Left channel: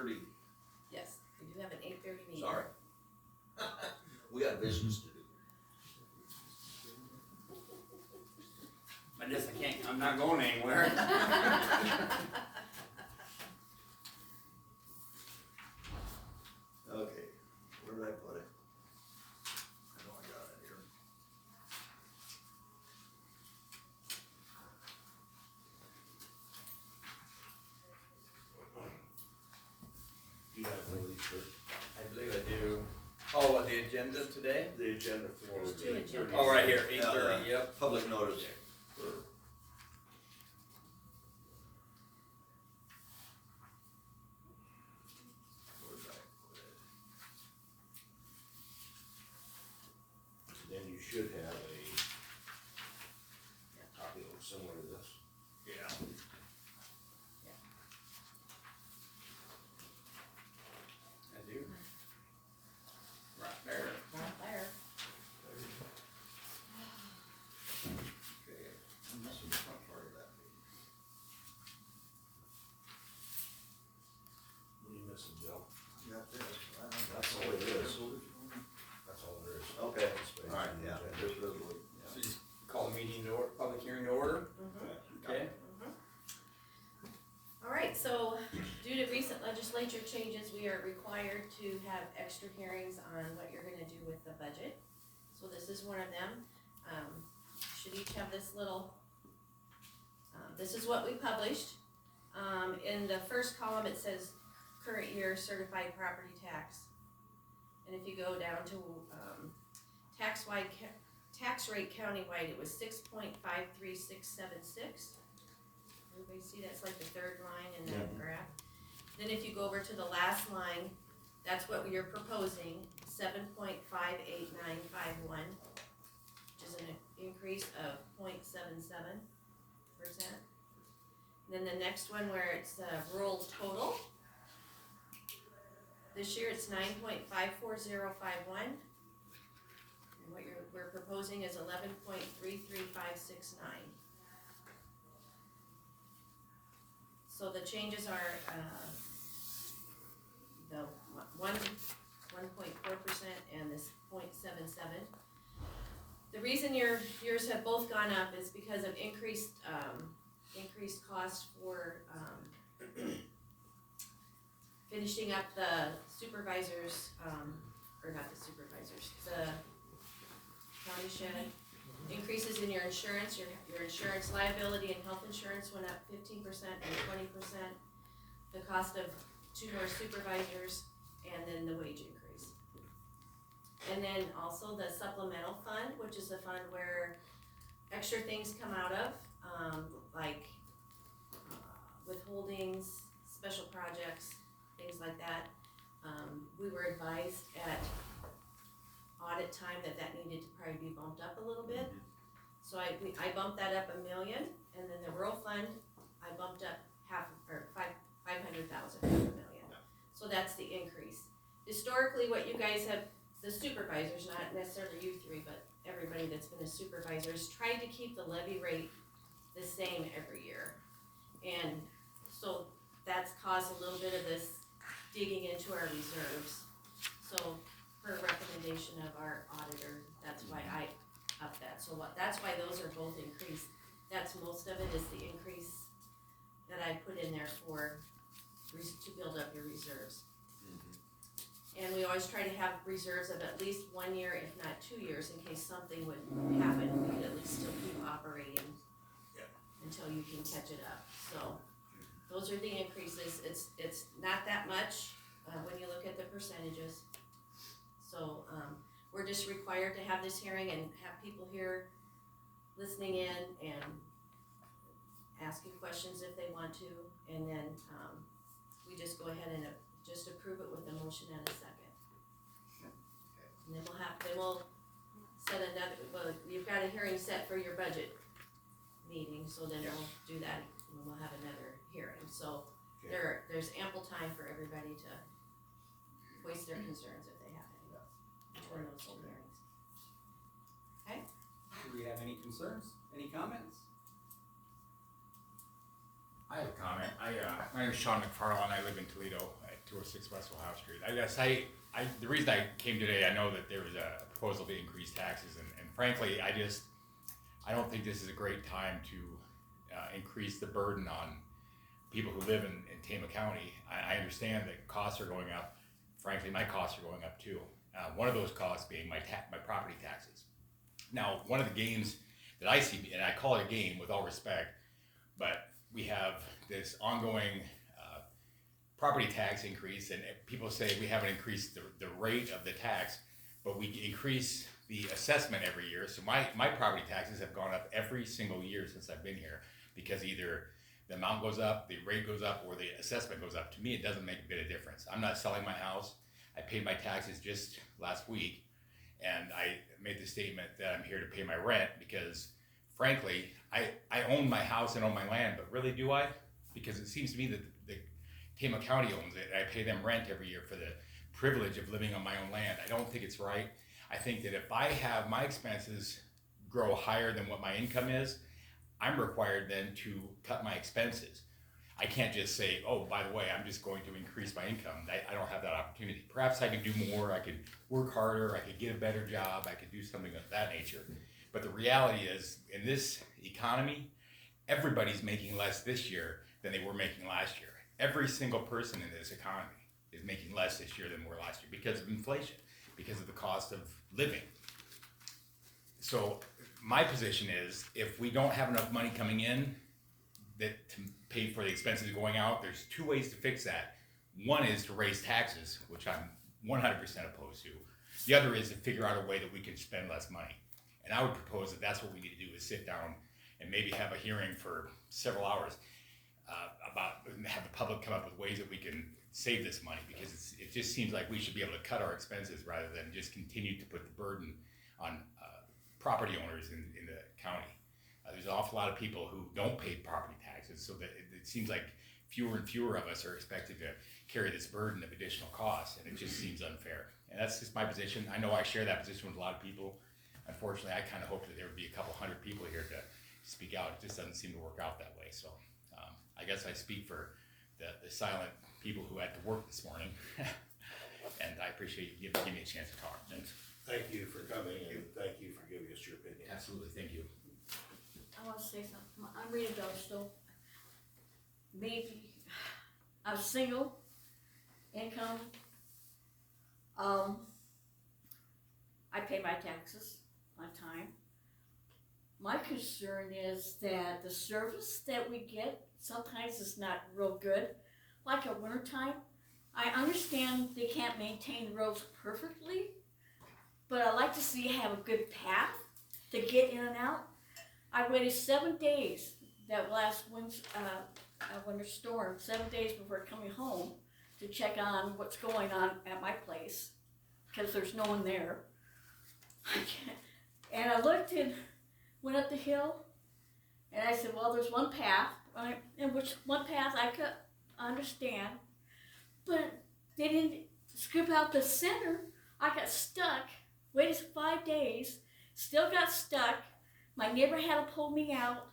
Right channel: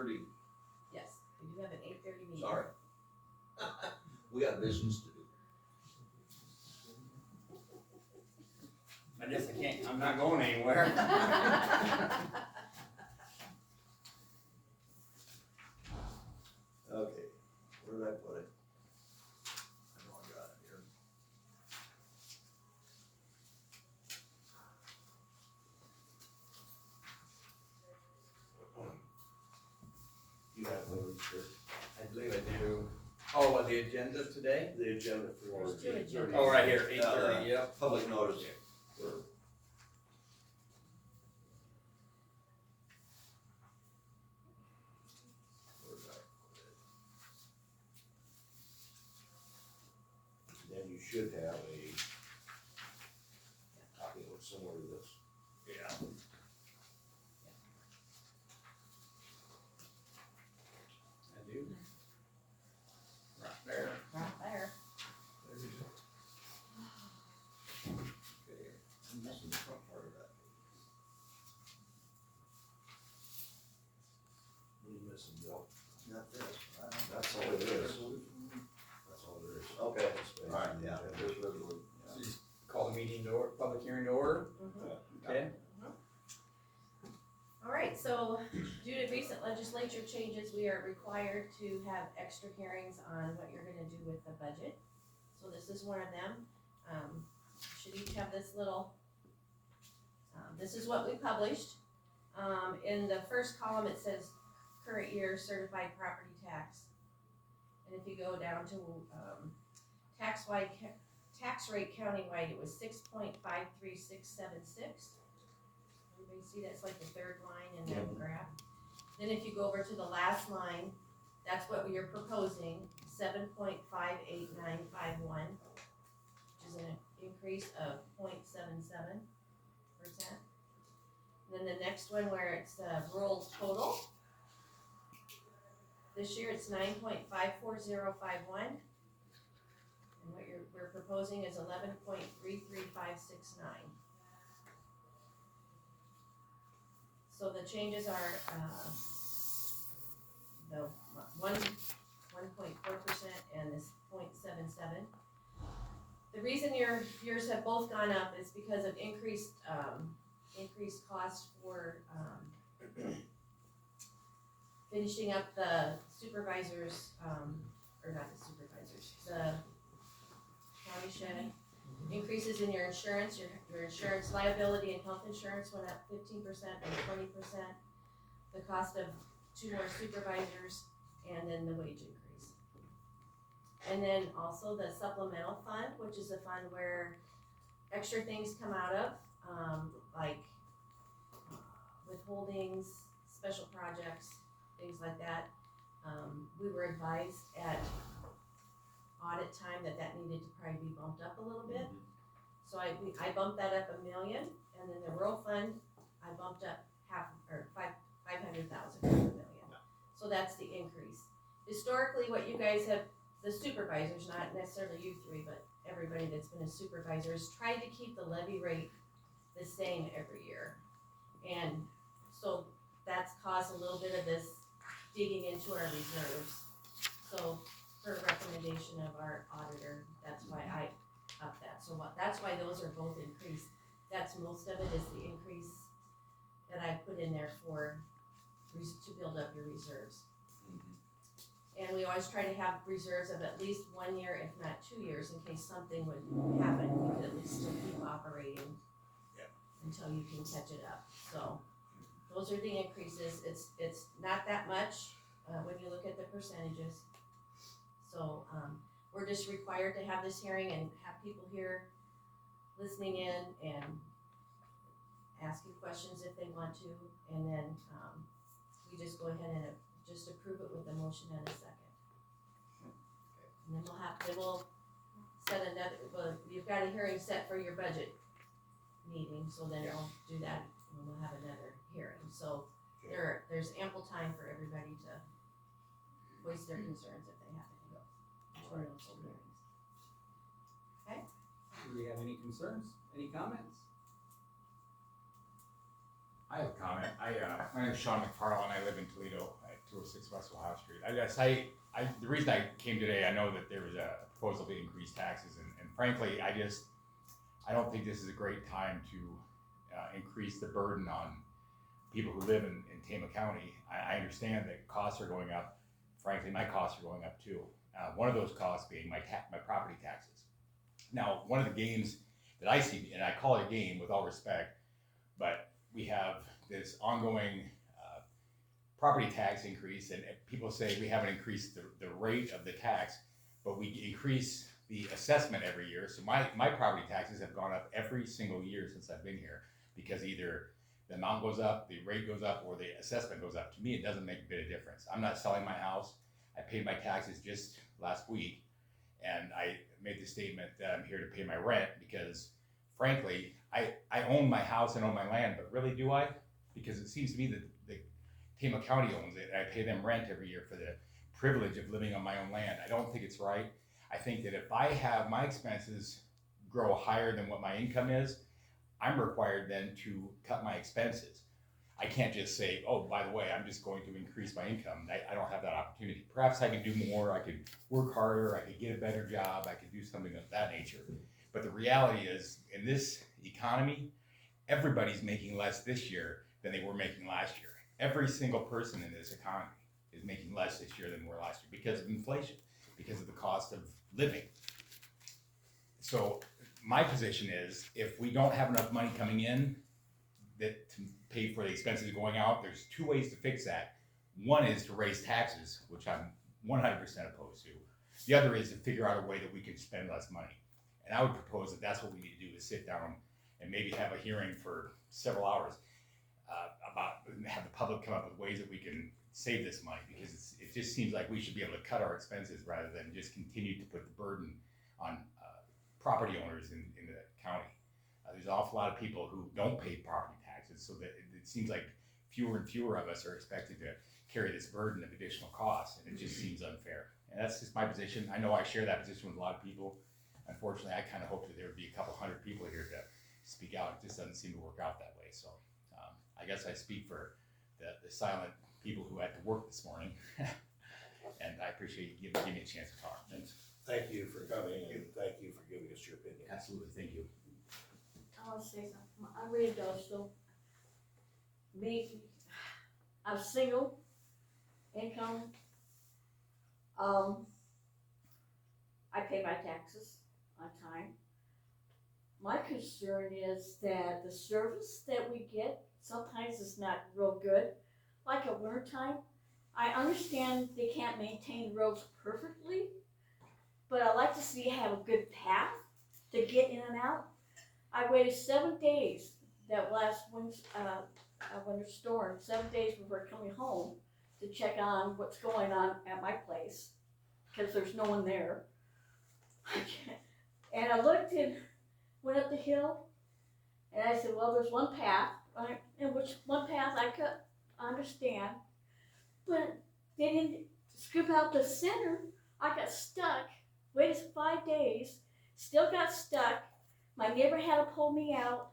8:30. Yes, we do have an 8:30 meeting. Sorry. We got business to do. I guess I can't, I'm not going anywhere. Okay, where did I put it? I know I got it here. You have one of these, sir? I believe I do. Oh, what, the agenda today? The agenda for. There's two agendas. Oh, right here, 8:30, yep. Public notice for. Where did I put it? Then you should have a copy that looks similar to this. Yeah. I do. Right there. Right there. Okay, I'm missing the front part of that page. What are you missing, Bill? Got this. That's all it is. That's all there is. Okay, alright, yeah, there's resolution. So just call the meeting to order, public hearing to order, okay? All right, so due to recent legislature changes, we are required to have extra hearings on what you're gonna do with the budget. So this is one of them. Should each have this little, this is what we published. In the first column, it says current year certified property tax. And if you go down to, tax rate countywide, it was 6.53676. Everybody see that's like the third line in that graph. Then if you go over to the last line, that's what you're proposing, 7.58951, which is an increase of 0.77%. Then the next one where it's rural total, this year it's 9.54051. And what we're proposing is 11.33569. So the changes are, the 1.4% and this 0.77. The reason yours have both gone up is because of increased cost for, finishing up the supervisors, or not the supervisors, the county shed. Increases in your insurance, your insurance liability and health insurance went up 15% and 20%. The cost of 2 more supervisors, and then the wage increase. And then also the supplemental fund, which is a fund where extra things come out of, like withholdings, special projects, things like that. We were advised at audit time that needed to probably be bumped up a little bit. So I bumped that up $1 million, and then the rural fund, I bumped up 500,000, $500,000. So that's the increase. Historically, what you guys have, the supervisors, not necessarily you three, but everybody that's been a supervisor, has tried to keep the levy rate the same every year. And so that's caused a little bit of this digging into our reserves. So per recommendation of our auditor, that's why I upped that. So that's why those are both increased. That's most of it is the increase that I put in there for to build up your reserves. And we always try to have reserves of at least 1 year, if not 2 years, in case something would happen. We could at least still keep operating until you can catch it up. So those are the increases. It's not that much when you look at the percentages. So we're just required to have this hearing and have people here listening in and asking questions if they want to, and then we just go ahead and just approve it with a motion and a second. And then we'll set another, well, you've got a hearing set for your budget meeting, so then we'll do that and we'll have another hearing. So there's ample time for everybody to voice their concerns if they have any between those two hearings. Okay? Do we have any concerns, any comments? I have a comment. My name is Sean McFarland. I live in Toledo at 206 West Ohio Street. I guess the reason I came today, I know that there was a proposal to increase taxes, and frankly, I don't think this is a great time to increase the burden on people who live in Tama County. I understand that costs are going up. Frankly, my costs are going up too. One of those costs being my property taxes. Now, one of the games that I see, and I call it a game with all respect, but we have this ongoing property tax increase, and people say we haven't increased the rate of the tax, but we increase the assessment every year. So my property taxes have gone up every single year since I've been here, because either the amount goes up, the rate goes up, or the assessment goes up. To me, it doesn't make a bit of difference. I'm not selling my house. I paid my taxes just last week, and I made the statement that I'm here to pay my rent because, frankly, I own my house and own my land, but really do I? Because it seems to me that the Tama County owns it, and I pay them rent every year for the privilege of living on my own land. I don't think it's right. I think that if I have my expenses grow higher than what my income is, I'm required then to cut my expenses. I can't just say, oh, by the way, I'm just going to increase my income. I don't have that opportunity. Perhaps I could do more, I could work harder, I could get a better job, I could do something of that nature. But the reality is, in this economy, everybody's making less this year than they were making last year. Every single person in this economy is making less this year than we were last year because of inflation, because of the cost of living. So my position is, if we don't have enough money coming in to pay for the expenses going out, there's two ways to fix that. One is to raise taxes, which I'm 100% opposed to. The other is to figure out a way that we can spend less money. And I would propose that that's what we need to do, is sit down and maybe have a hearing for several hours have the public come up with ways that we can save this money, because it just seems like we should be able to cut our expenses rather than just continue to put the burden on property owners in the county. There's an awful lot of people who don't pay property taxes, so that it seems like fewer and fewer of us are expected to carry this burden of additional costs, and it just seems unfair. And that's just my position. I know I share that position with a lot of people. Unfortunately, I kind of hoped that there would be a couple hundred people here to speak out. It just doesn't seem to work out that way. So I guess I speak for the silent people who had to work this morning. And I appreciate you giving me a chance to talk. Thanks. Thank you for coming, and thank you for giving us your opinion. Absolutely, thank you. I want to say something. I'm Rita Dostal. I'm single, income. I pay my taxes on time. My concern is that the service that we get sometimes is not real good. Like at wintertime, I understand they can't maintain the roads perfectly, but I like to see have a good path to get in and out. I waited 7 days that last winter storm, 7 days before coming home to check on what's going on at my place, because there's no one there. And I looked and went up the hill, and I said, well, there's one path, right? And which one path I could understand, but they didn't scoop out the center. I got stuck, waited 5 days, still got stuck. My neighbor had to pull me out.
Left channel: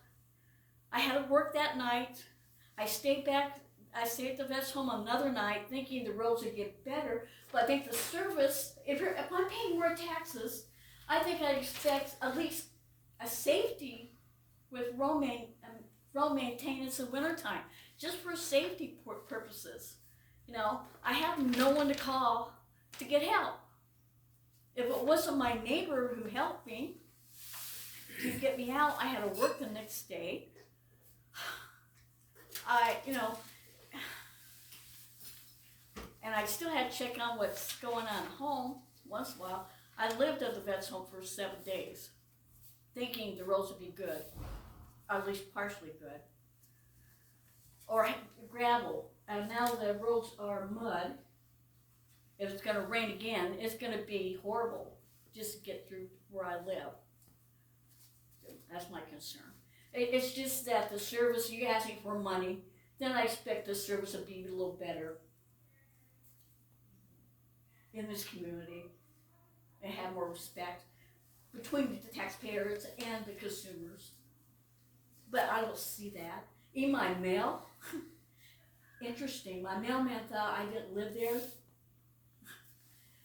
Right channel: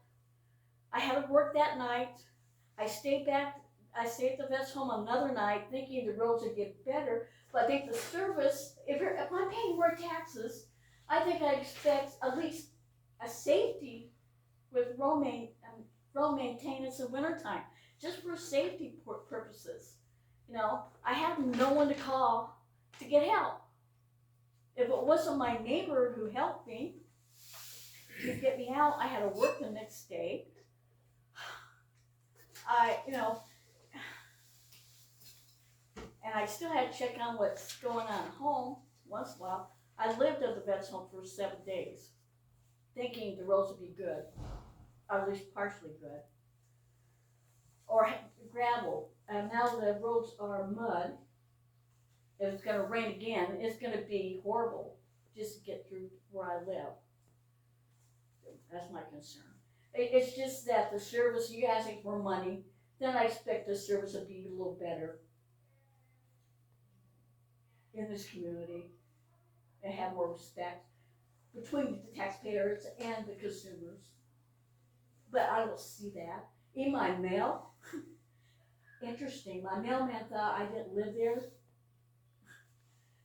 I had to work that night. I stayed at the vet's home another night thinking the roads would get better, but I think the service, if I'm paying more taxes, I think I expect at least a safety with road maintenance in wintertime, just for safety purposes. You know, I have no one to call to get help. If it wasn't my neighbor who helped me to get me out, I had to work the next day. And I still had to check on what's going on at home once in a while. I lived at the vet's home for 7 days, thinking the roads would be good, or at least partially good, or gravel. And now the roads are mud. If it's going to rain again, it's going to be horrible just to get through where I live. That's my concern. It's just that the service, you're asking for money, then I expect the service to be a little better in this community and have more respect between the taxpayers and the consumers. But I don't see that. In my mail, interesting, my mailman thought I didn't live there.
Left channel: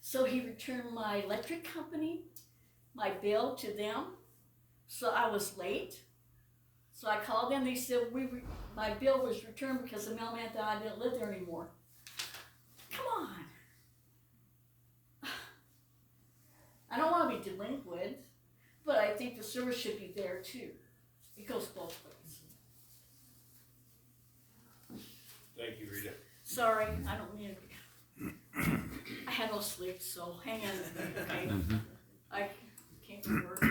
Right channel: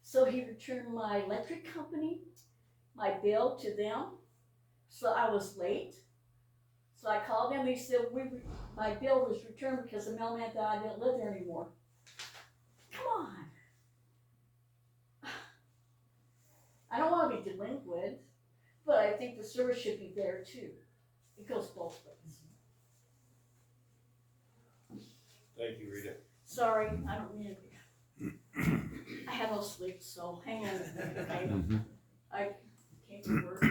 So he returned my electric company, my bill to them, so I was late. So I called them, they said, my bill was returned because the mailman thought I didn't live there anymore. Come on. I don't wanna be delinquent, but I think the service should be there too. It goes both ways. Thank you, Rita. Sorry, I don't mean to. I have no sleep, so hang in with me, okay? I can't do work.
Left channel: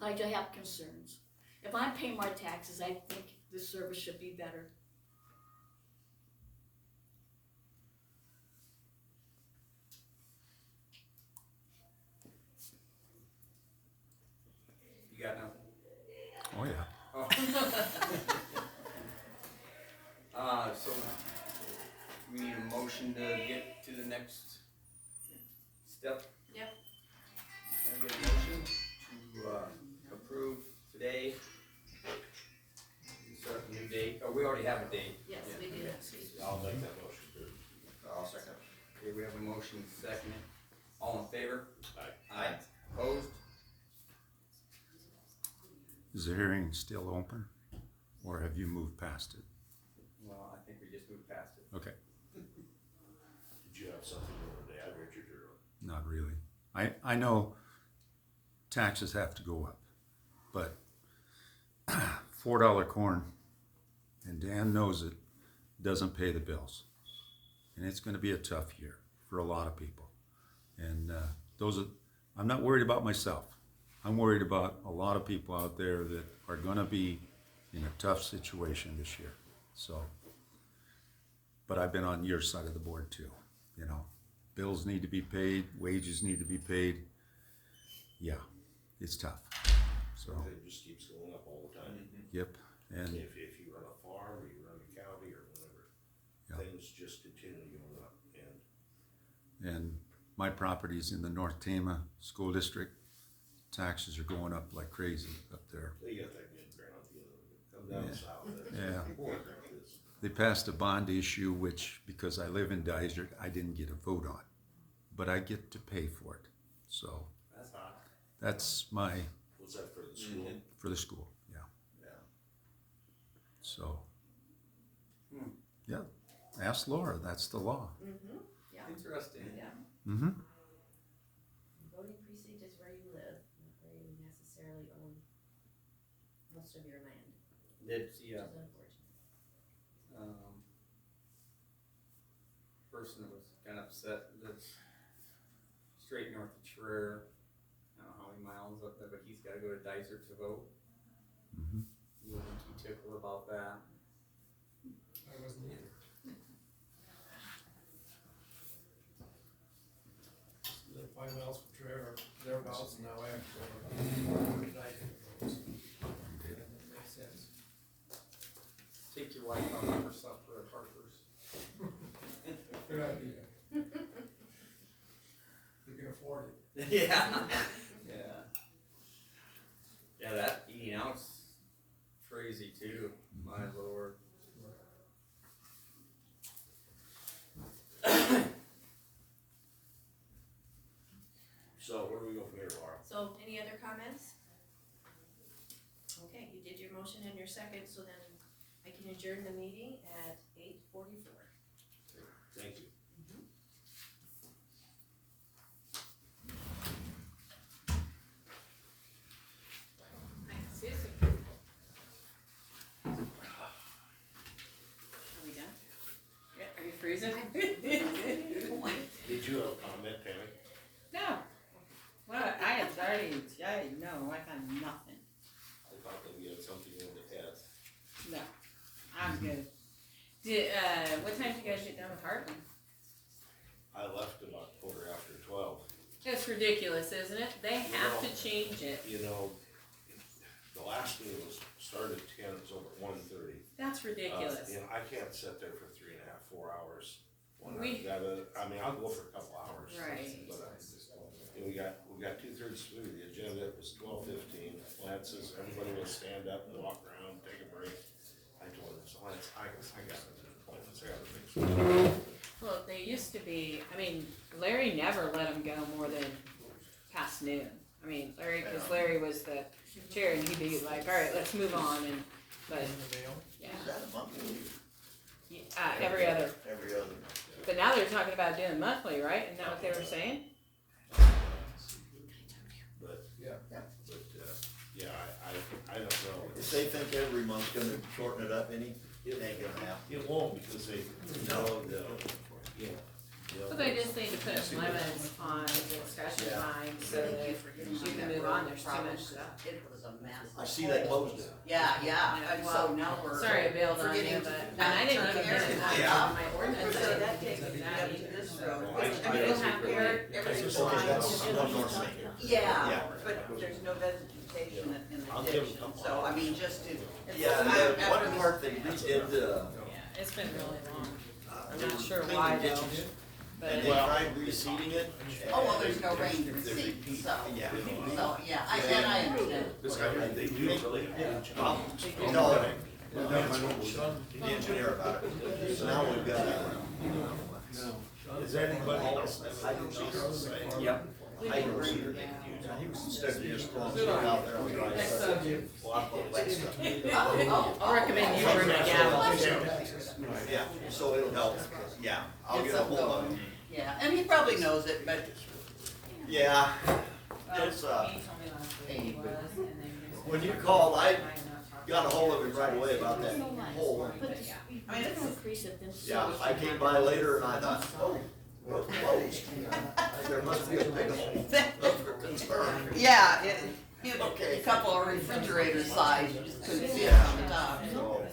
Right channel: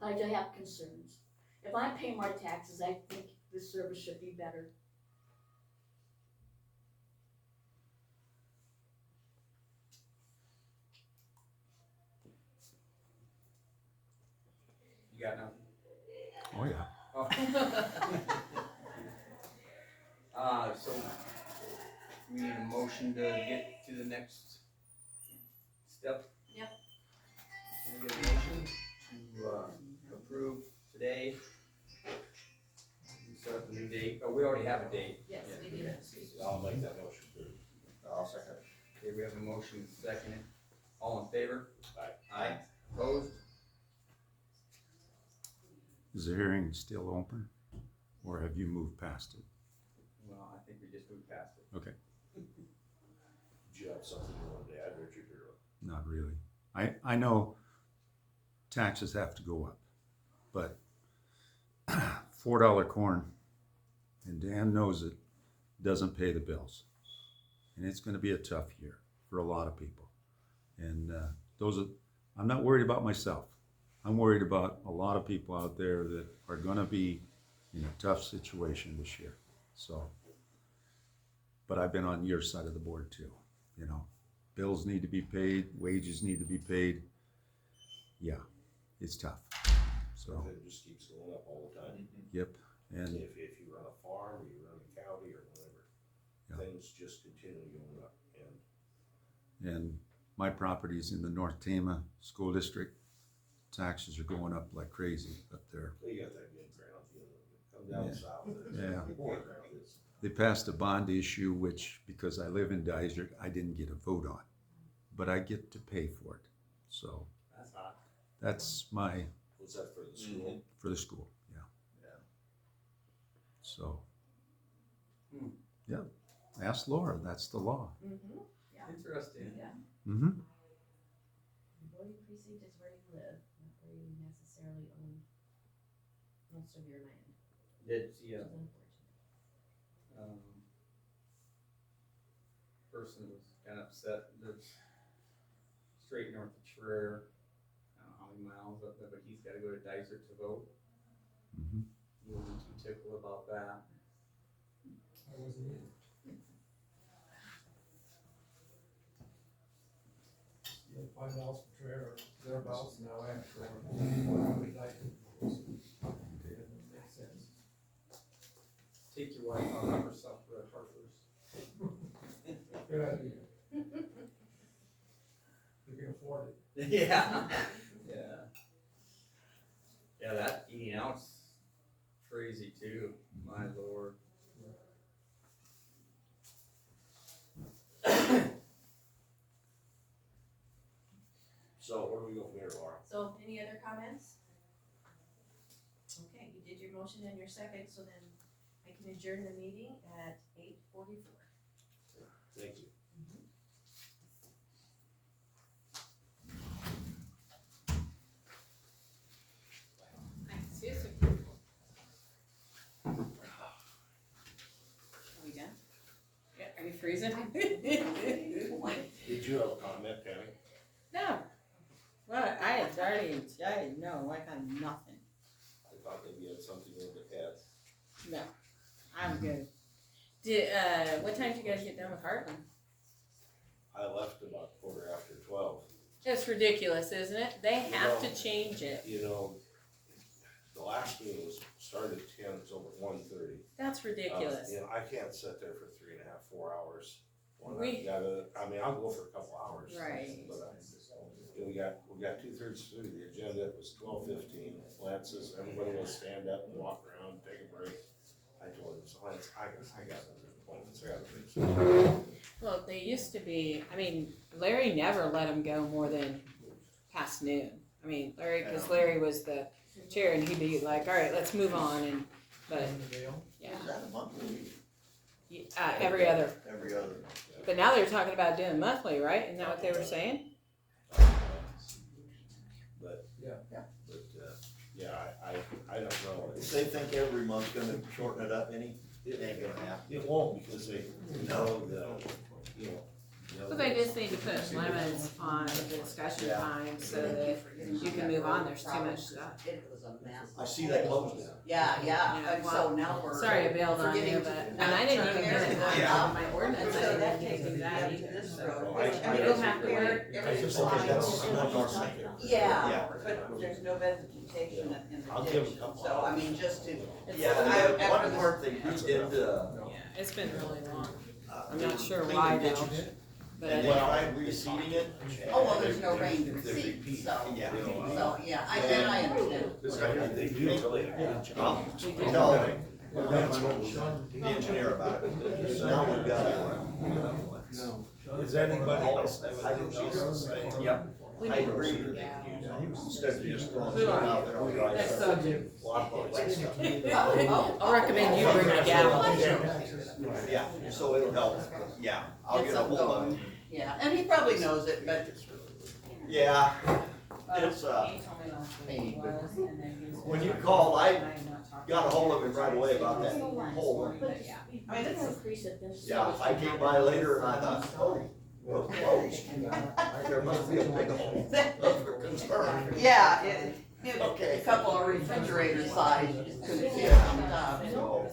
But I do have concerns. If I'm paying my taxes, I think the service should be better. You got nothing? Oh, yeah. Oh. So we need a motion to get to the next step? Yep. Can I get a motion to approve today? Set up a new date, oh, we already have a date. Yes, Yeah. we do. I'll make that motion too. I'll second. Okay, we have a motion second. All in favor? Aye. Aye. Opposed? Is the hearing still open, or have you moved past it? Well, I think we just moved past it. Okay, Did you have something you wanted to add, Richard, or? not really. I know taxes have to go up, but $4 corn, and Dan knows it, doesn't pay the bills. And it's gonna be a tough year for a lot of people. And I'm not worried about myself. I'm worried about a lot of people out there that are gonna be in a tough situation this year, so. But I've been on your side of the board too, you know. Bills need to be paid, wages need to be paid. Yeah, it's tough, so, It just keeps going up all the time. yep. And If you run a farm, or you run a county, or whatever, Yeah. things just continue going up, and And my property's in the North Tama School District. Taxes are going up like crazy up there. they got that good ground, you know, come down Yeah. south there. Yeah. Good ground is. They passed a bond issue, which, because I live in Dysart, I didn't get a vote on. But I get to pay for it. So That's hot. that's my, Was that for the school? for the school, yeah. Yeah. So, Hmm. yeah, ask Laura, that's the law. Mm-hmm, Interesting. yeah. Mm-hmm. Voting precinct is where you live, not where you necessarily own most of your land, It's, which yeah, is unfortunate. Person that was kinda upset lives straight north of Traer. I don't know how many miles up there, but he's gotta go to Dysart to vote. Mm-hmm. He wasn't too tickled about that. I wasn't either. Live 5 miles from Traer, or thereabouts, now I have to go. Makes sense. Take your wife out for supper at Harper's. Good idea. You can afford it. Yeah. Yeah. Yeah, that eating out's crazy too, my lord. So where do we go from here, Laura? So, any other comments? Okay, you did your motion and your second, so then I can adjourn the meeting at 8:44. Thank you. Are we done? Yeah, are you freezing? Did you have a comment, Tammy? No. Well, I no, I got nothing. I thought that we had something in the head. No, I'm good. What time did you guys get done with Heartland? I left about 12:15. That's ridiculous, isn't it? They have No. to change it. You know, the last meeting was started at 10, it's over at 1:30. That's ridiculous. You know, I can't sit there for 3.5, 4 hours. When We- I've gotta, I mean, I'll go for a couple hours. Right. But we got 2/3 through the agenda, it was 12:15. Lance says, everybody will stand up and walk around, take a break. I told him, so I got it. Well, they used to be, I mean, Larry never let them go more than past noon. I mean, Larry, cause Larry was the chair and he'd be like, all right, let's move on and, but, yeah. Is that a monthly? Every other, Every other. but now they're talking about doing monthly, right? Isn't that what they were saying? But, Yeah. yeah, I don't know. If they think every month's gonna shorten it up any, it ain't gonna happen. It won't, because they know that, you know. So they just need to put limits on the discussion Yeah. time so that you can move on, there's too much stuff. It was a mess. I see that posted. Yeah, and so now we're. Sorry, Bill, on forgetting you, to- but, and I didn't even get it going Yeah. on my ordinance. So that takes me me that up to either. this road. I- I I mean, just- you'll have to, everything's Okay, that's fine. one north main. Yeah, Yeah. but there's no vegetation in I'll the give ditch, them a couple so I mean, just to. Yeah, and the one part they redid, Yeah, it's been really long, I'm they not were sure cleaning why though, ditches, but. and they tried reseeding it. Oh, well, there's no rain to and the receipt, repeat, so, Yeah. so, yeah, I understand. This guy, And they really, I'll tell the engineer about it. So now we've got is anybody else? Yep. Hydro seeder. Instead of just throwing it out there on dry Next stuff. subject. Wet stuff. Oh, I recommend you bring a gavel. Yeah, so it'll help. Yeah, I'll get a hold of him. yeah, and he probably knows it, but Yeah, it's, when you called, I got a hold of him right away about that hole. I mean, it's, Yeah, I came by later and I thought, oh, we're closed. There must be a big hole. Those were concerned. yeah, a Okay. couple of refrigerator size, you just couldn't see it Yeah. from the top. So,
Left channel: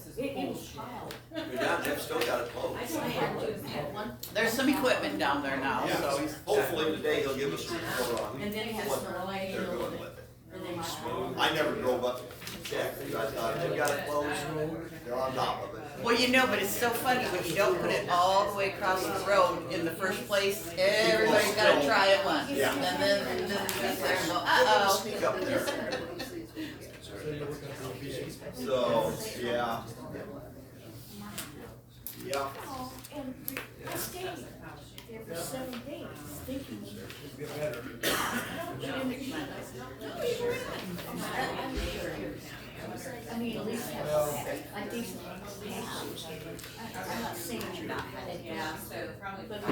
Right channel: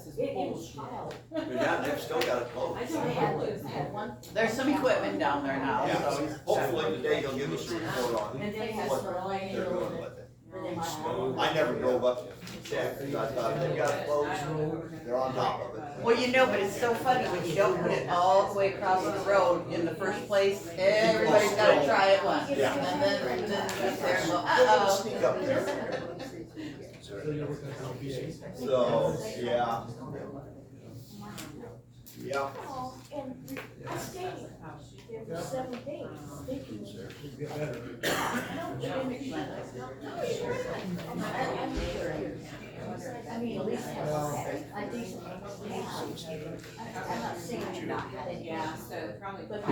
yeah, they've still got it closed. There's some equipment down there now, Yeah, so he's. hopefully today he'll give us a report on And then it has what they're doing with it. I never drove up to check, because I thought they got it closed, they're on top of it. Well, you know, but it's so funny, when you don't put it all the way across the road in the first place, everybody's gotta try it once. Yeah. And then you sit there and go, They're gonna uh-oh. sneak up there. So you're working on PCs? So, yeah. Yeah. And stay there for 7 days, thinking. It'll get better. I mean, at least have a decent. I'm not saying you're not. Yeah, so probably. But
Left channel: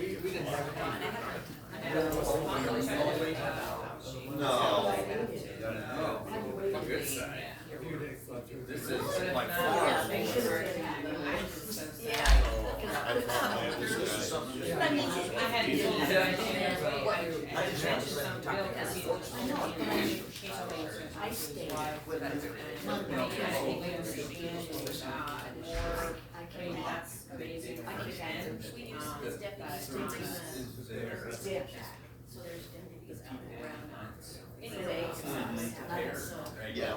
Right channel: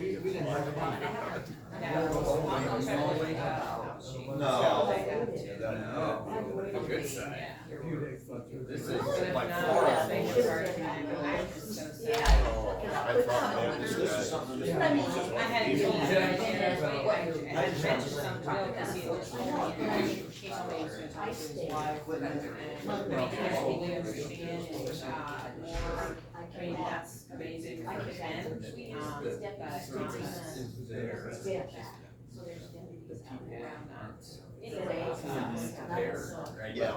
We didn't bring it on. No. Good side. A few days left. This is But like if far. not, it's so sad. I thought this is something. I had to tell him, I mentioned something to Bill because he told me he was gonna talk to his wife. And I totally understand it's, more, I mean, that's amazing if you can. Yeah.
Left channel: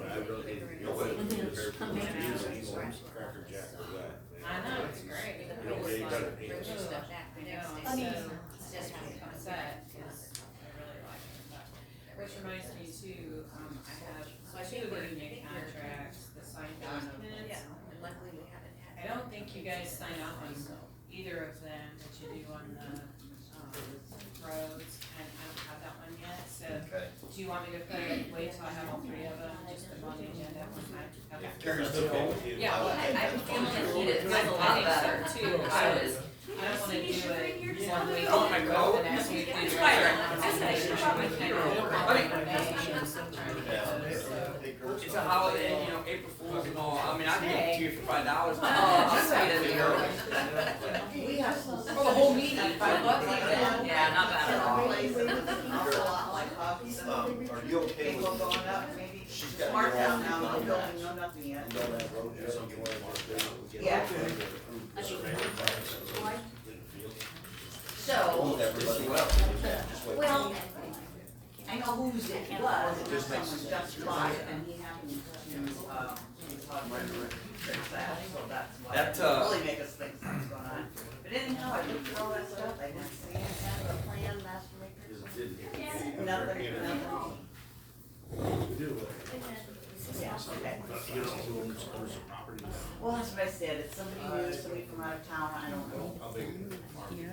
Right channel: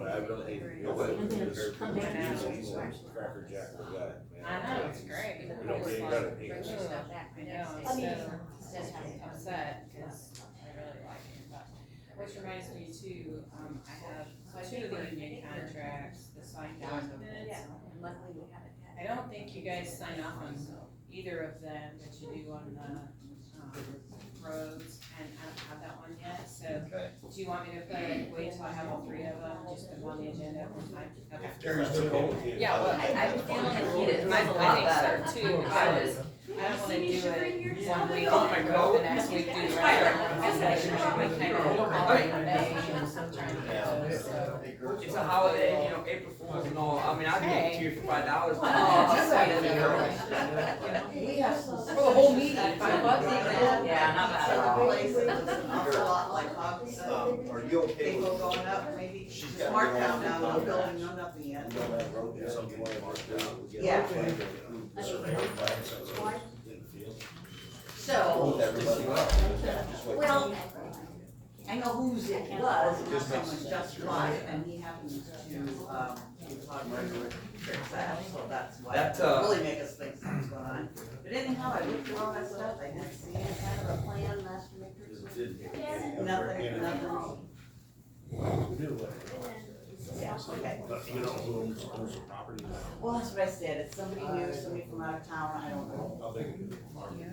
I really, nobody would be prepared for the He's a cracker jack with that. I know, it's great. You don't get any better than I him. know, I'm so upset because I really like him, but, which reminds me too, I have two of the union contracts, the signed documents. I don't think you guys sign off on either of them that you do on the, roads, and I don't have that one yet, so. Okay. Do you want me to wait till I have all three of them, just put them on the agenda when I, okay. Yeah, well, I think so too, because I don't wanna do it one week and then go the next week, do the rest of it. We kind of all recommendations and trying to get those, so. It's a holiday, you know, April Fools and all. I mean, I'd give it to you for $5. We have some. For the whole meeting, $5 even. Yeah, not bad at all. Place, it was an awful lot like Hobby said. Are you okay People with, going up, maybe She's got Mark your down own- now, no building, no nothing yet. you don't have road, there's something you wanna mark down? Yeah. So, Hold everybody up. Just wait. well, I know whose it was, it was someone just bought it, and he happened to, fix that, so that's why That, it really make us think something's going on. But anyhow, I looked through all that stuff, I didn't see any kind of a plan last week. Nothing. You know who owns the property now? Well, that's what I said, it's somebody new, somebody from out of town, I don't know. How big is the property?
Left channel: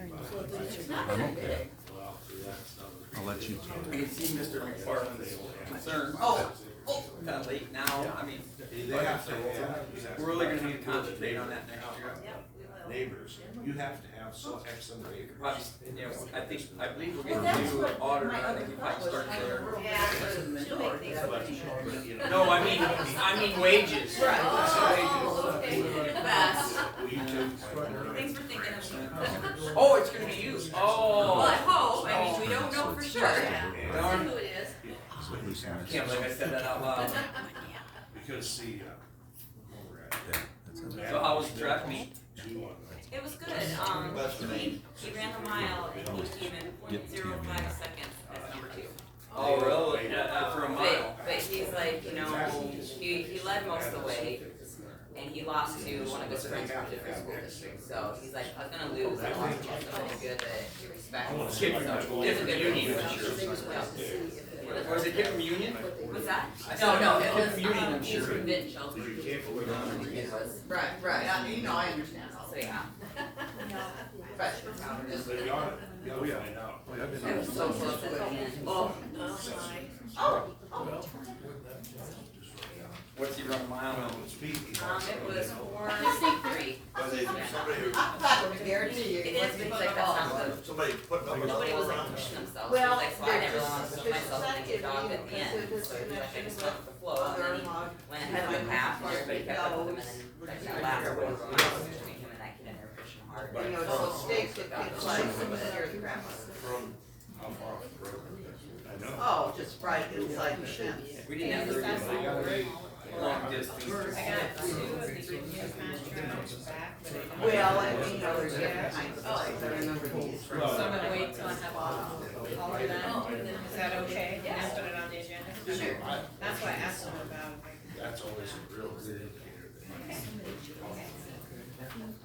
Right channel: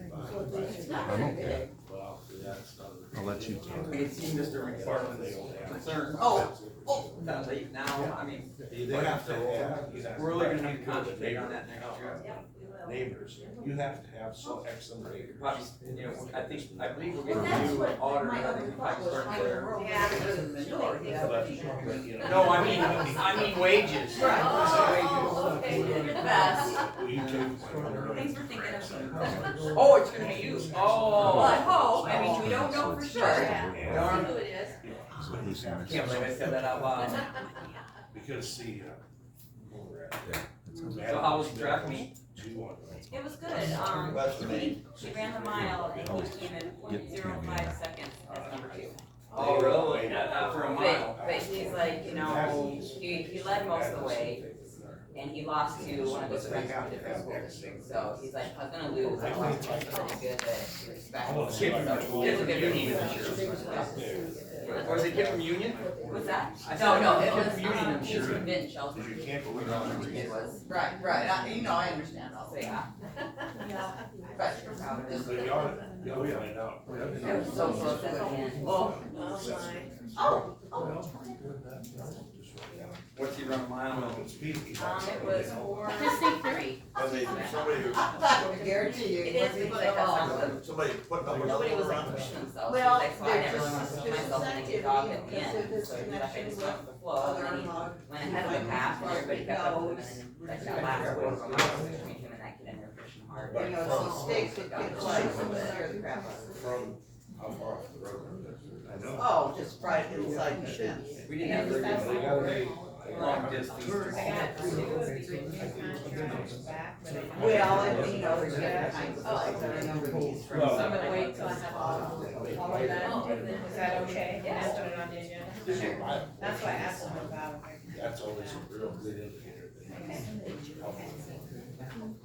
It's not I'm very okay. big. Well, see, that's not. I'll let you talk. It seems Mr. McFarland's concern. Oh, Kind of late now, I mean, They have to have. we're really gonna need to concentrate on that next year. Neighbors, you have to have so X number of acres. But, you know, I believe we're well, gonna that's do what audit, my I other think we thought might was, start I there. work Yeah, in the she'll north, make that's what these- But, you know. No, I mean wages. Right. Oh, okay, you're the best. Will you take my? Thanks for thinking of me. Oh, it's gonna be used, Well, oh. I hope, I mean, we don't know for sure. Yeah. We'll see who it is. Who's in it? Can't believe I said that out loud. Because see, where we're at. Yeah, that's So how was the track meet? It was good, he ran the mile in even Get Tammy in 0.05 there. seconds as number 2. Oh, really? For a mile? But he's like, you know, he led most of the way, and he lost to one of his friends from a different school district, so he's like, I was gonna lose, I lost to somebody good that he respects. Kid from Union, I'm sure. Was it kid from Union? What's that? I said, No, it kid was, from Union, I'm he's sure. from Mitchell. It was, Right, you know, I understand all so that. yeah. But, just, But you ought to, you'll find out. It was so close at the end. oh, What's he run a mile in? It was 4:03. But they, somebody, I'm not gonna guarantee you. It is because that's not the, somebody putting up a nobody number was around. pushing themselves. Well, That's why I they're never just want to push suspicious myself into the activity dog at the because end. of this So I connection just with went with the flow, and other then he log. went ahead of the path, and everybody kept up with him, and then I got back over from my between him and that kid in there pushing hard. You know, it's those stakes that kids like, scare the crap out of them. From how far off the road? I know. Oh, just right inside the fence. We didn't have very long distance. I got 2 of the good news contracts back, but I never. Well, and you know, there's different kinds of flags, I remember these from. So I'm gonna wait till I have all of that. Is that okay? Yeah. Put it on the agenda? Sure. That's why I asked him about. That's always a real good indicator that.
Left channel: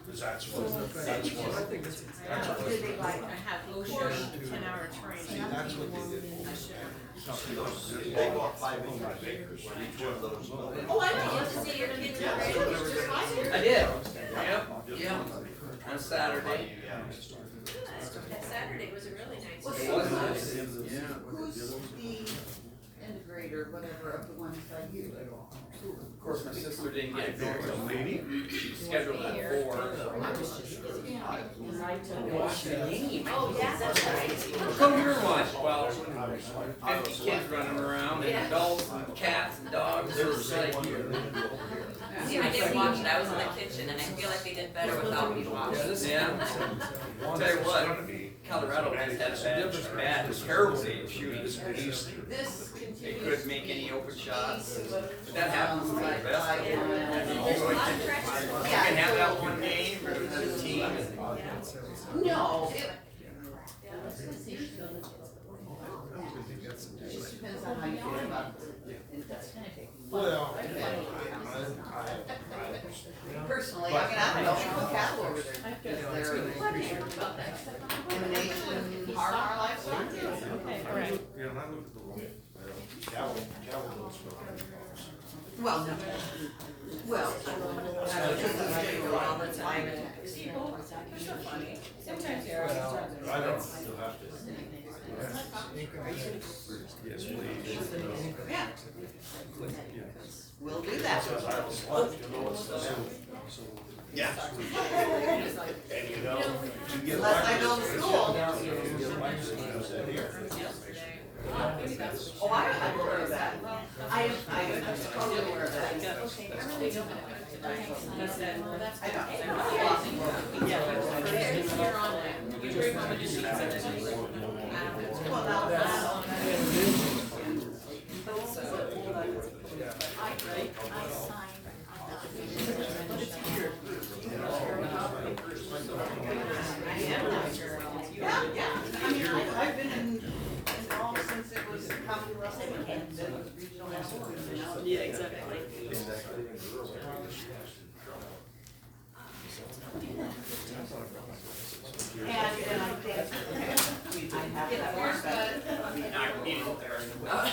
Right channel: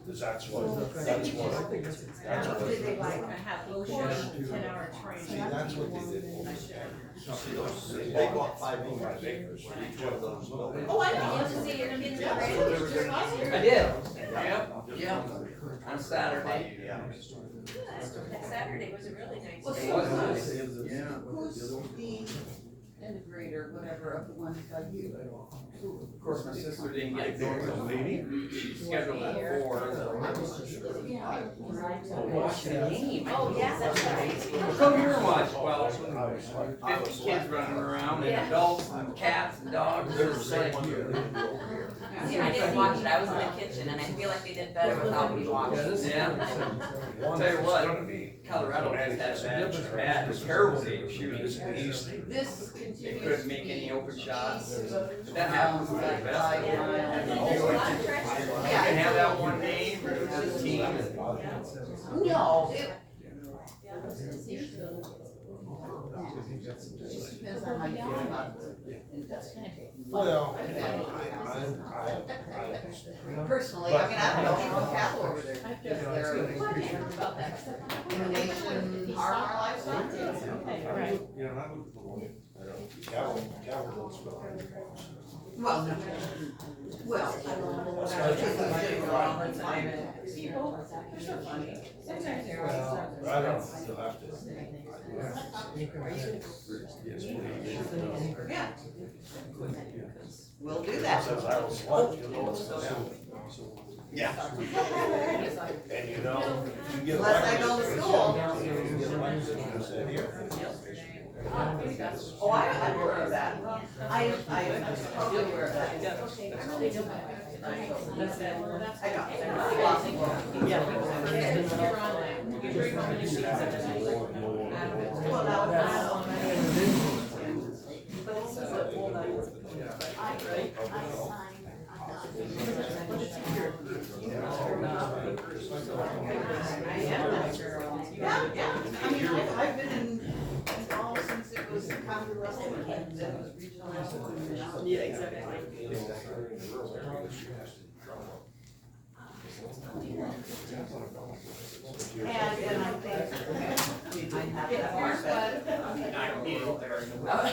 Cause that's what, that's what. That's what. Did they like? I have OSHA 10-hour See, training. that's what they did. They bought 5 acres for each one of those buildings. Oh, I know. To see your kids Yeah, right? it was just like I here. did. Yep. Yeah. On Saturday. Yeah. That Saturday was a really nice. Well, day. It was nice. Who's the integrator, whatever, of the ones by you? Of course, my sister didn't get there. She's scheduled at 4. Watch the game. Oh, yeah, that's right. Well, come here and watch. Well, 50 kids running around, and adults, and cats, and dogs. They were like, See, I didn't watch it, I was in the kitchen, and I feel like they did better without me watching. yeah. I'll tell you what, Colorado just had some bad, terrible day of shooting. This They continues. couldn't make any open shots. But that happens with the Like best. I You There's a lot of tracks. can have that one game, or the team. No, it. Just depends on how you feel about it. It does kind of take. Well, Personally, I mean, I don't know, we put cattle over there, because they're in the nation, hard our livestock. Cattle don't smell like dogs. Well, no, well, All the time, and, you know, you're so funny. Sometimes they're. I don't, you'll have to. Yes, please. yeah. We'll do that. Says I was one, you know what's that? Yeah. And you know, you get Unless I elected. go to school. You get elected, you said here. Oh, I'm aware of that. I am totally aware of that. I'm really good at it. I know. You're on it. You bring home your seats and then Well, now, yeah, I mean, I've been involved since it was county level and then it was regional level and now. Yeah, exactly. And I think we did have that part, but I can get it there. Oh.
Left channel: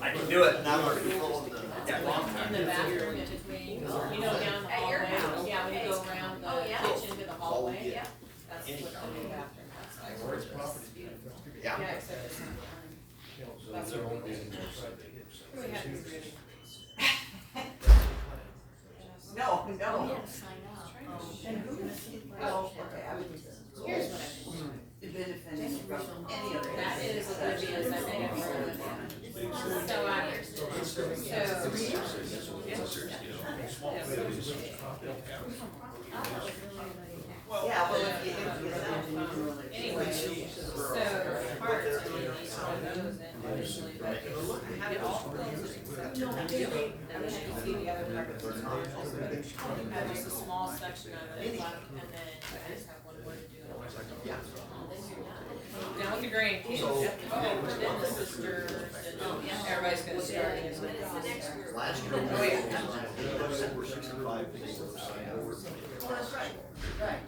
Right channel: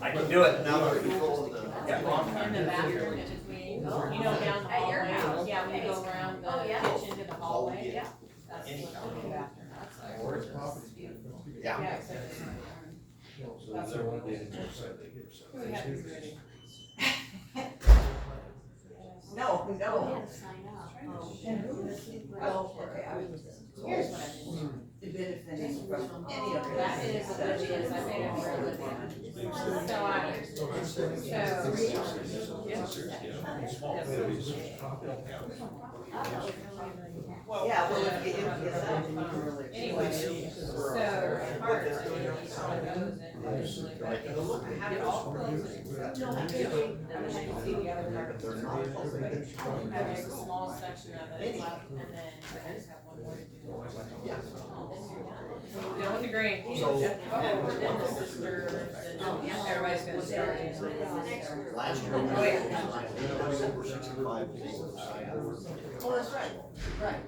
I can do it. Now they're controlling the Yeah, long time. In the bathroom in between, you know, down the At your hallway, house. yeah, when you go around Oh, the yeah. kitchen to the hallway, Yeah. that's Any what the new bathroom, that's like. Where's property? Yeah. Yeah, except it's not, So there won't be any more side they hit. we have to be ready. No, We no. had to sign up. And who is, well, okay, I was just. Here's what I mean. Benefiting from any of That is oblivious, I think I've heard of it. So I, Yeah, well, if you get that, then you can really. anyway, so part of doing all of those and eventually, but have it all closed. And then you can see the other part. I have just a small section of it left, and then I just have one more to do. Yeah. Done with the grandkids. And then the sisters, and everybody's gonna start using. Last year, anybody over 65 was able to sign up. Oh, that's right, right.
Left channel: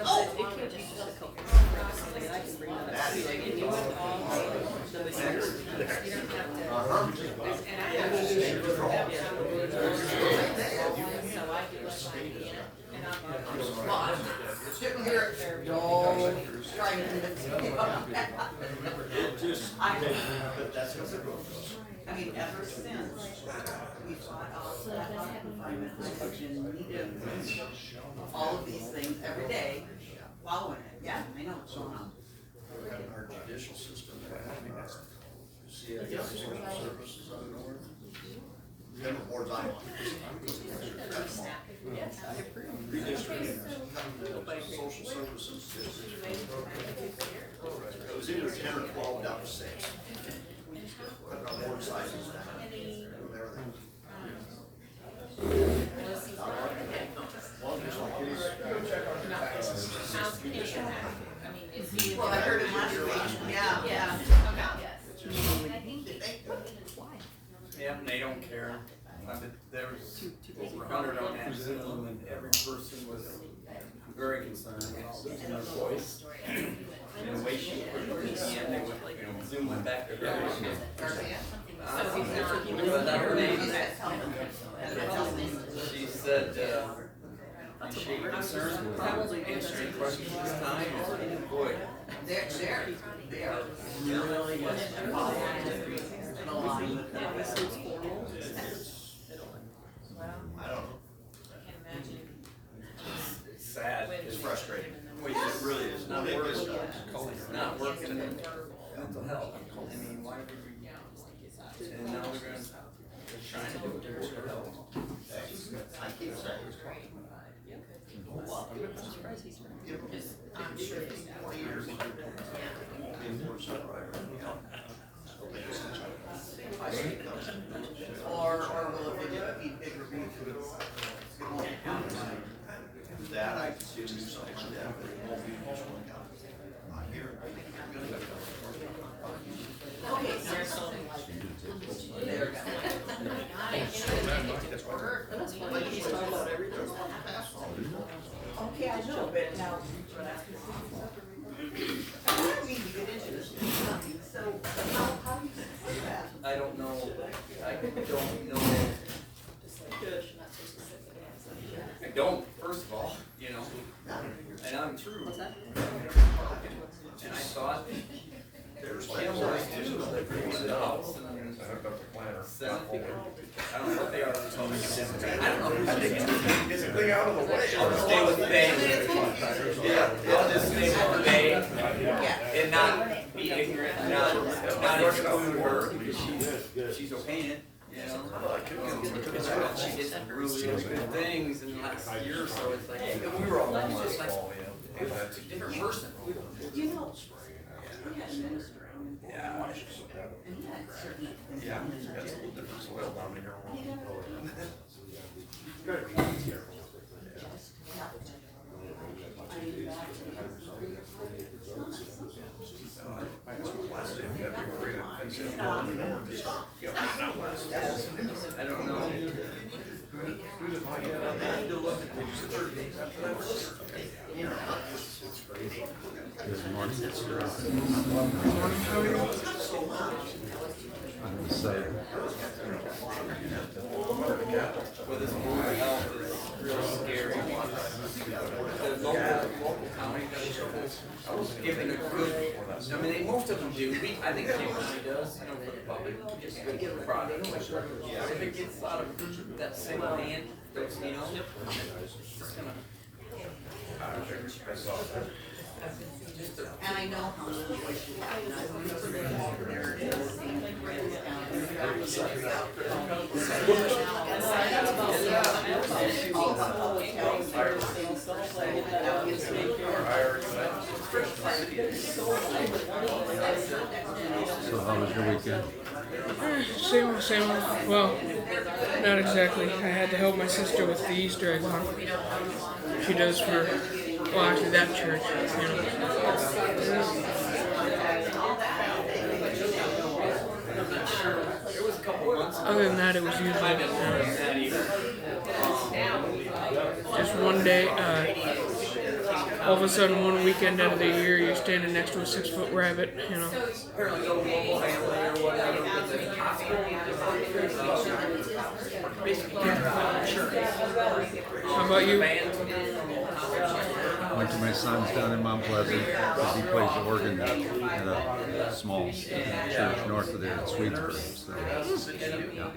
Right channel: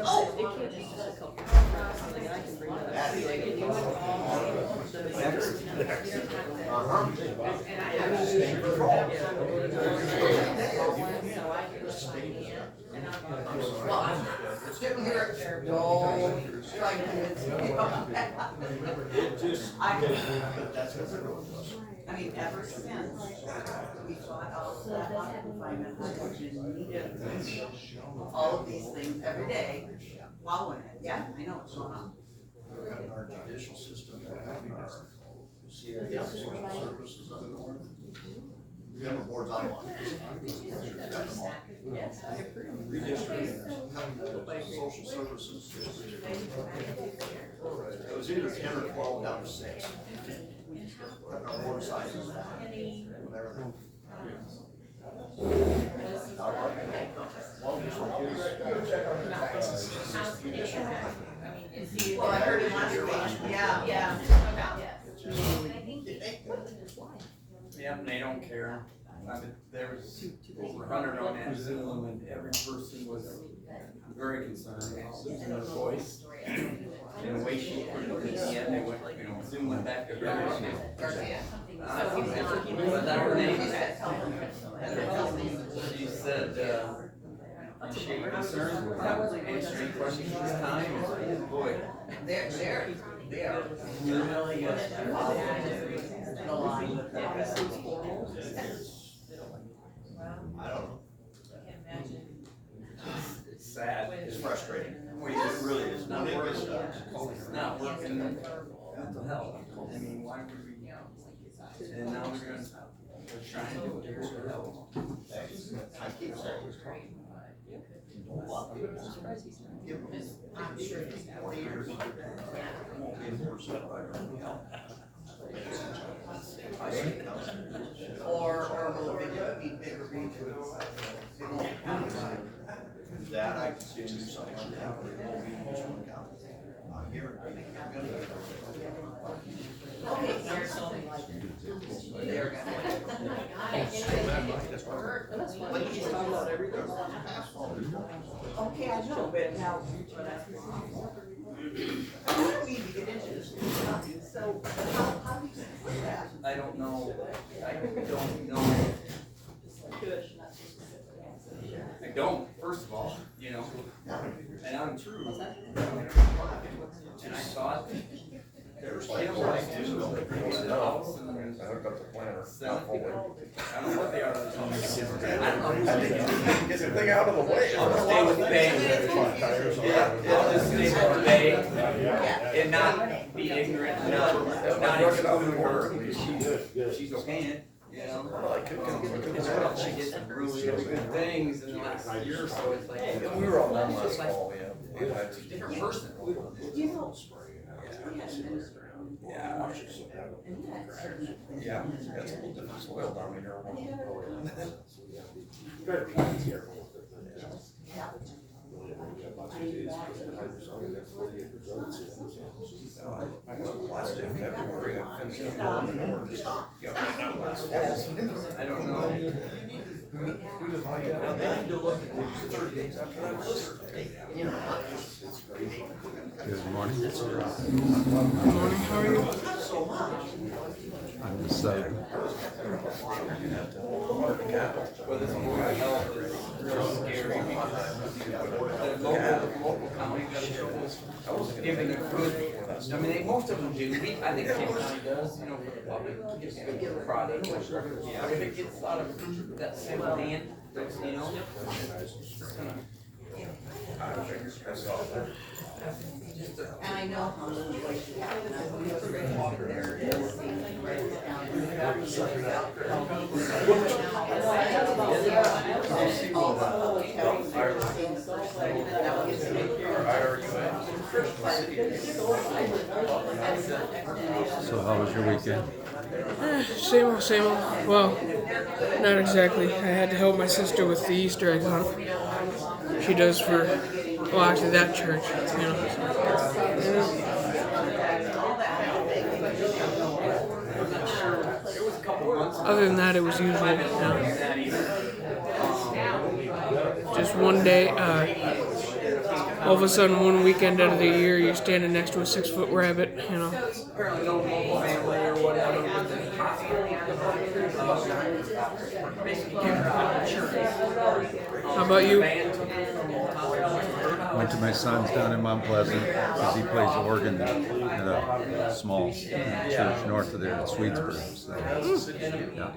Oh, it can't just be a couple. Uh-huh. Well, I'm sitting here, no, trying to convince me. But that's what they're doing to us. I mean, ever since we bought out that lot confinement, I have been needing all of these things every day, following it. Yeah, I know what's going on. In our judicial system, they're having our CFO, social services up north. Member boards I'm on. Cut them all. Redistricting, social services district. It was either 10 or 12 down to 6. Cutting our board sizes down, and everything. Well, I heard it last week, yeah. Yeah. Yeah, and they don't care. There was over 100 on that Zoom, and every person was very concerned about losing their voice. And the way she put it at the end, they went, you know, Zoom went back to her. So he's not. But that her name, She she said, appreciate concern, answering questions this time, oh boy. They are Really good. the line with them. I don't know. It's sad. It's frustrating. It really is. Not Nobody working. gets that. It's not working. Mental health. I mean, why would we? And now we're gonna, trying to do it to help. I keep saying. Give them 20 years. Won't be a board supervisor in the county. I see it coming. Or will it be bigger regions? It won't count. That I can see them do something like that, but it won't be just one county. Not here. You're gonna go. Okay. There. Okay, I know, but now. I don't need to get into this, so how do you do that? I don't know, I don't know. I don't, first of all, you know, and I'm true. And I thought, There's like, the house and then Senate, I don't know what they are. I don't know. I think get the thing out of the way. I'll just stay with Bay. Yeah, I'll just stay with Bay and not be ignorant, and not exclude her because she's okay, you know? She did some really good things in the last year or so, it's like, and we were all almost like, it's a different person. You know, we had a minister. Yeah. And he had certain things. Yeah, that's a little different soil down there. I don't know. They need to look at these. You know, not just, it's great. Good morning. I'm the sub. Well, this board of health is real scary. The local county was giving a good, I mean, most of them do, I think King County does, you know, for the public, gives a good product. If it gets out of that single hand, those, you know. And I know how little voice you have, and I know the record there is, and write it down, and the back is all the public health, there is things that gets me. So how was your weekend? Same old, same old. Well, not exactly. I had to help my sister with the Easter egg hunt. She does for, well, actually that church. Other than that, it was usually just one day. All of a sudden, one weekend out of the year, you're standing next to a 6-foot rabbit. You know. How about you? Went to my son's down in Mount Pleasant because he plays organ at a small church north of there in Swedesburg. So, yeah.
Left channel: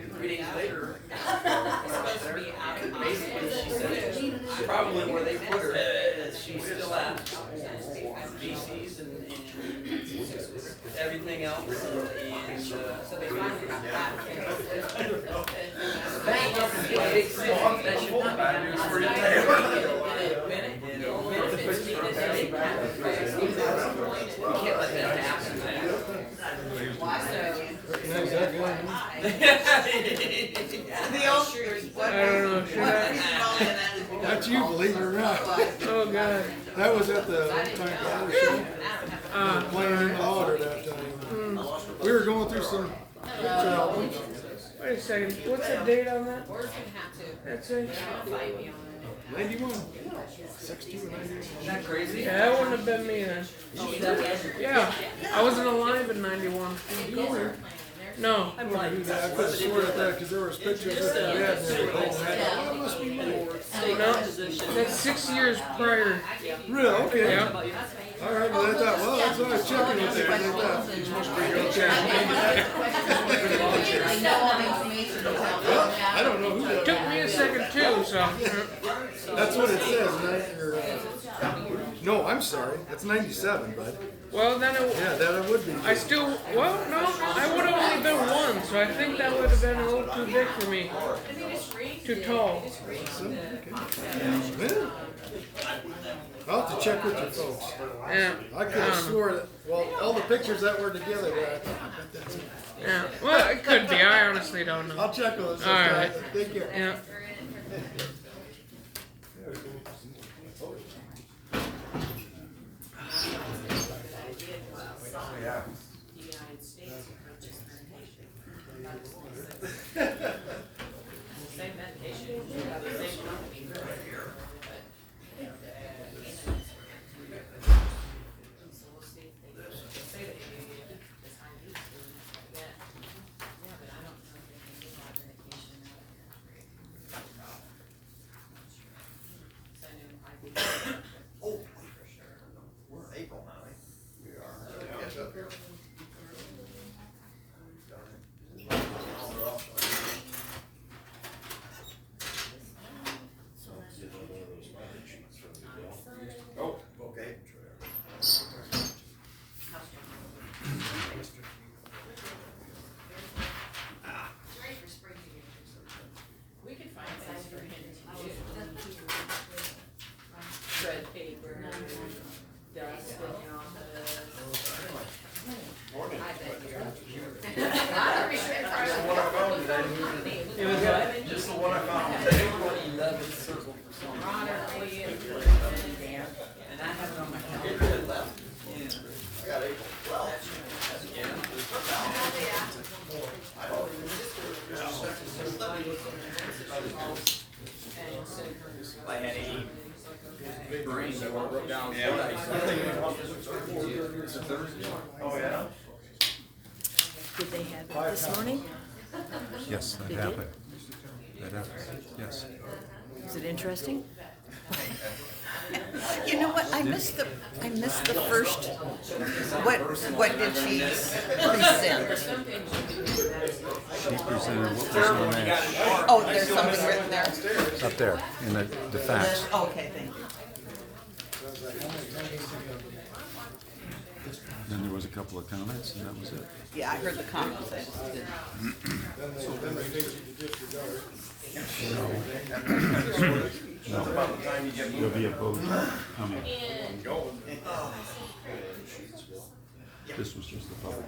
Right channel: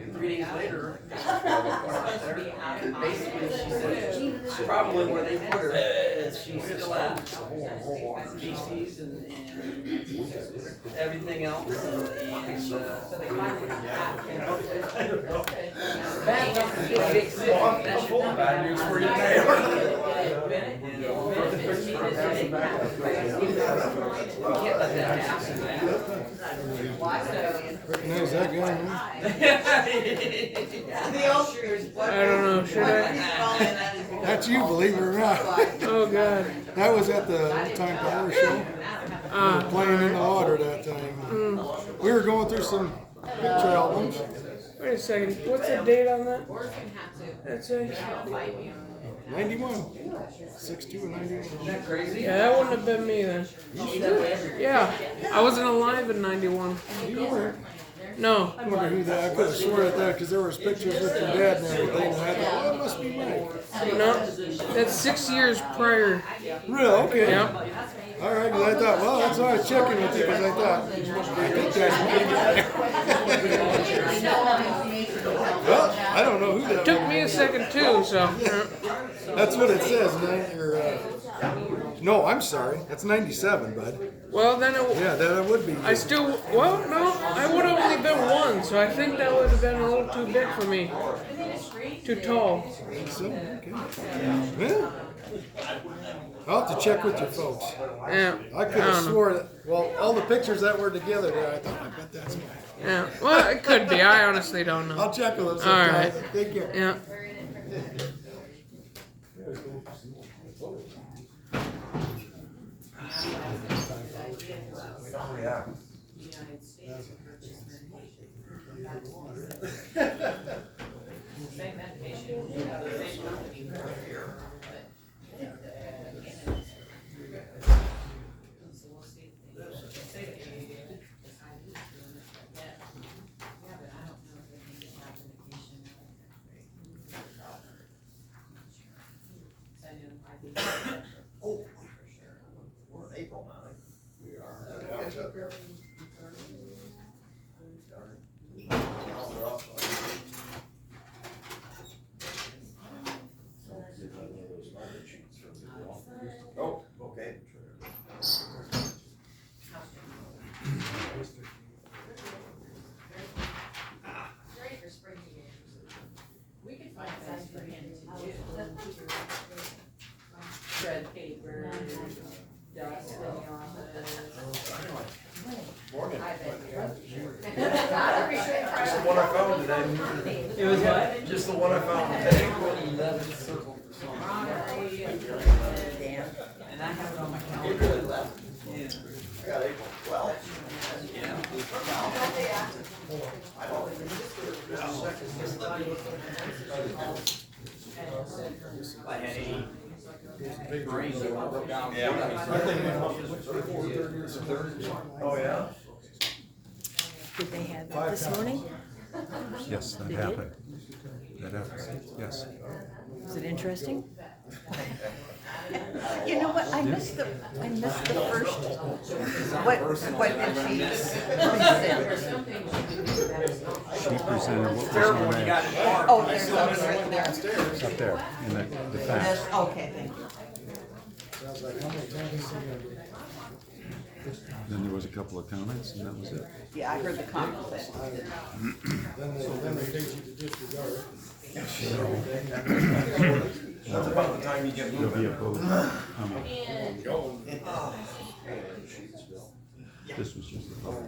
Probably where they put her, she's still at GCs and everything else. How's that going? I don't know. Should I? That's you, believe it or not. Oh God. That was at the Untitled Chapter show. Playing in the order that time. We were going through some picture albums. Wait a second. What's the date on that? That's it. 91. 62 and 91. Yeah, that wouldn't have been me then. Yeah, I wasn't alive in 91. You were. No. I wonder who that. I could have sworn at that because there was pictures with your dad and everything. And I thought, oh, it must be me. No, that's 6 years prior. Really? Okay. Yeah. All right, because I thought, well, that's why I was checking with you, because I thought, you must be well, I don't know who that Took me a second too, so. That's what it says, no, I'm sorry, that's 97, bud. Well, then it. Yeah, that would be. I still. Well, no, I would have only been one, so I think that would have been a little too big for me. Too tall. So, okay. Yeah. I'll have to check with your folks. Yeah. I could have swore that, well, all the pictures that were together there, I thought, I bet that's me. Yeah. Well, it could be. I honestly don't know. I'll check with them All sometime. right. Take care. Yeah. We're in April now, right? We are. Oh, okay. We can find things for him to do. Shred paper, dust in the office. Morning. I bet you're. Just the one I found today. It was what? Just the one I found today. 11 circle for something. And I have it on my April calendar. 11th. Yeah. I got April 12th. Yeah. I don't think If I had any brain, they wanna rub down. Oh, yeah? Did they have that this morning? Yes, that They did? happened. That happened, yes. Is it interesting? You know what, I missed the first, what did she present? She presented what was on that, Oh, there's something written there. up there, in the defense. Okay, thank you. Then there was a couple of comments, and that was it. Yeah, I heard the comments. Then they paid you to disregard. That's about the time you get There'll moving. be a vote coming. This was just the vote.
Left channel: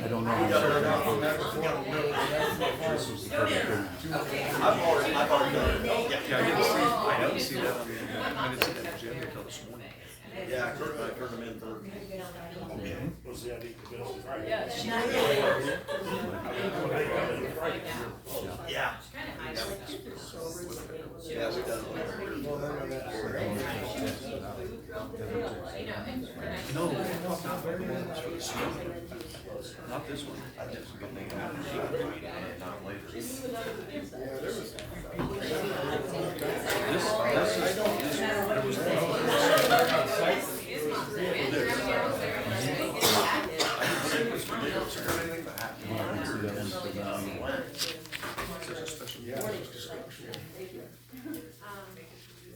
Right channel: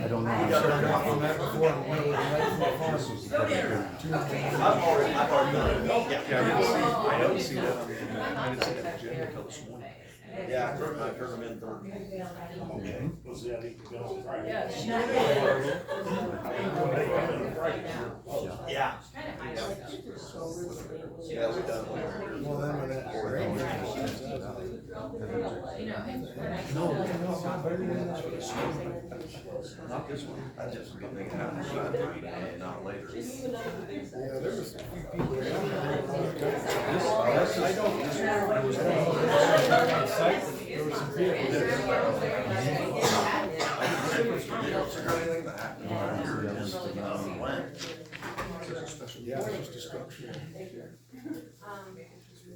I don't know. I've already done it. Yeah. I didn't see that on the agenda until this morning. Yeah, I turned them in Thursday. Was that equal bills Friday? Yeah. Yeah, we done. Well, then when that. Not this one. But they can have it not later. Yeah, there was a few people. I don't. There was Yeah, it was discussion.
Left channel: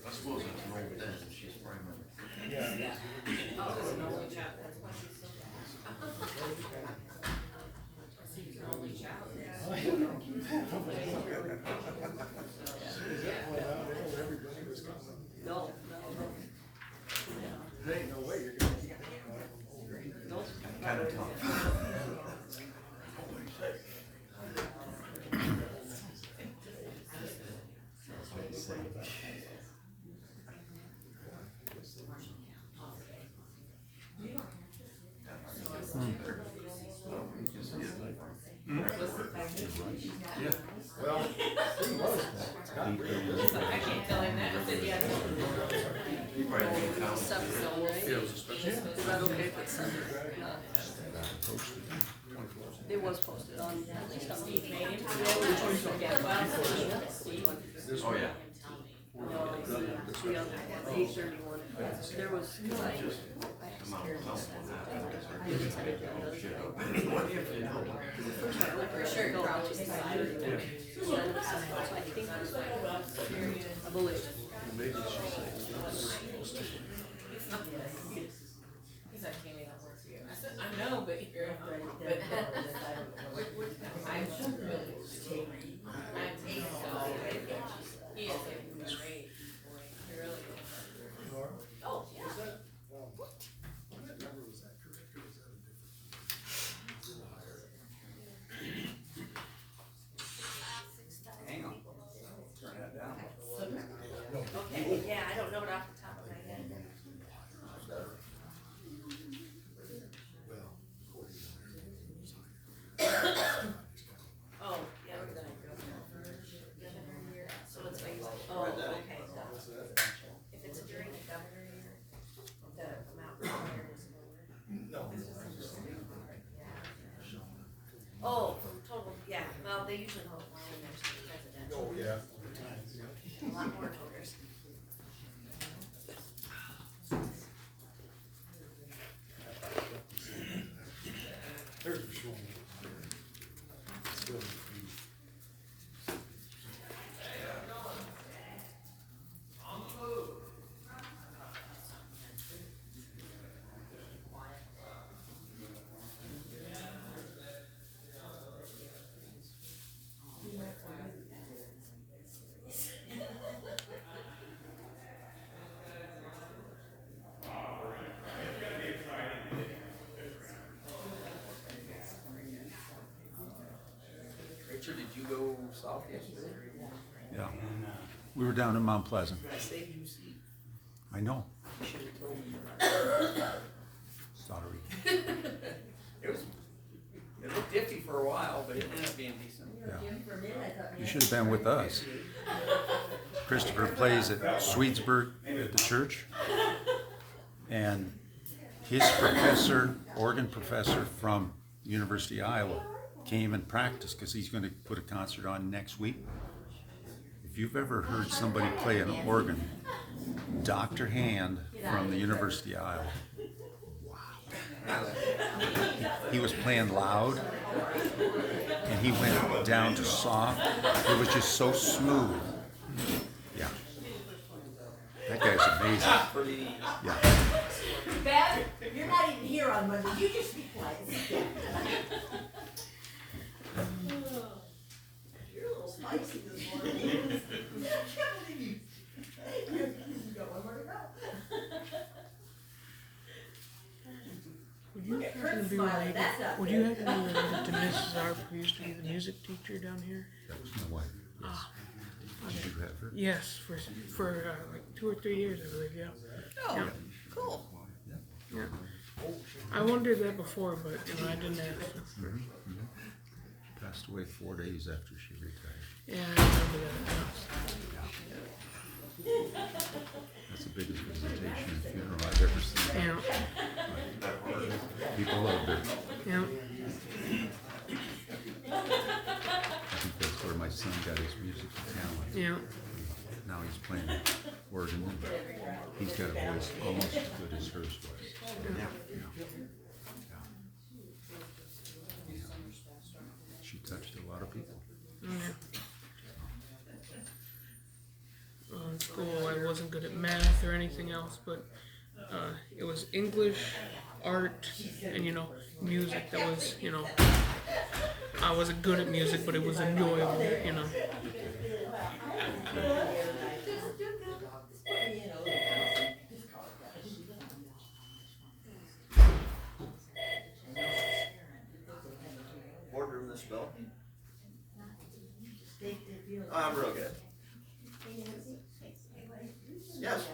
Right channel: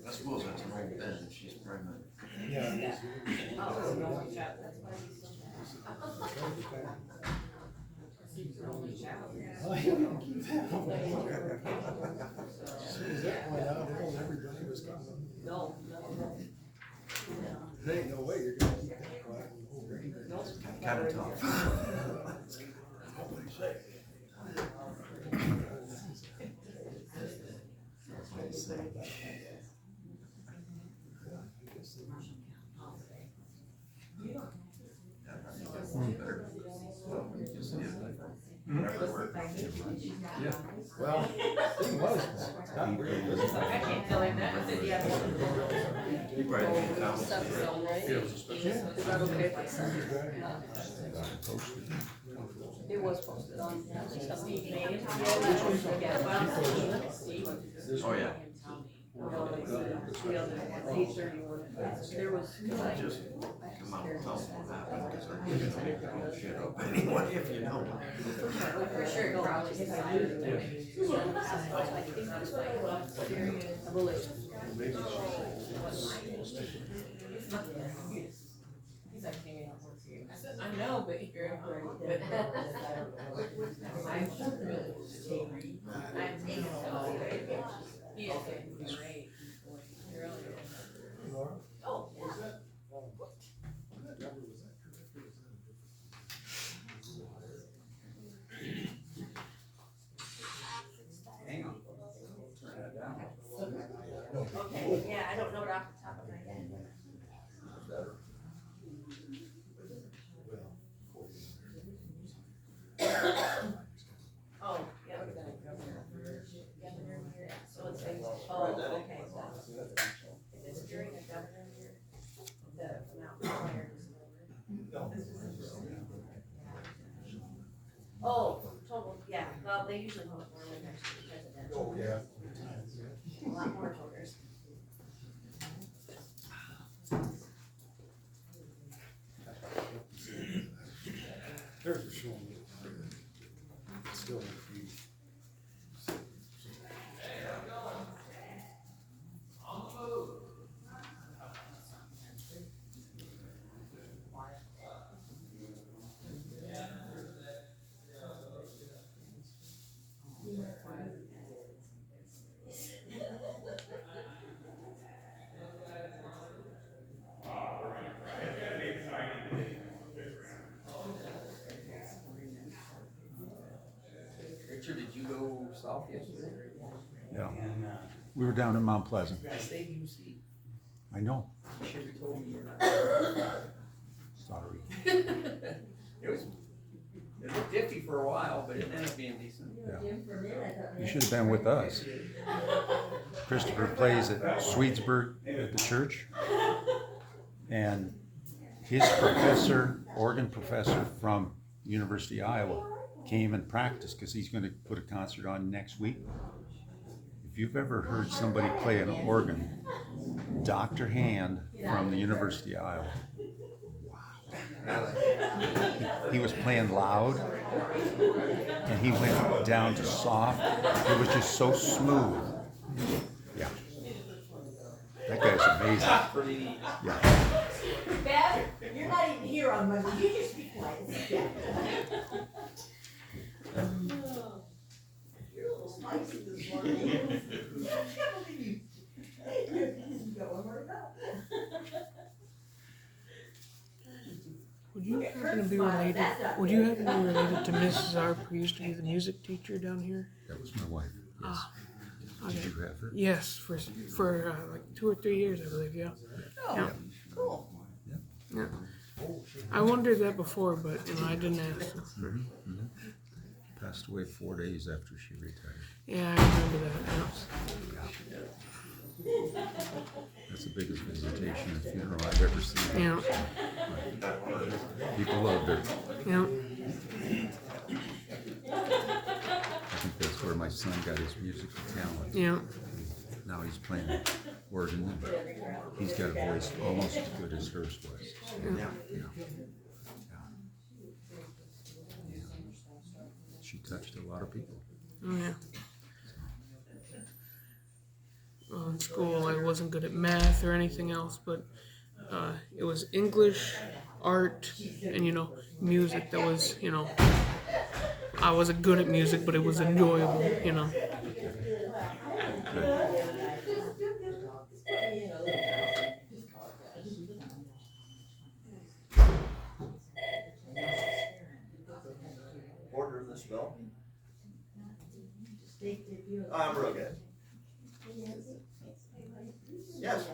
I suppose it's an old den, she's pregnant. Yeah. Everybody was coming. There ain't no way you're gonna keep that. Kind of tough. Well, he was. I can't tell him that. You probably didn't count. It was posted on. Oh, yeah. There was. Come out, tell them what happened, because they're giving shit up anyway, if you know. For sure, you probably decided. He's like, Tammy, that works for you. I said, I know, but you're, but. I'm just really. I'm taking so. He is getting great. He really is. Oh, yeah. That number, was that correct or was that a different? Hang on. Turn that down. Okay, yeah, I don't know it off the top of my head. Oh, yeah, we're gonna go governor year, so it's like, oh, okay, so if it's during the governor year, the amount required is lower. Oh, total, yeah, well, they usually vote more than next year presidential. Oh, yeah. A lot more voters. There's a showing. Still confused. Richard, did you go south yesterday? Yeah. We were down in Mount Pleasant. I saved you a seat. I know. You should have told me. It looked iffy for a while, but it ended up being decent. Yeah. You should have been with us. Christopher plays at Swedesburg at the church. And his professor, organ professor from University of Iowa, came and practiced because he's going to put a concert on next week. If you've ever heard somebody play an organ, Dr. Hand from the University of Iowa. Wow. He was playing loud and he went down to soft. It was just so smooth. Yeah. That guy's amazing. Yeah. Beth, you're not even here on Monday, you just be quiet. You're a little spicy this morning. I can't believe you got one more to go. Would you happen to be related? Would you happen to be related to Mrs. Arp, who used to be the music teacher down here? That was my wife, yes. Okay. Did you have her? Yes, for like 2 or 3 years, I believe. Yeah. Oh, Yeah. cool. Yeah. I wondered that before, but I didn't ask. Passed away 4 days after she retired. Yeah, I remember that. That's the biggest visitation and funeral I've ever seen. Yeah. People loved her. Yeah. I think that's where my son got his musical talent. Yeah. Now he's playing organ and he's got a voice almost as good as hers was. Yeah. She touched a lot of people. Yeah. Well, in school, I wasn't good at math or anything else, but it was English, art, and music. That was, I wasn't good at music, but it was enjoyable. Order this bill. I'm real good. Yes.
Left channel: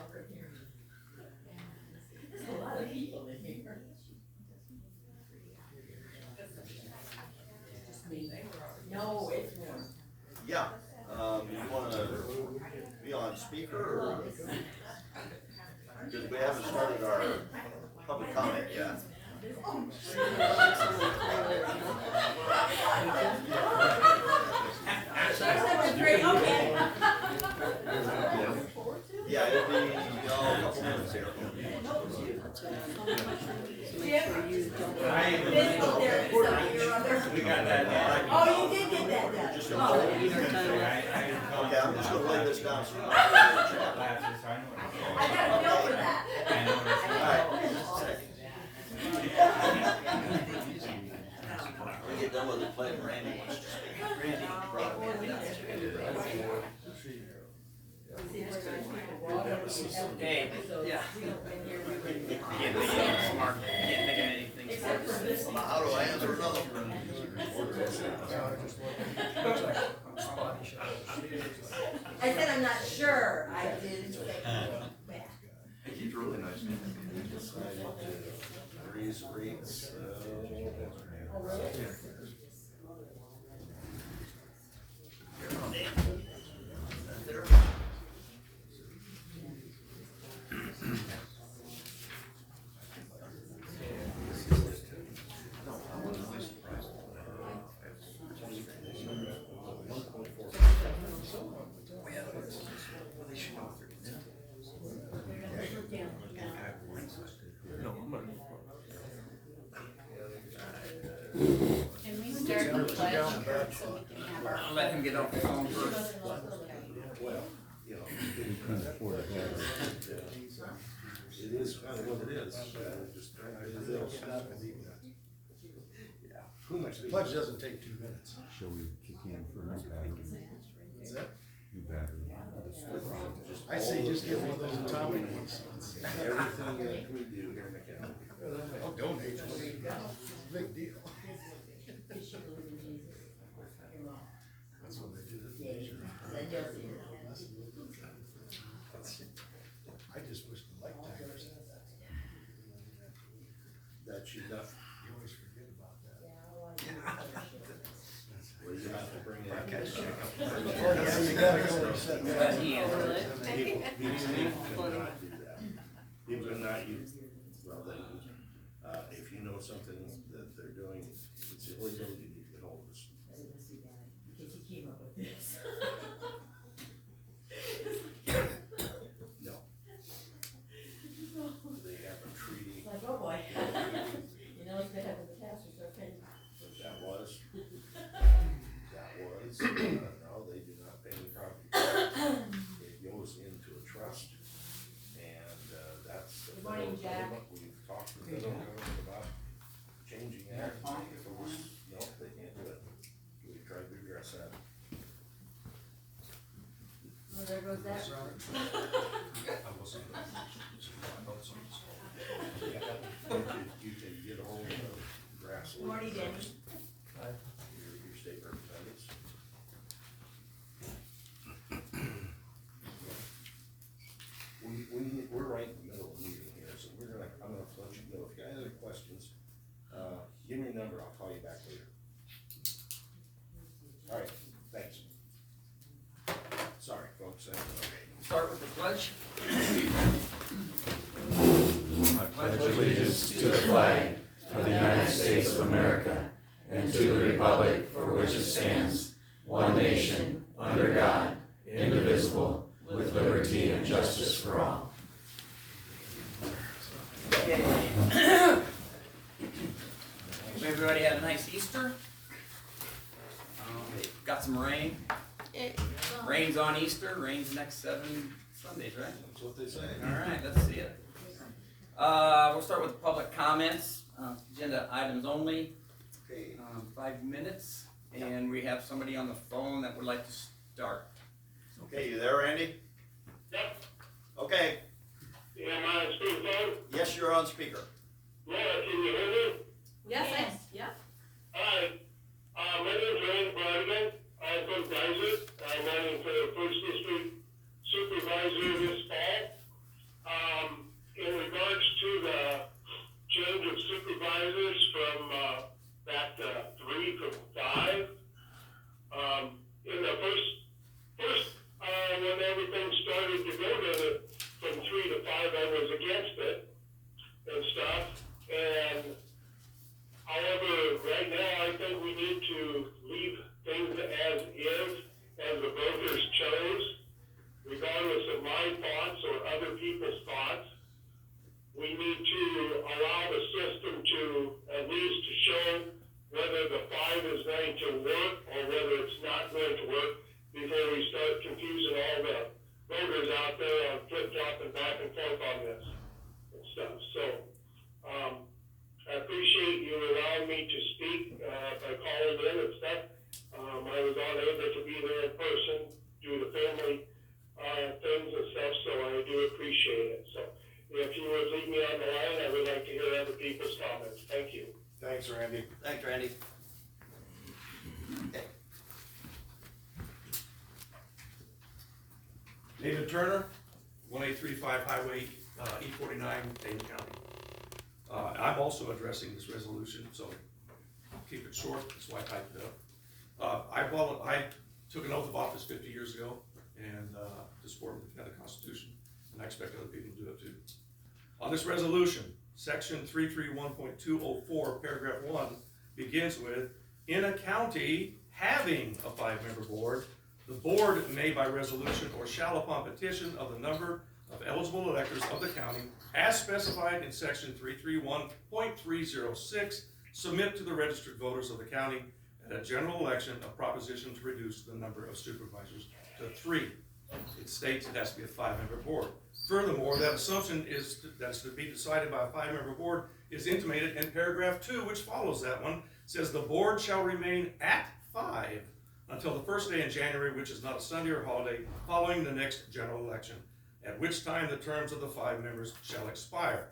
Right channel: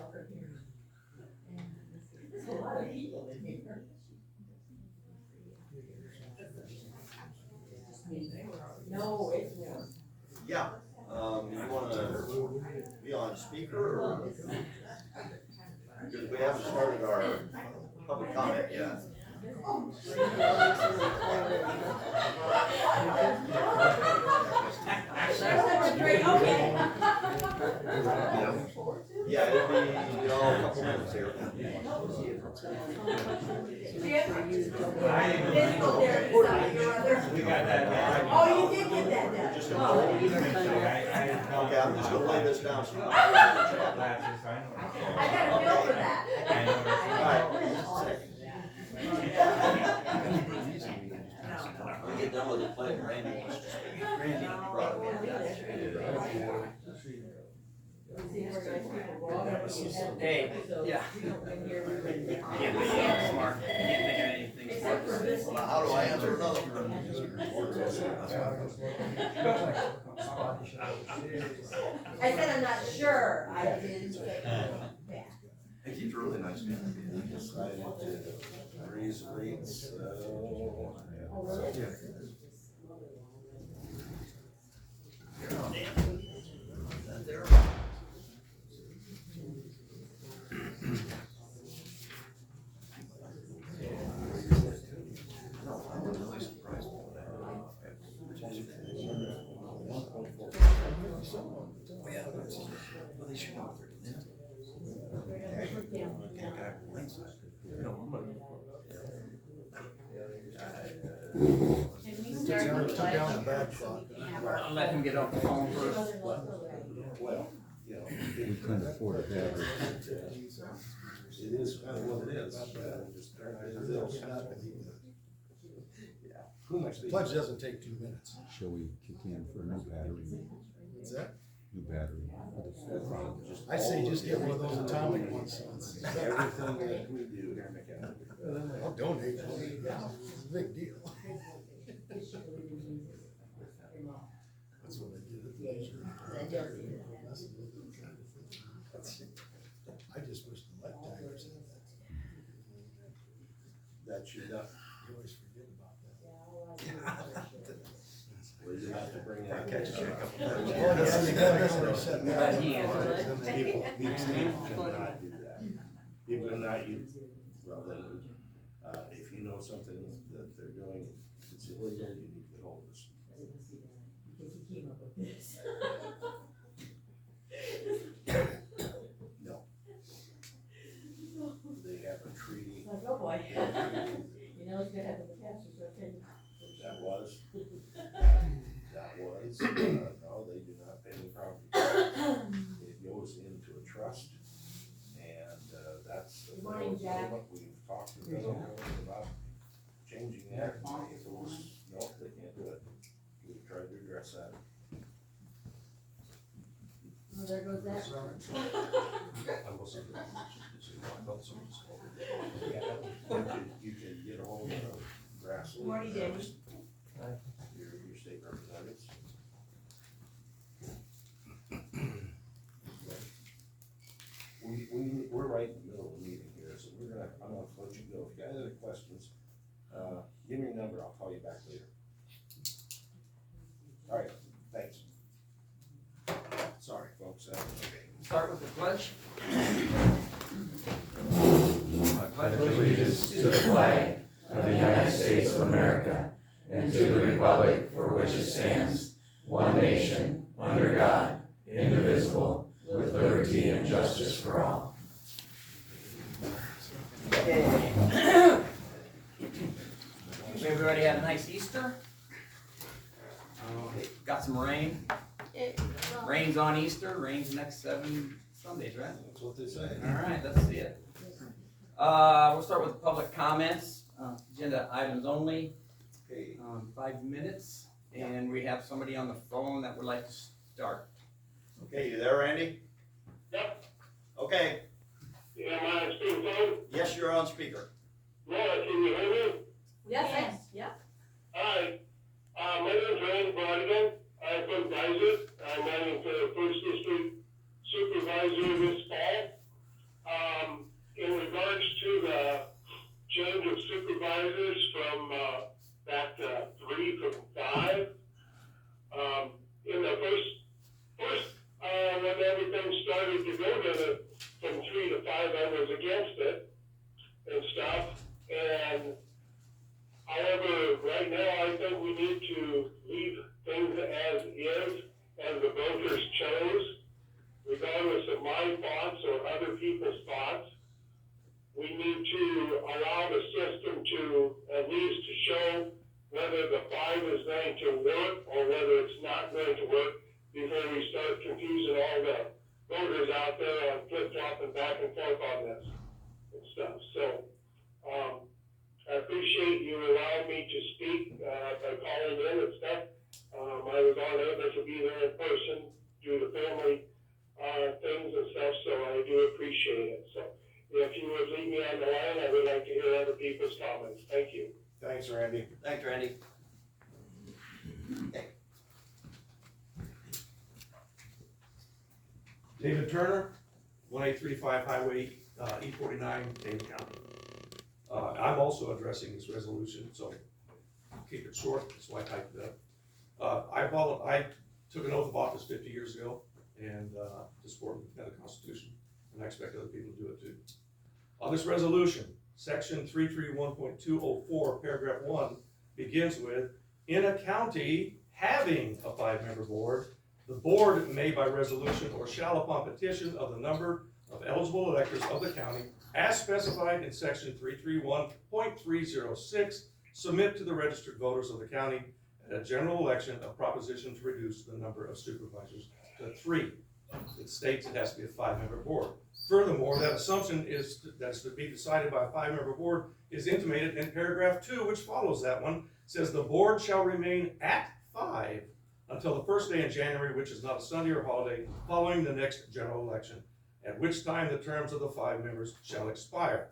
There's a lot of people in here. No, it's warm. Yeah, you wanna be on speaker or? Because we haven't started our public comment yet. Yeah, it'll be, a couple minutes here. We got that. Oh, you did get that done. Just okay, I'm just gonna lay this down. I got a bill for that. When we get done with the play, Randy wants to speak. Randy brought it in. Hey, yeah. Smart. Well, how do I answer another one? I said I'm not sure, I didn't say that. He's really nice man. He decided to raise rates, I'll let him get off the phone first. well, We couldn't afford to have her. It is kind of what it is. Just trying to pay the bills. Pledge doesn't take 2 minutes. Shall we kick in for a new battery? What's that? New battery. I say just get one of those atomic ones. Everything that we do here in the county. I'll donate one. It's a big deal. That's what they do. I just wish the light timers had that. That should not You gotta go and set that. But he answered. People cannot do that. People cannot use, well, they, if you know something that they're doing, it's illegal, you need to get hold of us. Because he came up with this. No. They have a treaty. Like, oh boy. You know, he's gonna have the casters are paid. That was, no, they do not pay any property tax. It goes into a trust, and, that's the Good morning, Jack. we've talked to them about changing that. If it was, no, they can't do it. We tried to address that. Well, there goes that. You can get a hold of grassroots. Good morning, David. Your state representatives. We're right in the middle of the meeting here, so I'm gonna let you go. If you got other questions, give me a number, I'll call you back later. All right, thanks. Sorry, folks, okay. Start with the pledge. I pledge allegiance to the flag of the United States of America and to the republic for which it stands, one nation, under God, indivisible, with liberty and justice for all. Everybody had a nice Easter. Got some rain. Rain's on Easter, rain's next 7 Sundays, right? That's what they say. Alright, let's see it. We'll start with public comments, agenda items only, Okay. 5 minutes. And we have somebody on the phone that would like to start. Okay, you there, Randy? Yep. Okay, Am I on speakerphone? yes, you're on speaker. Laura, can you hear me? Yes, yep. Hi, my name's Randy Bardigan. I'm from Dyson. I'm running for the First District Supervisor this fall. In regards to the change of supervisors from, back to 3 from 5, in the first, when everything started to go to, from 3 to 5, I was against it and stuff. And however, right now, I think we need to leave things as is, as the voters chose, regardless of my thoughts or other people's thoughts. We need to allow the system to, at least to show whether the 5 is going to work or whether it's not going to work before we start confusing all the voters out there on flip-flopping back and forth on this and stuff. So, I appreciate you allowing me to speak, by calling in and stuff. I was unable to be there in person due to family, things and stuff, so I do appreciate it. So, if you would leave me on the line, I would like to hear other people's comments. Thank you. Thanks, Randy. Thanks, Randy. Okay. David Turner, 1835 Highway E49, Dane County. I'm also addressing this resolution, so I'll keep it short, that's why I typed it up. I took an oath of office 50 years ago and to support and defend the Constitution, and I expect other people to do it too. On this resolution, section 331.204, paragraph 1 begins with, in a county having a 5-member board, the board may by resolution or shall upon petition of the number of eligible electors of the county as specified in section 331.306 submit to the registered voters of the county at a general election a proposition to reduce the number of supervisors to 3. It states it has to be a 5-member board. Furthermore, that assumption that's to be decided by a 5-member board is intimated in paragraph 2, which follows that one, says the board shall remain at 5 until the first day in January, which is not a Sunday or holiday, following the next general election, at which time the terms of the 5 members shall expire.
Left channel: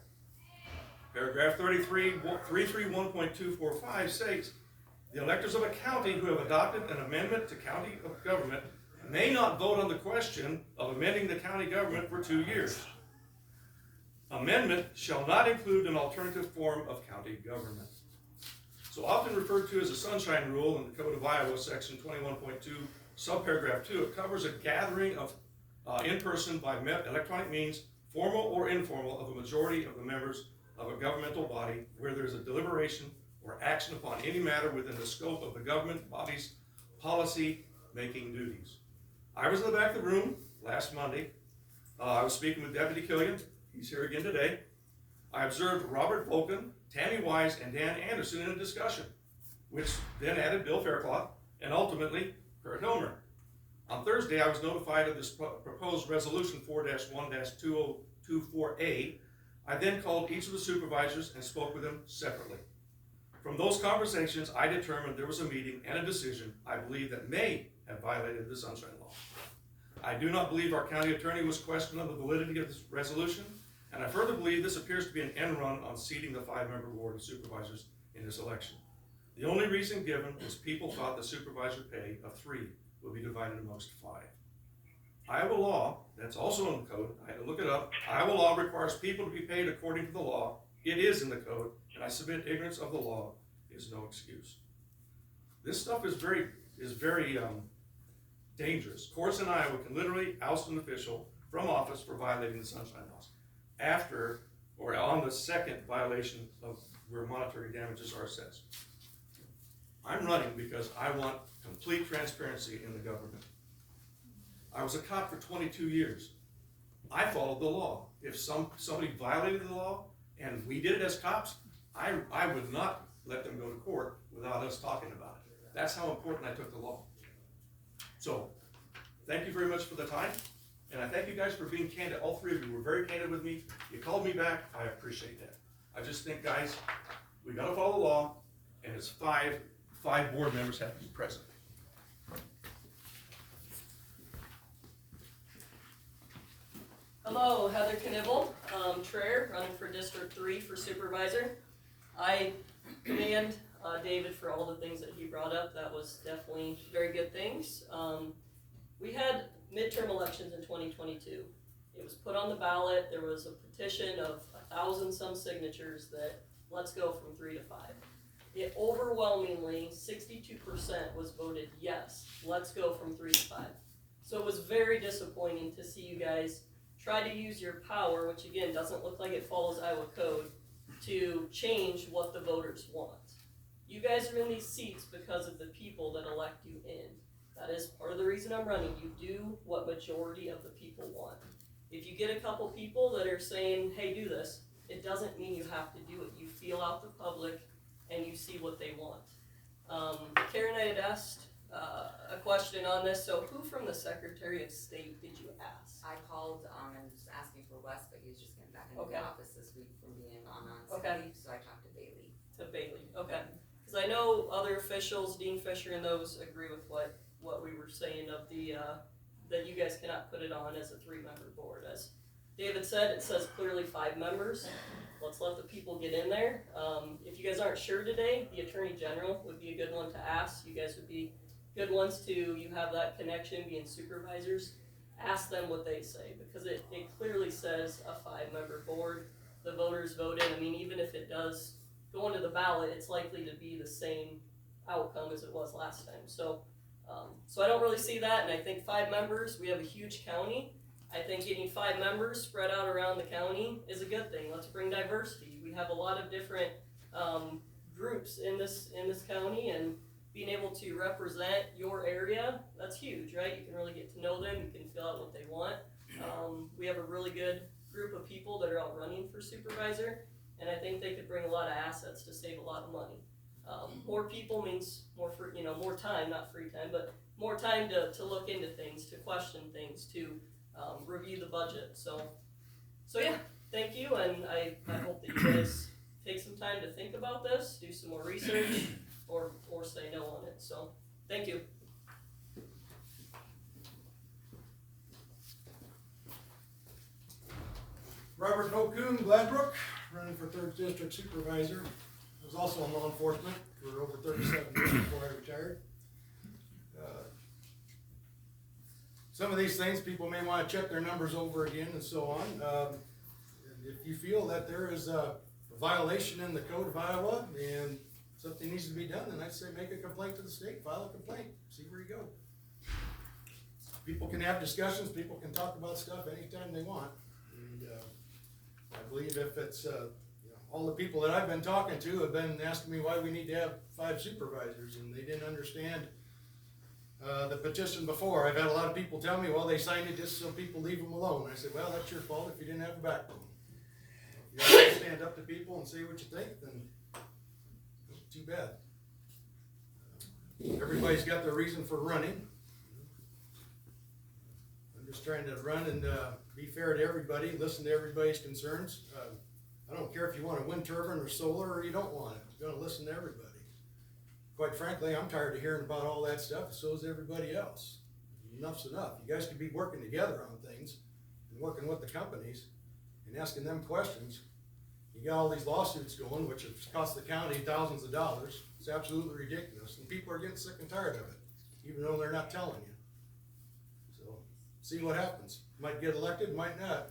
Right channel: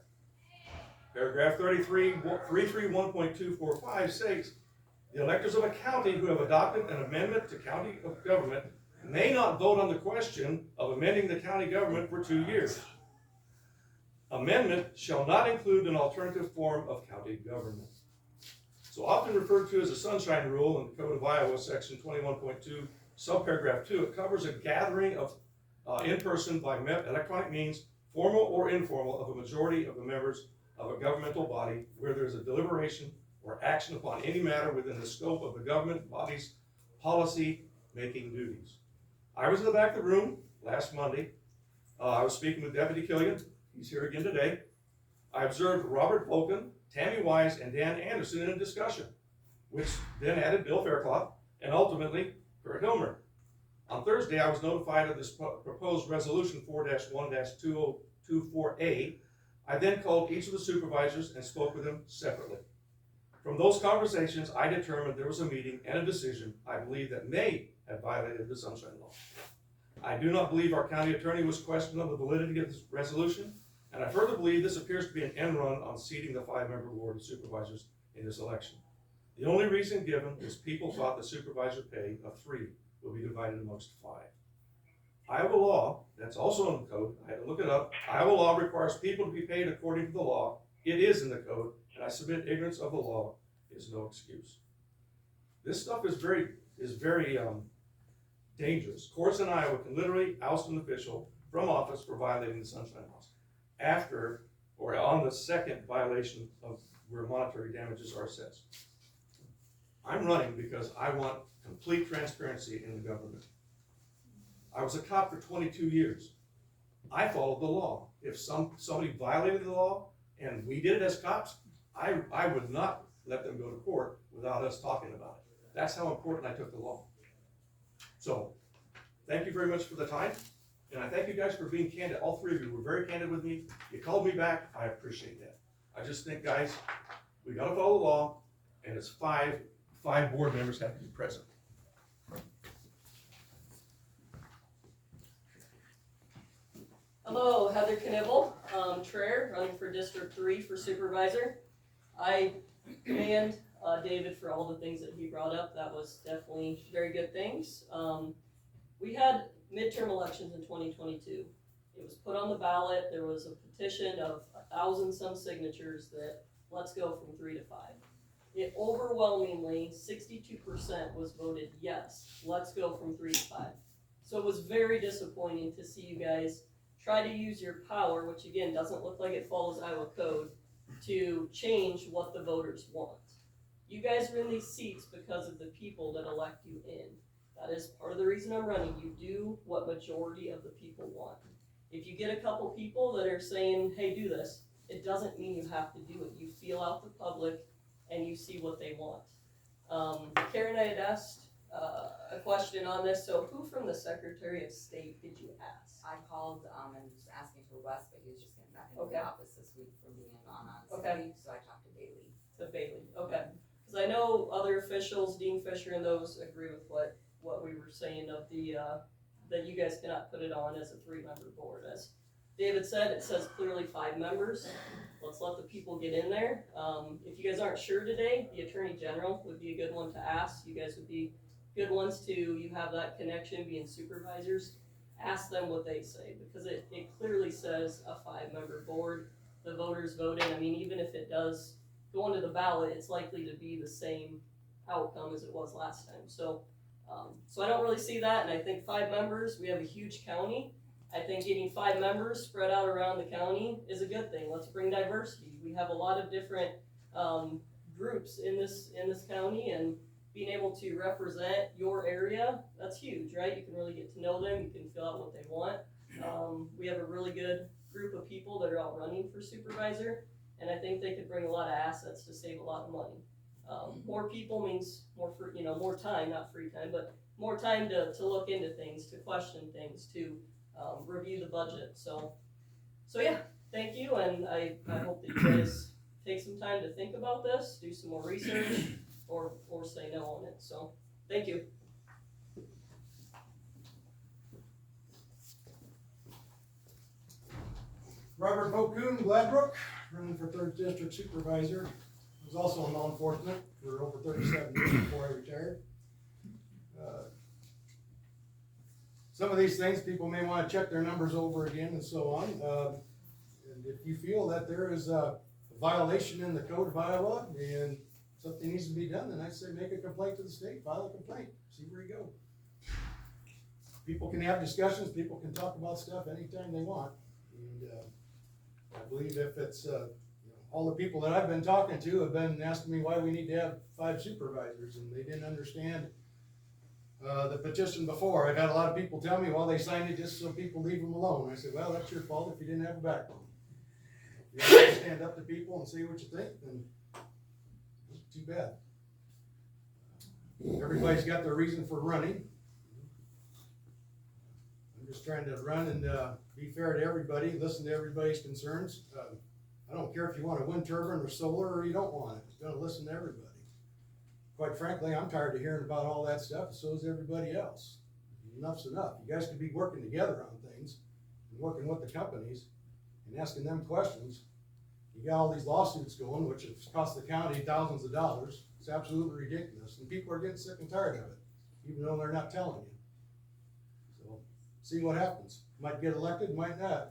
Paragraph 331.245 states, the electors of a county who have adopted an amendment to county government may not vote on the question of amending the county government for 2 years. Amendment shall not include an alternative form of county government. So often referred to as the sunshine rule in the Code of Iowa, section subparagraph 2, it covers a gathering of in person by electronic means, formal or informal, of a majority of the members of a governmental body where there is a deliberation or action upon any matter within the scope of the government body's policy-making duties. I was in the back of the room last Monday. I was speaking with Deputy Killian. He's here again today. I observed Robert Volken, Tammy Wise, and Dan Anderson in a discussion, which then added Bill Faircloth and ultimately Kurt Hilmer. On Thursday, I was notified of this proposed resolution 4-1-2024A. I then called each of the supervisors and spoke with them separately. From those conversations, I determined there was a meeting and a decision I believe that may have violated the Sunshine Law. I do not believe our county attorney was questioned on the validity of this resolution, and I further believe this appears to be an end run on seating the 5-member board of supervisors in this election. The only reason given is people thought the supervisor pay of 3 will be divided amongst 5. Iowa law, that's also in the code, I had to look it up. Iowa law requires people to be paid according to the law. It is in the code, and I submit ignorance of the law is no excuse. This stuff is very dangerous. Courts in Iowa can literally oust an official from office for violating the Sunshine Laws after or on the second violation of where monetary damages are assessed. I'm running because I want complete transparency in the government. I was a cop for 22 years. I followed the law. If somebody violated the law and we did it as cops, I would not let them go to court without us talking about it. That's how important I took the law. So, thank you very much for the time, and I thank you guys for being candid. All 3 of you were very candid with me. You called me back. I appreciate that. I just think, guys, we gotta follow the law, and it's 5 board members have to be present. Hello, Heather Knivel, Traer, running for District 3 for Supervisor. I commend David for all the things that he brought up. That was definitely very good things. We had midterm elections in 2022. It was put on the ballot. There was a petition of 1,000-some signatures that let's go from 3 to 5. It overwhelmingly, 62% was voted yes, let's go from 3 to 5. So it was very disappointing to see you guys try to use your power, which again doesn't look like it follows Iowa code, to change what the voters want. You guys are in these seats because of the people that elect you in. That is part of the reason I'm running. You do what majority of the people want. If you get a couple people that are saying, hey, do this, it doesn't mean you have to do it. You feel out the public and you see what they want. Karen, I had asked a question on this. So who from the Secretary of State did you ask? I called and was asking for Wes, but he was just getting back into the office this week from being on sick leave, so I talked to Bailey. Okay. Because I know other officials, Dean Fisher and those, agree with what we were saying of the that you guys cannot put it on as a 3-member board. As David said, it says clearly 5 members. Let's let the people get in there. If you guys aren't sure today, the Attorney General would be a good one to ask. You guys would be good ones to, you have that connection being supervisors. Ask them what they say, because it clearly says a 5-member board. The voters voted. I mean, even if it does go onto the ballot, it's likely to be the same outcome as it was last time. So I don't really see that, and I think 5 members, we have a huge county. I think getting 5 members spread out around the county is a good thing. Let's bring diversity. We have a lot of different groups in this county, and being able to represent your area, that's huge, right? You can really get to know them, you can fill out what they want. We have a really good group of people that are out running for supervisor, and I think they could bring a lot of assets to save a lot of money. More people means more more time, not free time, but more time to look into things, to question things, to review the budget. So yeah, thank you, and I hope that you guys take some time to think about this, do some more research, or say no on it. So thank you. Robert Bocoon, Gladbrook, running for 3rd District Supervisor. I was also in law enforcement for over 37 years before I retired. Some of these things people may want to check their numbers over again and so on. And if you feel that there is a violation in the code of Iowa and something needs to be done, then I'd say make a complaint to the state, file a complaint, see where you go. people can have discussions, people can talk about stuff anytime they want. And, I believe if it's, you know, all the people that I've been talking to have been asking me why we need to have 5 supervisors, and they didn't understand the petition before. I've had a lot of people tell me, well, they signed it just so people leave them alone. I said, well, that's your fault if you didn't have a backbone. If you don't stand up to people and say what you think, then too bad. Everybody's got their reason for running. I'm just trying to run and be fair to everybody, listen to everybody's concerns. I don't care if you want a wind turbine or solar or you don't want it. I'm gonna listen to everybody. Quite frankly, I'm tired of hearing about all that stuff, so is everybody else. Enough's enough. You guys could be working together on things and working with the companies and asking them questions. You got all these lawsuits going, which has cost the county thousands of dollars. It's absolutely ridiculous, and people are getting sick and tired of it, even though they're not telling you. So, see what happens. Might get elected, might not.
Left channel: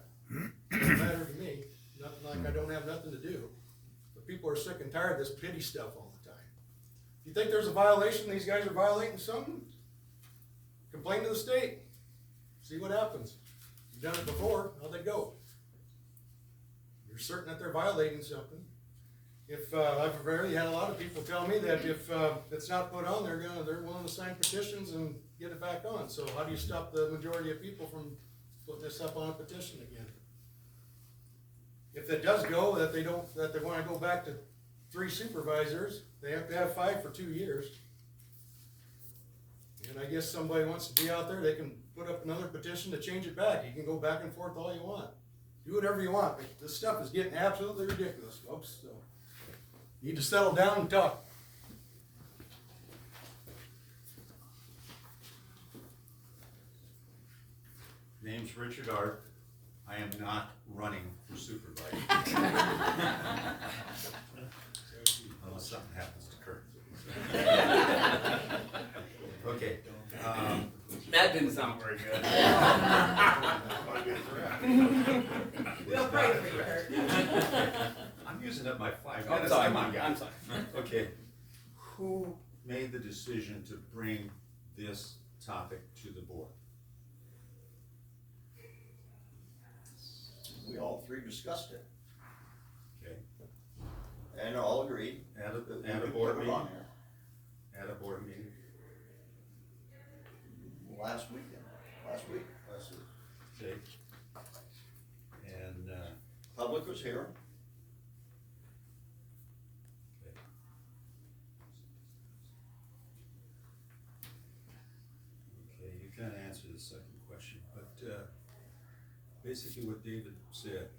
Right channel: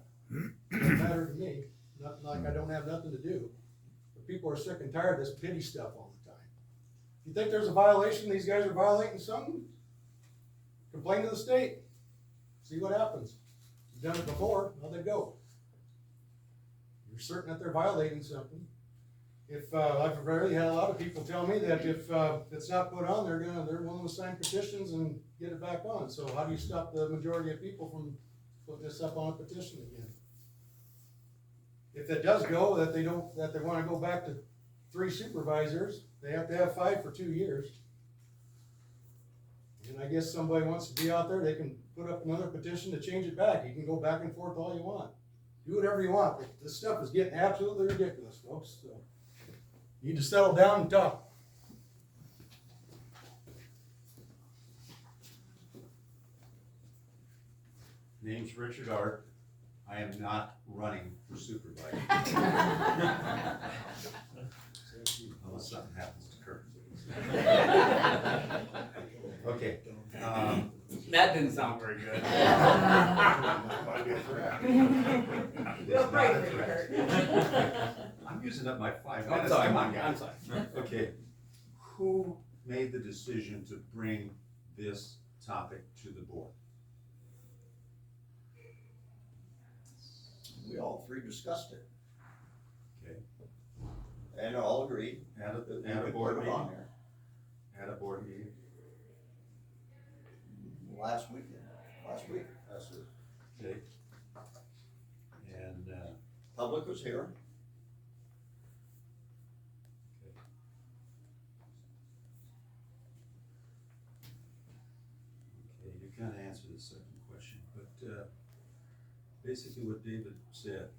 Doesn't matter to me. Nothing like I don't have nothing to do. But people are sick and tired of this pity stuff all the time. If you think there's a violation, these guys are violating something, complain to the state. See what happens. You've done it before, how'd they go? You're certain that they're violating something. If I've already had a lot of people tell me that if it's not put on, they're willing to sign petitions and get it back on. So how do you stop the majority of people from putting this up on a petition again? If it does go, that they want to go back to 3 supervisors, they have to have 5 for 2 years. And I guess somebody wants to be out there, they can put up another petition to change it back. You can go back and forth all you want. Do whatever you want, but this stuff is getting absolutely ridiculous, folks, so you need to settle down and talk. Name's Richard Art. I am not running for supervisor. Unless something happens to Kurt. Okay. That didn't sound very good. We'll pray for you, Kurt. I'm using up my 5 I'm minutes. sorry, Come on, guys. I'm sorry. Okay. Who made the decision to bring this topic to the board? We all 3 discussed it, Okay. and all agreed. At a that we board would put it meeting? on there. At a board meeting? Last week. Last week. Okay. And, Public was here. okay, you kind of answered the second question, but, basically what David said,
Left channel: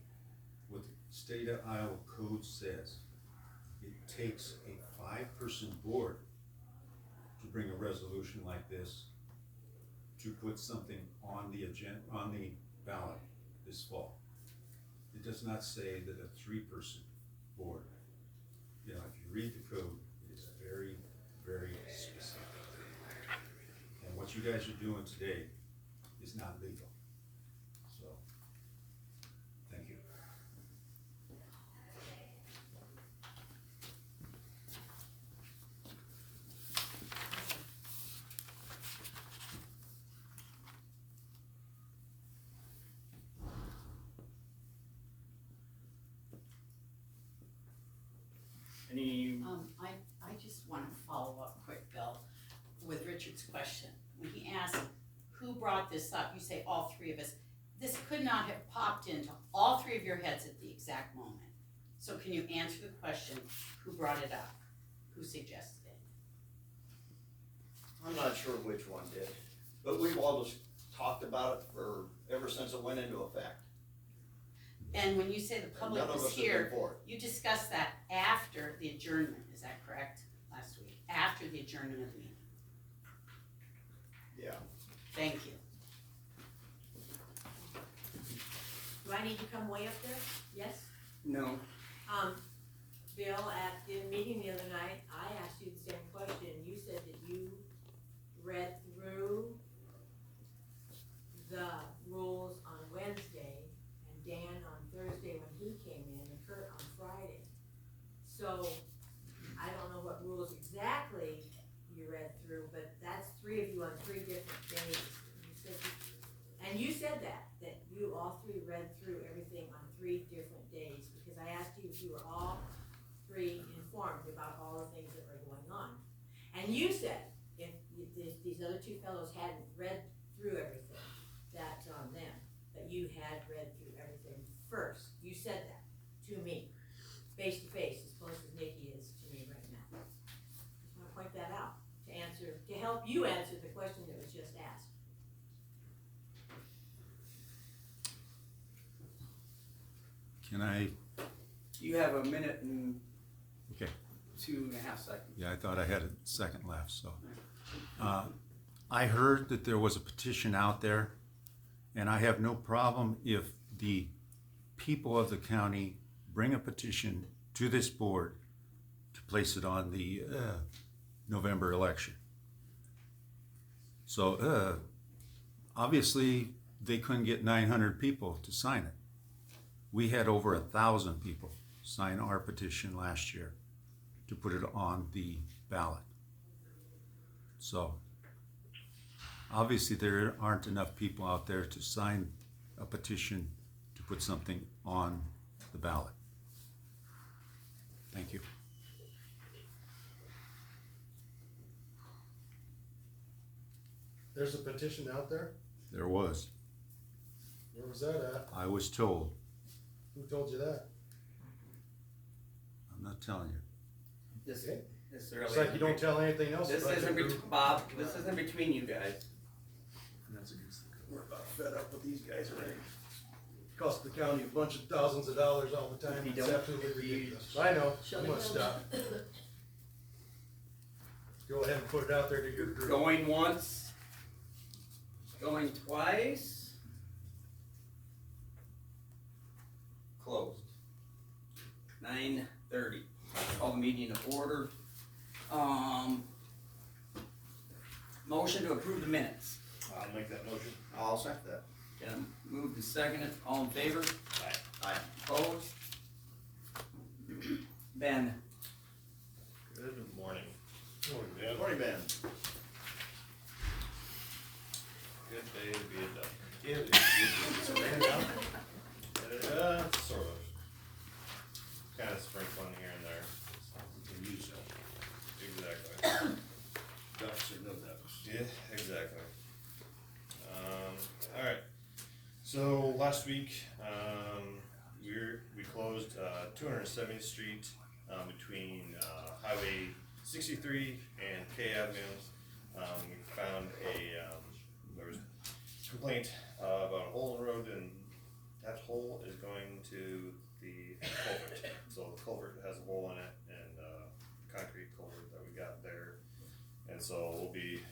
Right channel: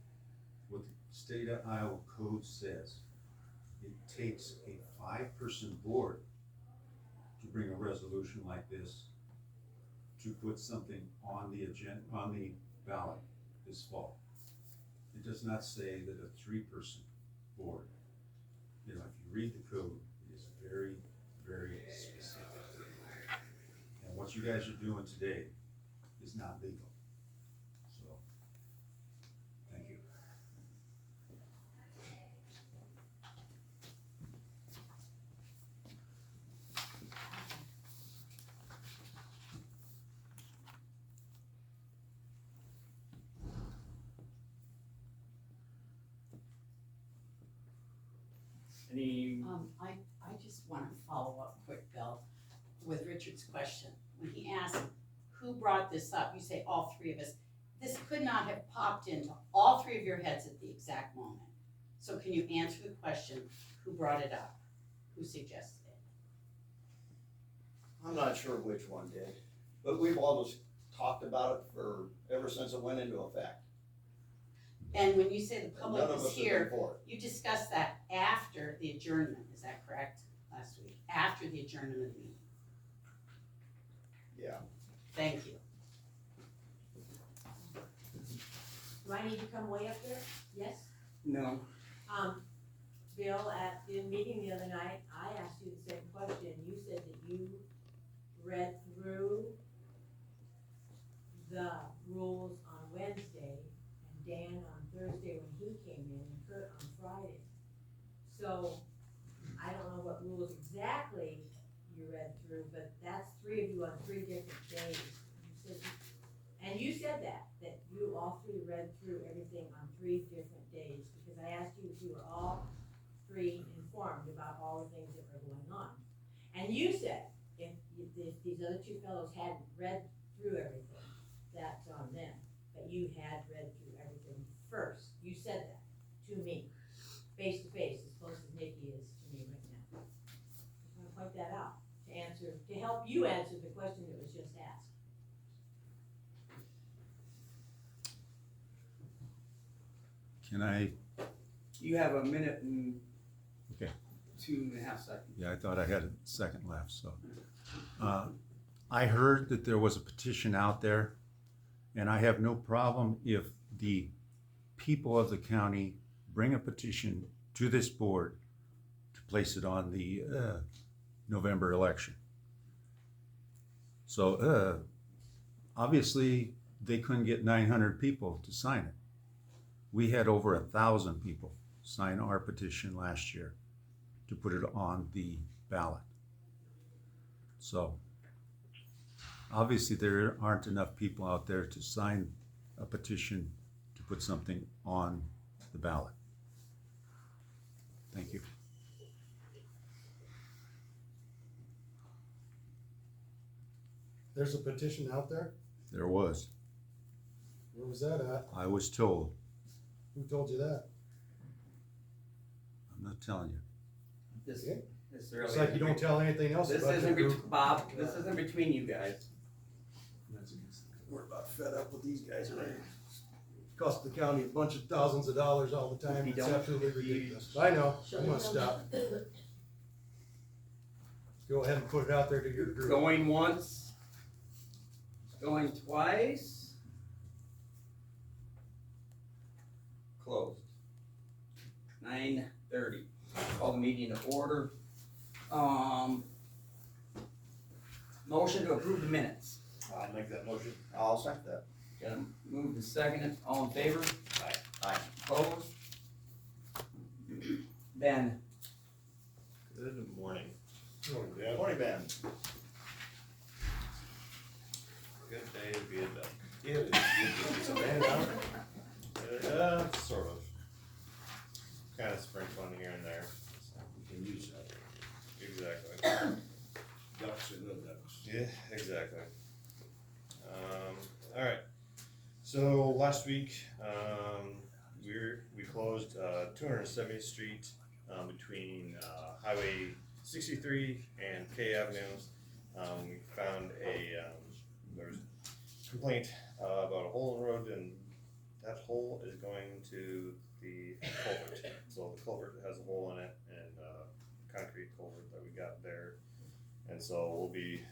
what the state of Iowa code says, it takes a 5-person board to bring a resolution like this to put something on the agenda, on the ballot this fall. It does not say that a 3-person board. You know, if you read the code, it is very, very specific. And what you guys are doing today is not legal. So, thank you. Any, I just wanna follow up quick, Bill, with Richard's question. When he asked, who brought this up, you say all 3 of us. This could not have popped into all 3 of your heads at the exact moment. So can you answer the question, who brought it up? Who suggested it? I'm not sure which one did, but we've always talked about it ever since it went into effect. And when you say the public None of was us have been here, for it. you discussed that after the adjournment, is that correct, last week? After the adjournment of the meeting? Yeah. Thank you. Do I need to come way up there? Yes? no, Bill, at the meeting the other night, I asked you the same question. You said that you read through the rules on Wednesday, and Dan on Thursday when he came in, and Kurt on Friday. So, I don't know what rules exactly you read through, but that's 3 of you on 3 different days. You said you hadn't read through everything, that's on them. But you had read through everything first. You said that to me, face to face, as close as Nikki is to me right now. Just wanna point that out, to help you answer the question that was just asked. Can I, You have a minute and okay, 2.5 seconds. yeah, I thought I had a second left, so. I heard that there was a petition out there, and I have no problem if the people of the county bring a petition to this board to place it on the November election. So obviously they couldn't get 900 people to sign it. We had over 1,000 people sign our petition last year to put it on the ballot. So obviously there aren't enough people out there to sign a petition to put something on the ballot. Thank you. There's a petition out there? There was. Where was that at? I was told. Who told you that? I'm not telling you. This really. It's like you don't tell anything else This about your isn't, group. Bob, this isn't between you guys. We're about fed up with these guys already. Cost the county a bunch of thousands of dollars all the time. You It's don't- absolutely ridiculous. I know, I'm gonna stop. Go ahead and put it out there to your group. Going once, going twice. Closed. 9:30. Call the meeting to order. Motion to approve the minutes. I'll make that motion. I'll second that. Got moved and seconded. All in favor? Aye. Opposed? Ben? Good morning. Morning, Ben. Good day to be a duck. It's a rain down? Sort of. Kind of sprinkling here and there. Can use that. Exactly. Ducks or no ducks. Yeah, exactly. Alright. So last week, we closed 270th Street between Highway 63 and K Avenue. We found there was a complaint about a hole in the road, and that hole is going to the culvert. So the culvert has a hole in it, and concrete culvert that we got there. And so we'll be,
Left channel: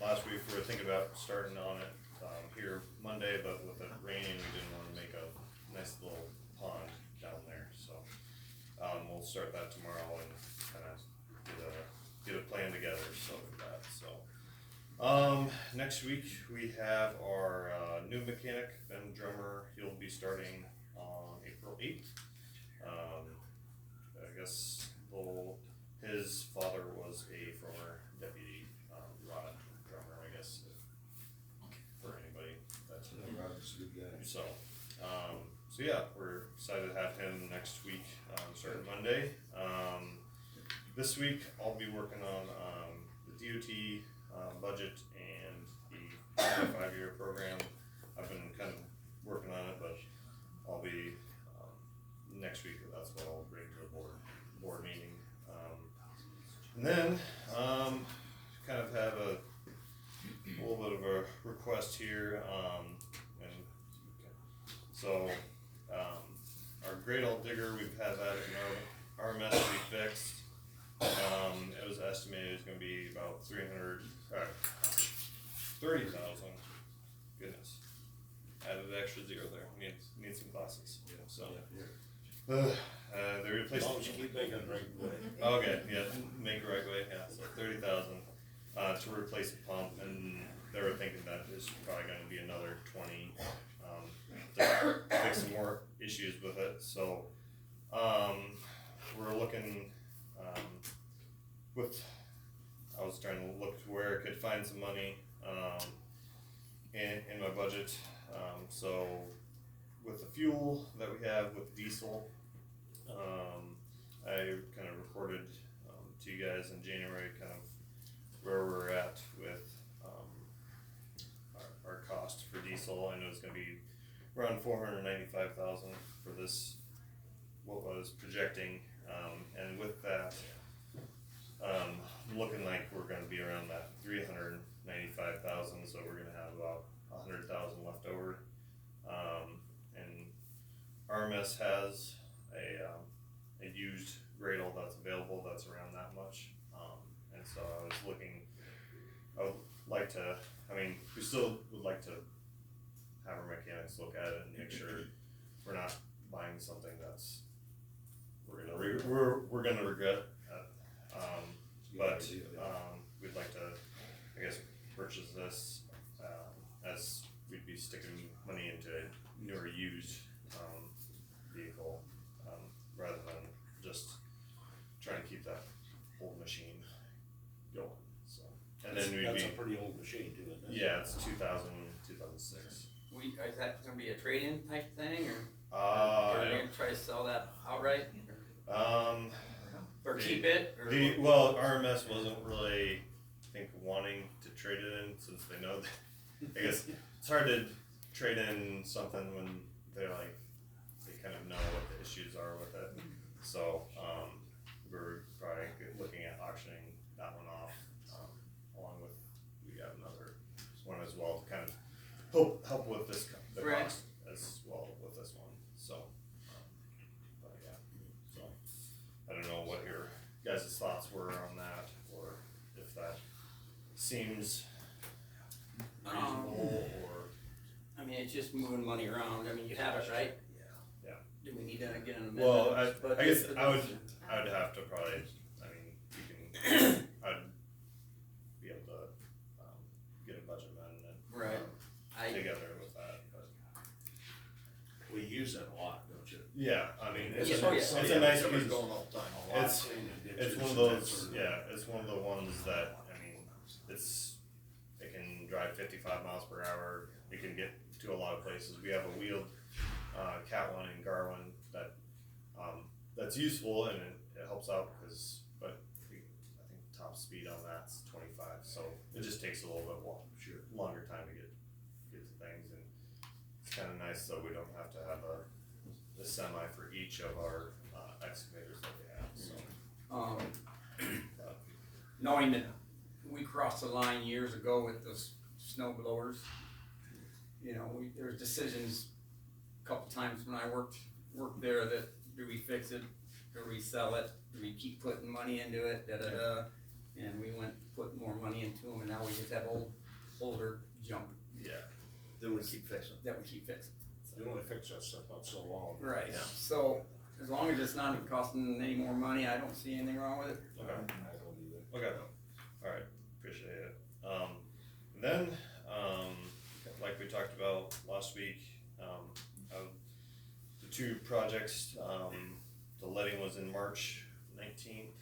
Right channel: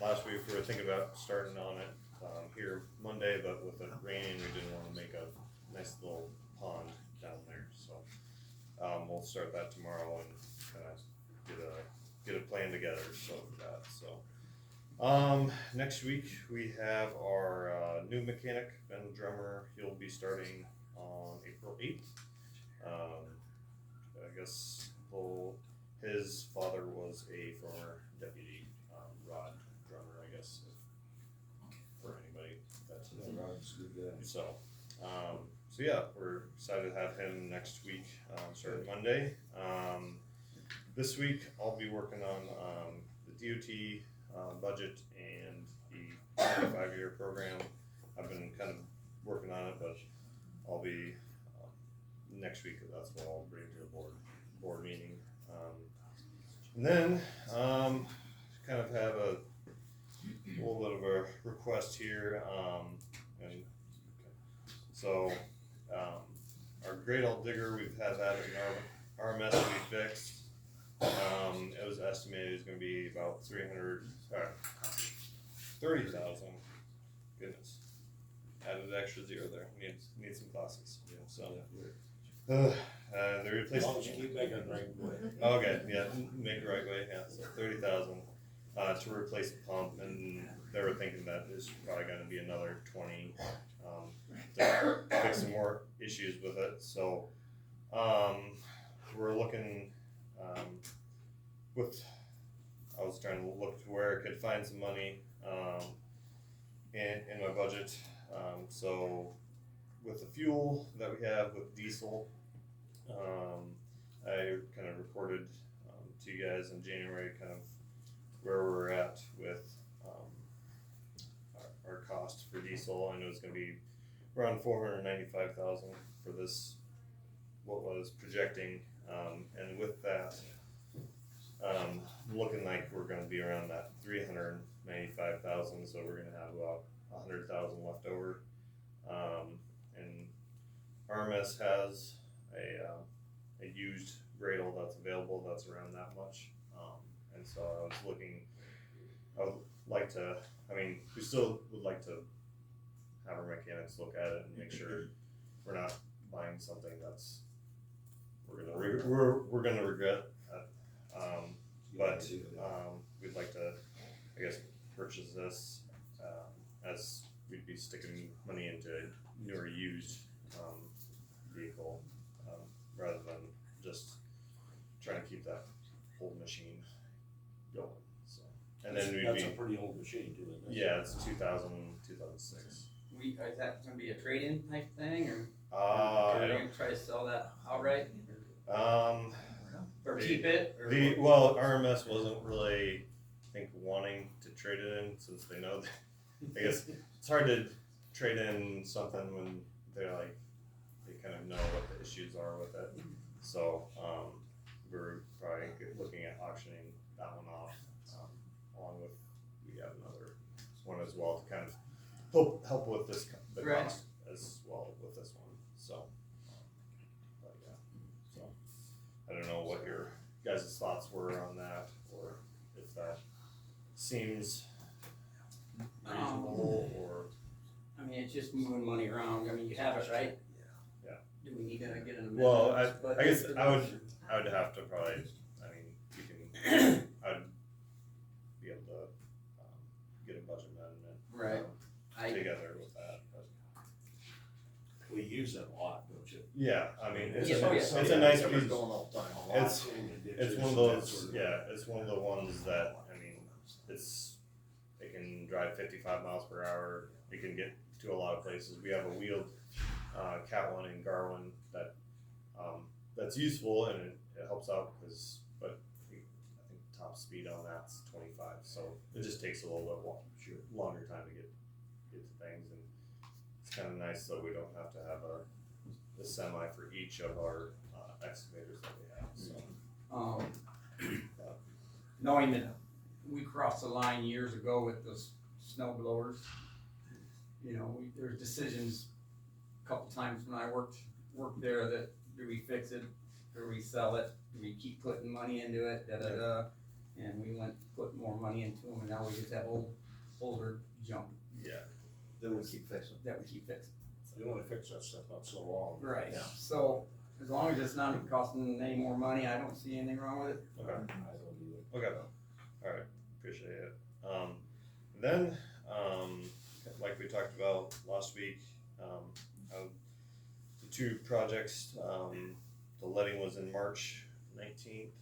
last week we were thinking about starting on it here Monday, but with it raining, we didn't want to make a nice little pond down there. So we'll start that tomorrow and kind of get a plan together. So with that, so next week we have our new mechanic, Ben Drummer. He'll be starting on April 8th. I guess his father was a former deputy, Rod Drummer, I guess, for anybody that's. Rod's a good guy. So yeah, we're excited to have him next week, starting Monday. This week I'll be working on the DOT budget and the 5-year program. I've been kind of working on it, but I'll be next week. That's what I'll bring to the board meeting. And then kind of have a little bit of a request here, and so our Great Old Digger, we've had that in our mess to be fixed. It was estimated it was going to be about 30,000. Goodness, added an extra zero there. Need some glasses. Yeah, so. They replaced. As long as you keep making it right way. Okay, yeah, make it right way. Yeah, so 30,000 to replace the pump, and they were thinking that there's probably going to be another 20 to fix some more issues with it. So we're looking I was trying to look to where I could find some money in my budget. So with the fuel that we have with diesel, I kind of reported to you guys in January kind of where we're at with, our cost for diesel. I know it's gonna be around 495,000 for this, what was projecting, and with that, looking like we're gonna be around that 395,000, so we're gonna have about 100,000 left over. And RMS has a used Gradle that's available that's around that much. And so I was looking, I would like to, I mean, we still would like to have our mechanics look at it and make sure we're not buying something that's, we're gonna regret. But we'd like to, I guess, purchase this, as we'd be sticking money into a newer used, vehicle, rather than just trying to keep that old machine going, so. And then we'd That's be, a pretty old machine too, isn't it? yeah, it's 2006. Is that gonna be a trade-in type thing, or I are you don't, gonna try to sell that outright? Or the- keep it? Or well, RMS wasn't really, I think, wanting to trade it in, since they know that, I guess, it's hard to trade in something when they're like, they kind of know what the issues are with it. So, we're probably looking at auctioning that one off, along with, we have another one as well to kind of help with this, the Right. cost as well with this one, so. But yeah, so, I don't know what your guys' thoughts were on that, or if that seems reasonable, or. I mean, it's just moving money around. I mean, you have it, right? Yeah. Do we need to get an amendment? Well, But I guess I would have to probably, I mean, you can, I'd be able to, get a budget amendment. Right. Together with that, but. We use that a lot, don't you? Yeah, I mean, it's Yeah, a, oh, yeah. it's a nice It's piece. going all the time. It's one of those, yeah, it's one of the ones that, I mean, it can drive 55 miles per hour, it can get to a lot of places. We have a wheeled, Cat 1 and Gar 1 that, that's useful, and it helps out, but I think top speed on that's 25, so it just takes a little bit longer time to get to things, and it's kinda nice, so we don't have to have a semi for each of our, excavators that we have, so. Knowing that we crossed the line years ago with those snow blowers, you know, there were decisions a couple times when I worked there that, do we fix it, or we sell it, do we keep putting money into it, and we went putting more money into them, and now we just have older junk. Yeah. Then we keep fixing. That we keep fixing. You only fix that stuff up so long. Right, Yeah. so, as long as it's not costing any more money, I don't see anything wrong with it. Okay. I don't either. Okay, alright, appreciate it. Then, like we talked about last week, the two projects, the letting was in March 19th,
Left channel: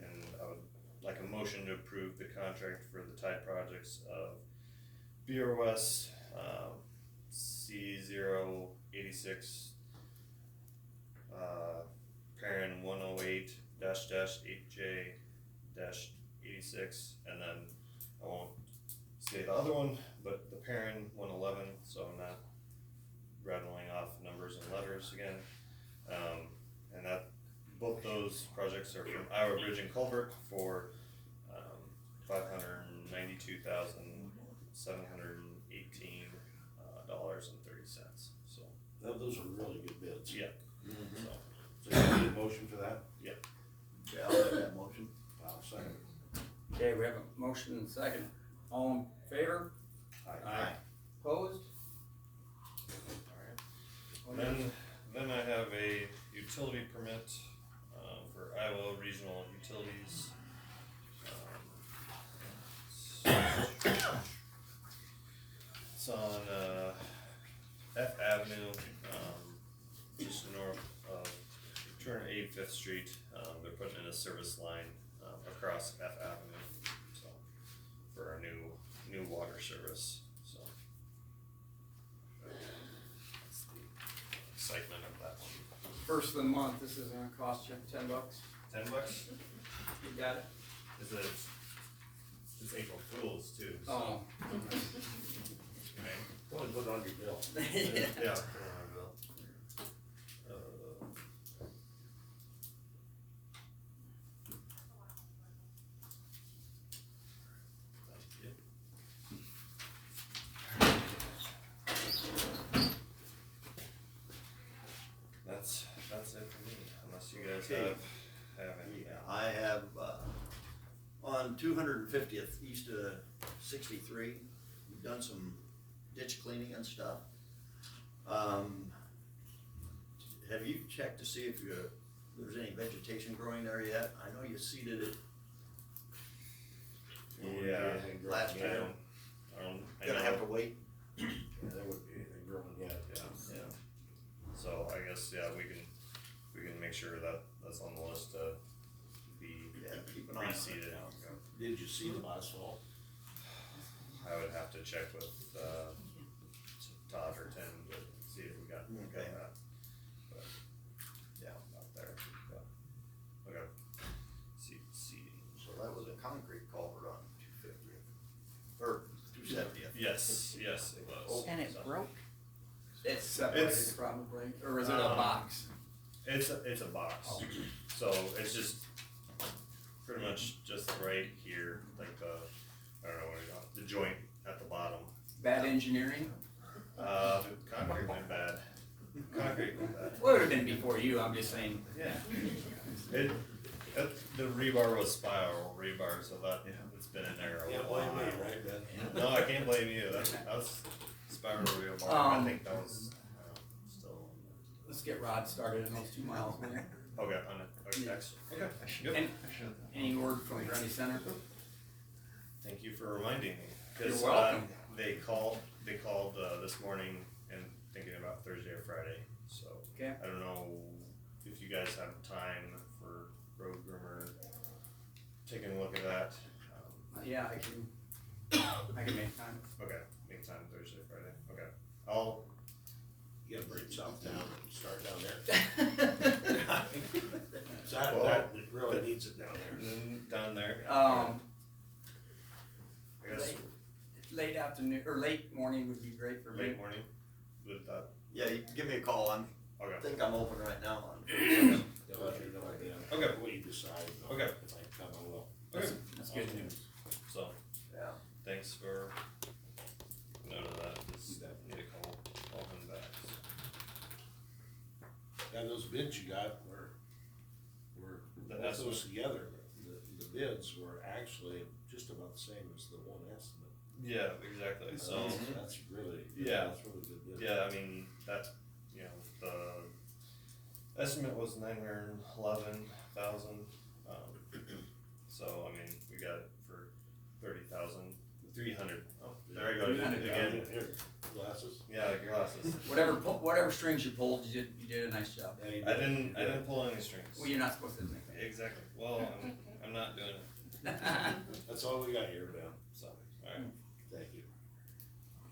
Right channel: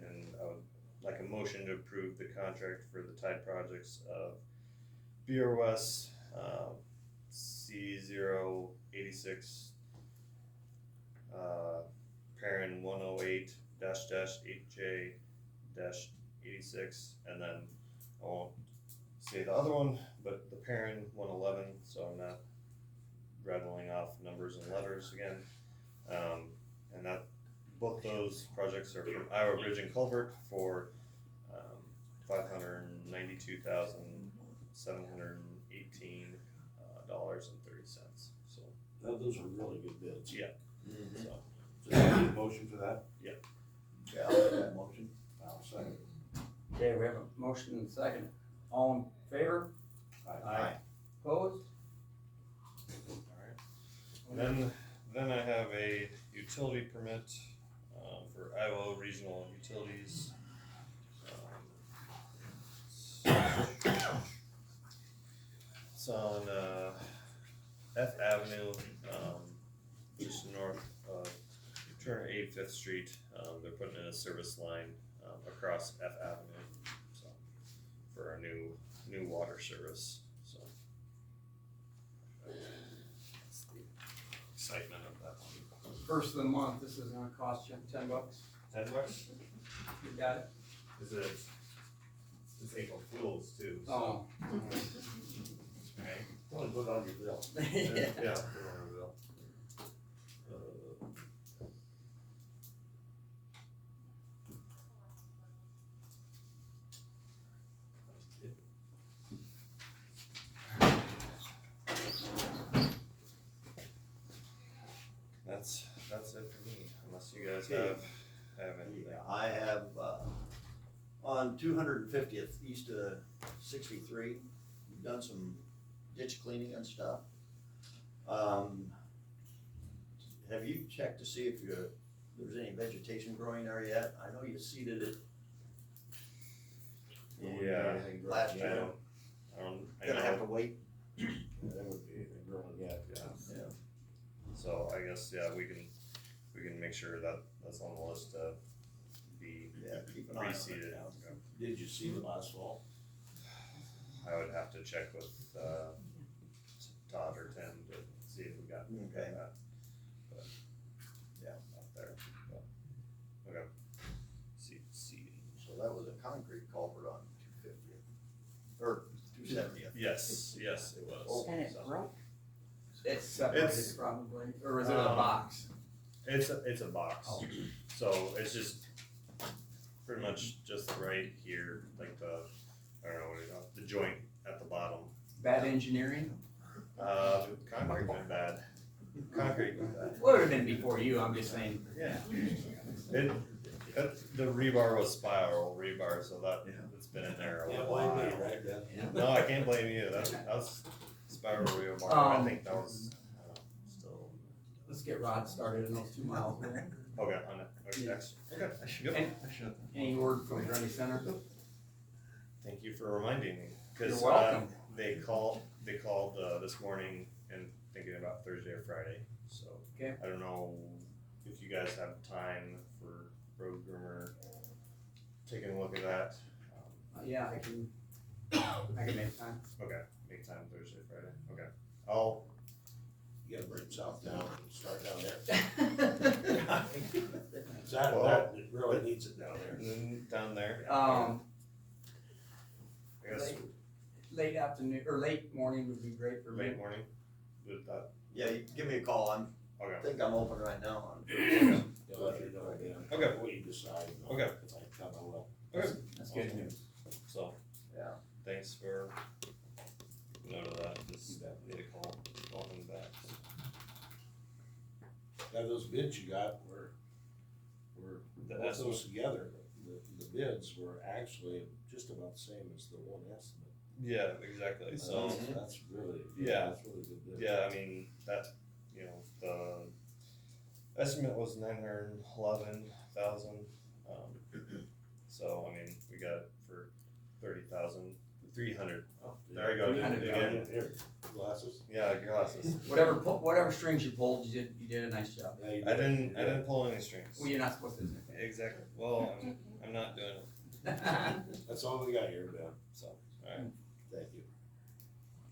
and I would like a motion to approve the contract for the tide projects of BROS, C086, parent 108-8J-86, and then I won't say the other one, but the parent 111, so I'm not rattling off numbers and letters again. And that, both those projects are from Iowa Bridge and Culvert for $592,718 $30. So Those are really good bids. yeah, So you need a motion for that? Yep. Yeah, I'll make that motion. I'll second it. Okay, we have a motion and a second. All in favor? Aye. Opposed? Then I have a utility permit for Iowa Regional Utilities. It's on F Avenue, just north of 285th Street. They're putting in a service line across F Avenue, so for our new water service. So that's the excitement of that one. First of the month, this is gonna cost you $10. $10? You got it? Is it fuels too, so. Oh. Right. Go and put it on your bill. Yeah, put it on our bill. That's it for me, unless you guys have anything. Yeah, I have, on 250th east of 63, we've done some ditch cleaning and stuff. Have you checked to see if there's any vegetation growing there yet? I know you seeded it. Yeah. Last year. Gonna have to wait. Yeah, that would be anything growing yet, yeah. Yeah. So I guess, yeah, we can make sure that that's on the list to be keep an eye on it. reseeded. Did you see the last fall? I would have to check with, Todd or Tim to see if we got Okay. that. But, Yeah. out there, yeah. Okay. Seeding. So that was a concrete culvert on 250th, or 270th. Yes, it was. And it So- broke? It's separated probably, or is it a box? It's a box, Oh. so it's just pretty much just right here, like the, I don't know, what you call it, the joint at the bottom. Bad engineering? The concrete went bad. Concrete went bad. Would have been before you, I'm just saying. Yeah. The rebar was spiral rebar, so it's been in there a Can't while. blame me, right, Ben? No, I can't blame you, that was spiral rebar, I think that was, still. Let's get Rod started in those 2 miles, will you? Okay, on it, okay, next, okay, good. Any word from Ready Center? Thank you for reminding me, cause, You're welcome. they called, this morning and thinking about Thursday or Friday, so. Okay. I don't know if you guys have time for road groomer, taking a look at that. Yeah, I can make time. Okay, make time Thursday, Friday, okay. You gotta bring south down and start down there. Well, That really needs it down there. Down there. Um, I guess late afternoon, or late morning would be great for me. late morning with that, Yeah, you can give me a call, I okay. think I'm open right now on. They'll let me know then. Okay. What you decide. Okay. If I come, I will. Okay. That's good news. So, Yeah. thanks for note of that, just need to call him back. Yeah, those bids you got were The both those estimate. together, the bids were actually just about the same as the one estimate. Yeah, exactly, so. That's really, Yeah. that's really good bid. Yeah, I mean, that, the estimate was 911,000, so, I mean, we got it for 30,000, 300. Oh, there you go, 300, again, Here, glasses. yeah, glasses. Whatever strings you pulled, you did a nice job. Yeah, you I did. didn't pull any strings. Well, you're not supposed to do anything. Exactly, well, I'm not doing it, That's all we got here, Ben, so, alright. thank you.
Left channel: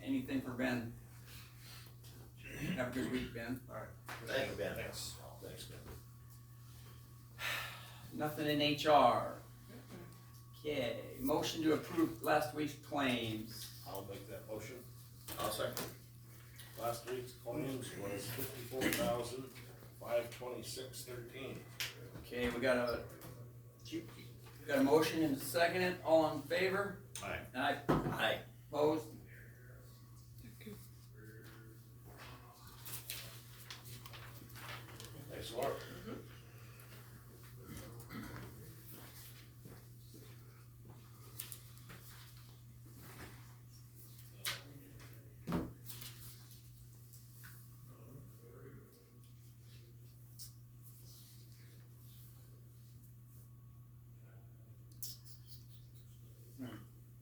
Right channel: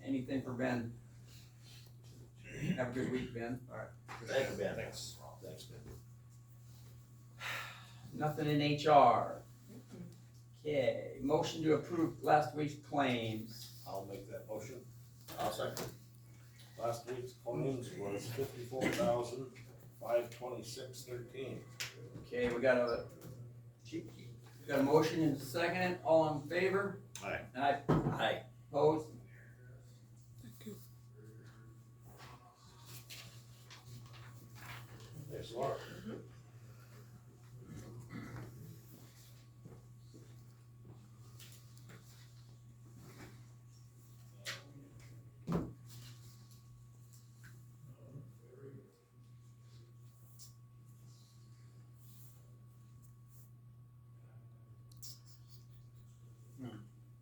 Anything for Ben? Have a good week, Ben. Alright, thank you, Ben. Thanks. Thanks, Ben. Nothing in HR. Okay, motion to approve last week's claims. I'll make that motion. I'll second. Last week's claims was $54,526.13. Okay, we got a motion and a second, all in favor? Aye. Aye. Aye. Opposed? Thanks, Laura.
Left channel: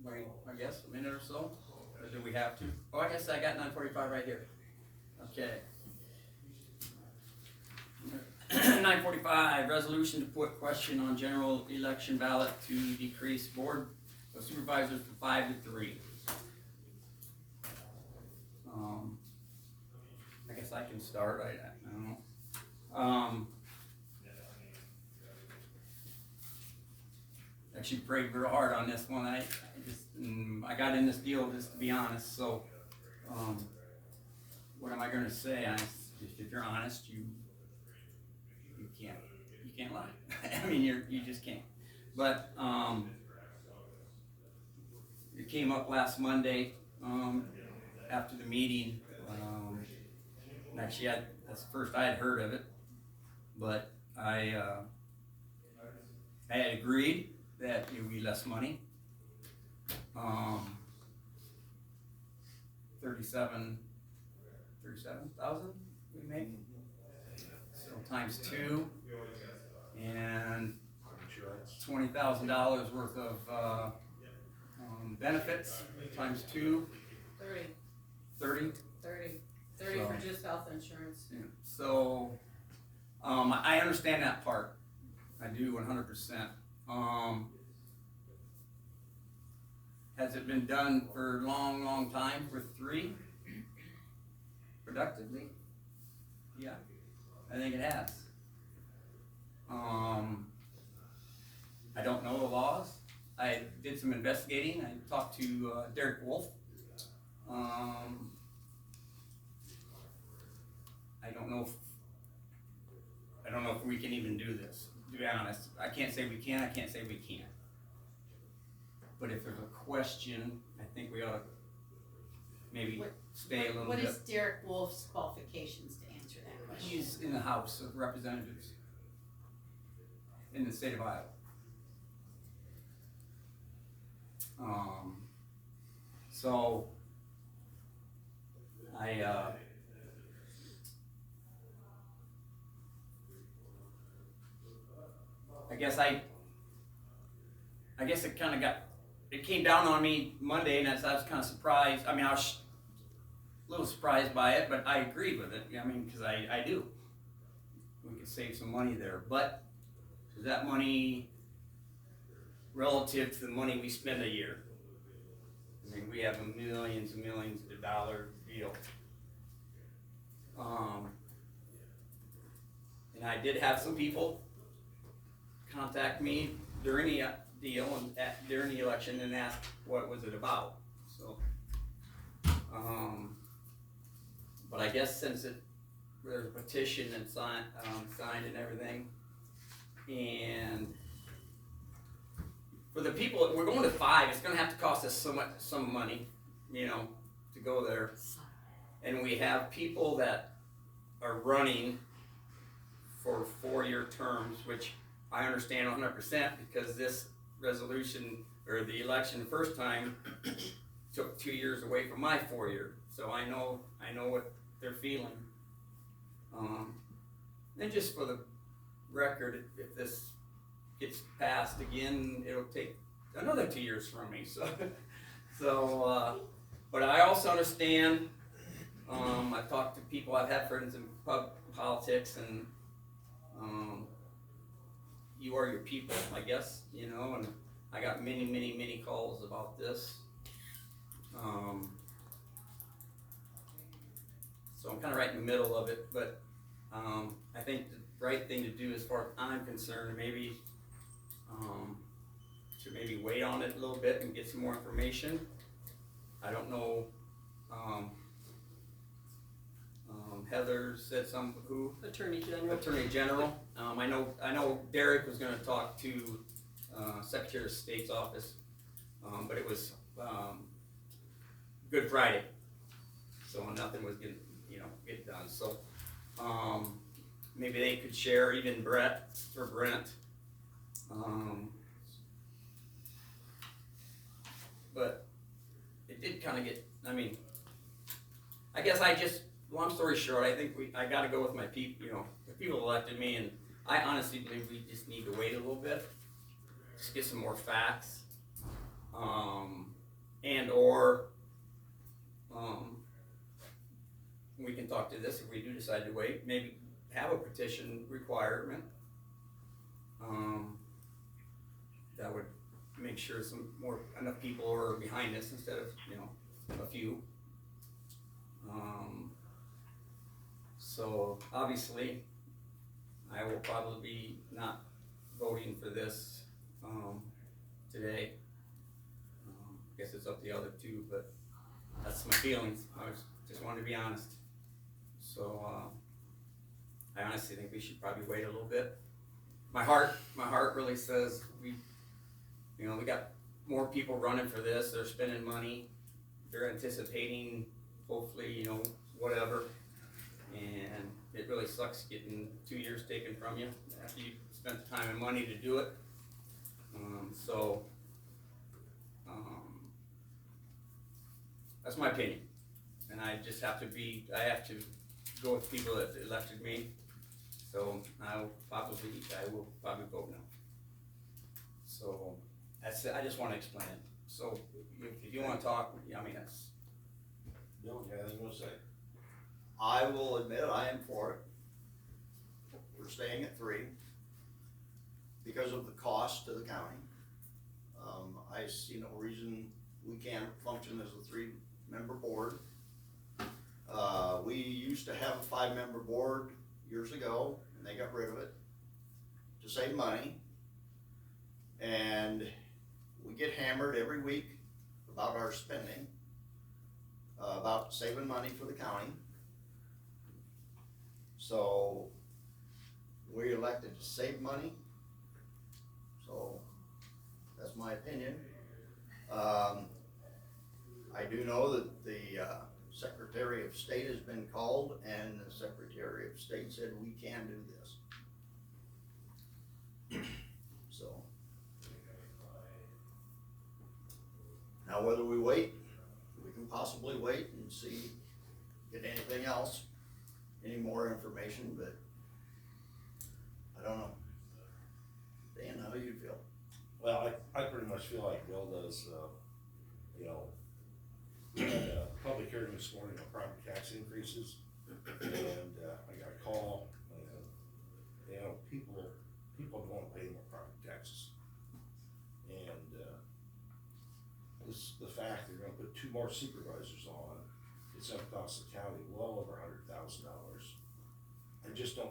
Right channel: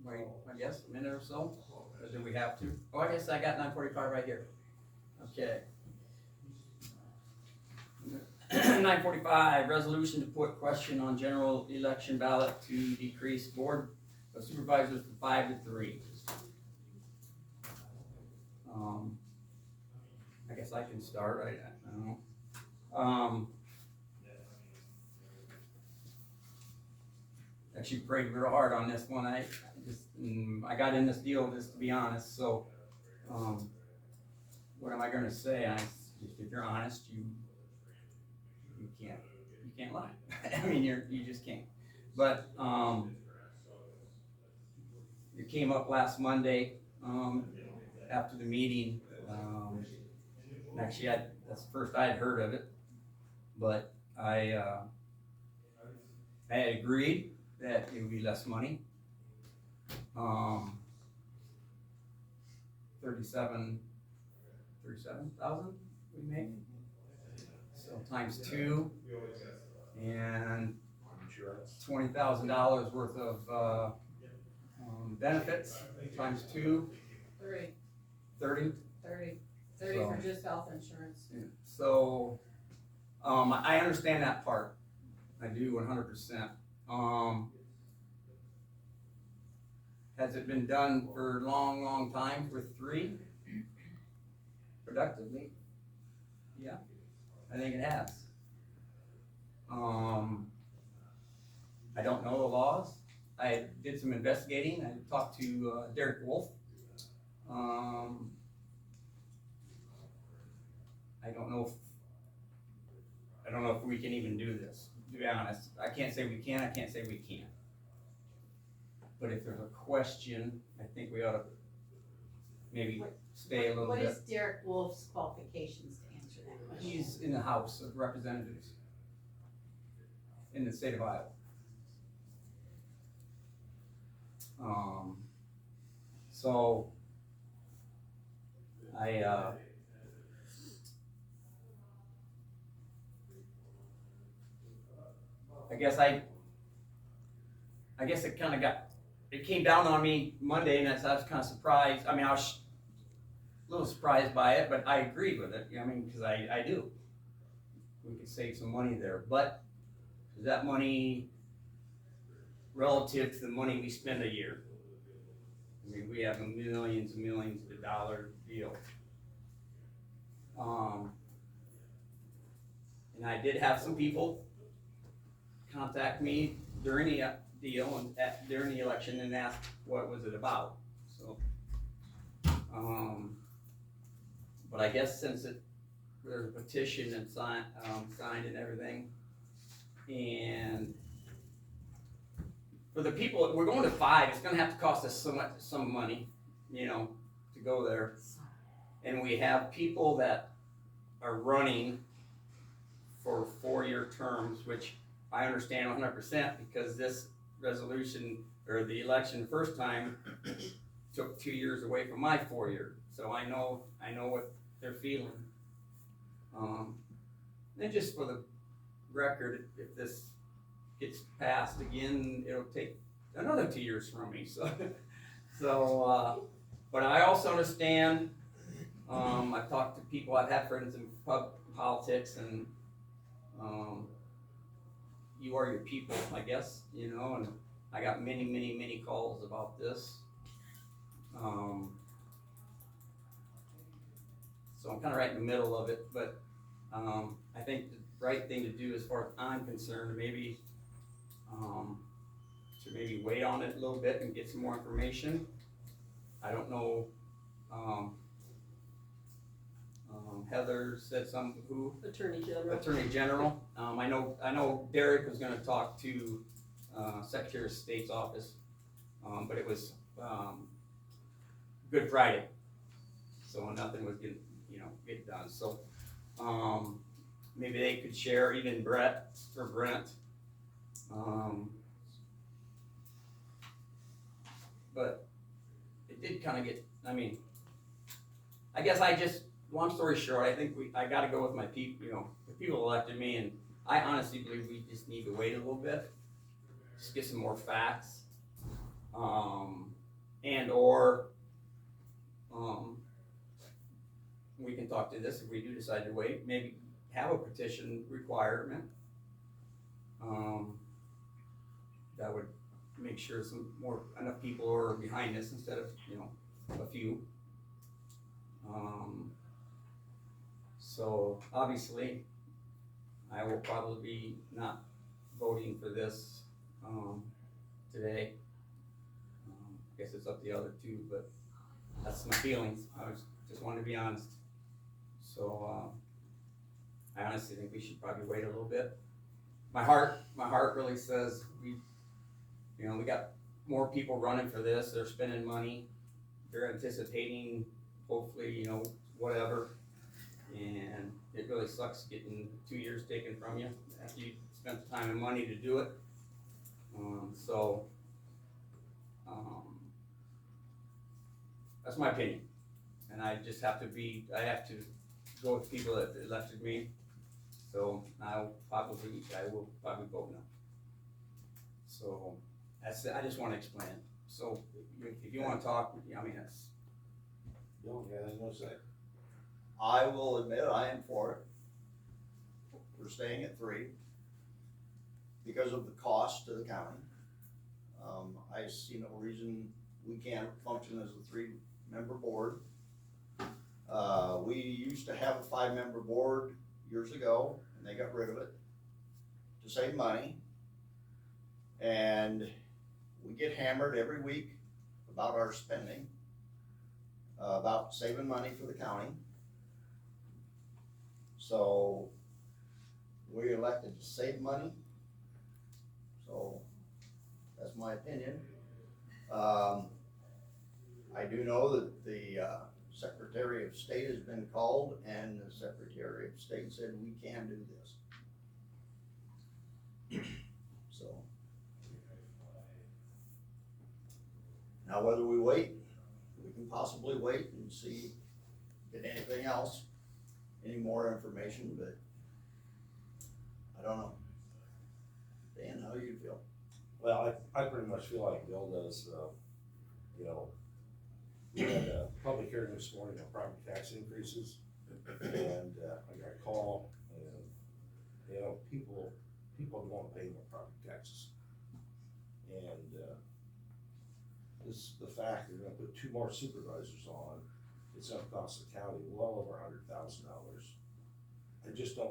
Wait, I guess a minute or so, or do we have to? Oh, I guess I got 9:45 right here. Okay. 9:45, resolution to put question on general election ballot to decrease Board of Supervisors from 5 to 3. I guess I can start, I don't know. should pray real hard on this one. I got in this deal just to be honest, so, what am I gonna say? If you're honest, you can't lie. I mean, you just can't. But, it came up last Monday, after the meeting, and actually that's the first I had heard of it, but I had agreed that it would be less money. 37,000 we make, so times 2, and $20,000 worth of benefits times 2. 30. For just health insurance. Yeah. So, I understand that part. I do 100%. Has it been done for a long, long time for 3? Productively? Yeah, I think it has. I don't know the laws. I did some investigating. I talked to Derek Wolf. I don't know if we can even do this, to be honest. I can't say we can, I can't say we can't. But if there's a question, I think we ought to maybe stay a little bit. What is Derek Wolf's qualifications to answer that question? He's in the House of Representatives in the state of Iowa. So I guess it came down on me Monday, and I was kind of surprised. I mean, I was a little surprised by it, but I agreed with it. I mean, because I do. We could save some money there, but is that money relative to the money we spend a year? I mean, we have millions and millions of dollar deal. And I did have some people contact me during the deal and during the election and ask what was it about. So, but I guess since there's a petition and signed and everything, and for the people, we're going to 5. It's going to have to cost us some money, to go there. And we have people that are running for 4-year terms, which I understand 100% because this resolution or the election the first time took 2 years away from my 4-year. So I know what they're feeling. And just for the record, if this gets passed again, it'll take another 2 years from me. But I also understand. I've talked to people. I've had friends in politics, and you are your people, I guess. And I got many, many, many calls about this. So I'm kind of right in the middle of it, but I think the right thing to do, as far as I'm concerned, maybe to maybe wait on it a little bit and get some more information. I don't know. Heather said who? Attorney General. Attorney General. I know Derek was going to talk to Secretary of State's office, but it was Good Friday, so nothing was get done. So maybe they could share, even Brent. But it did kind of get. I mean, I guess long story short, I think I got to go with my people. The people elected me, and I honestly believe we just need to wait a little bit, just get some more facts, and/or we can talk to this if we do decide to wait. Maybe have a petition requirement that would make sure enough people are behind this instead of a few. So obviously, I will probably be not voting for this today. Guess it's up to the other two, but that's my feelings. Just wanted to be honest. So, I honestly think we should probably wait a little bit. My heart really says we got more people running for this, they're spending money, they're anticipating, hopefully, whatever. And it really sucks getting 2 years taken from you after you spent the time and money to do it. That's my opinion. And I have to go with people that elected me. So I will probably vote no. So I just wanna explain it. So if you wanna talk, that's. Bill, you got anything you wanna say? I will admit I am for it. We're staying at 3 because of the cost to the county. I see no reason we can't function as a 3-member board. We used to have a 5-member board years ago, and they got rid of it to save money. And we get hammered every week about our spending, about saving money for the county. So we elected to save money. So that's my opinion. I do know that the Secretary of State has been called, and the Secretary of State said we can do this. So now whether we wait, we can possibly wait and see, get anything else, any more information, but I don't know. Dan, how do you feel? Well, I pretty much feel like Bill does. We had a public hearing this morning on property tax increases, and I got a call, and people don't want to pay more property taxes. And the fact they're gonna put 2 more supervisors on, it's gonna cost the county well over $100,000.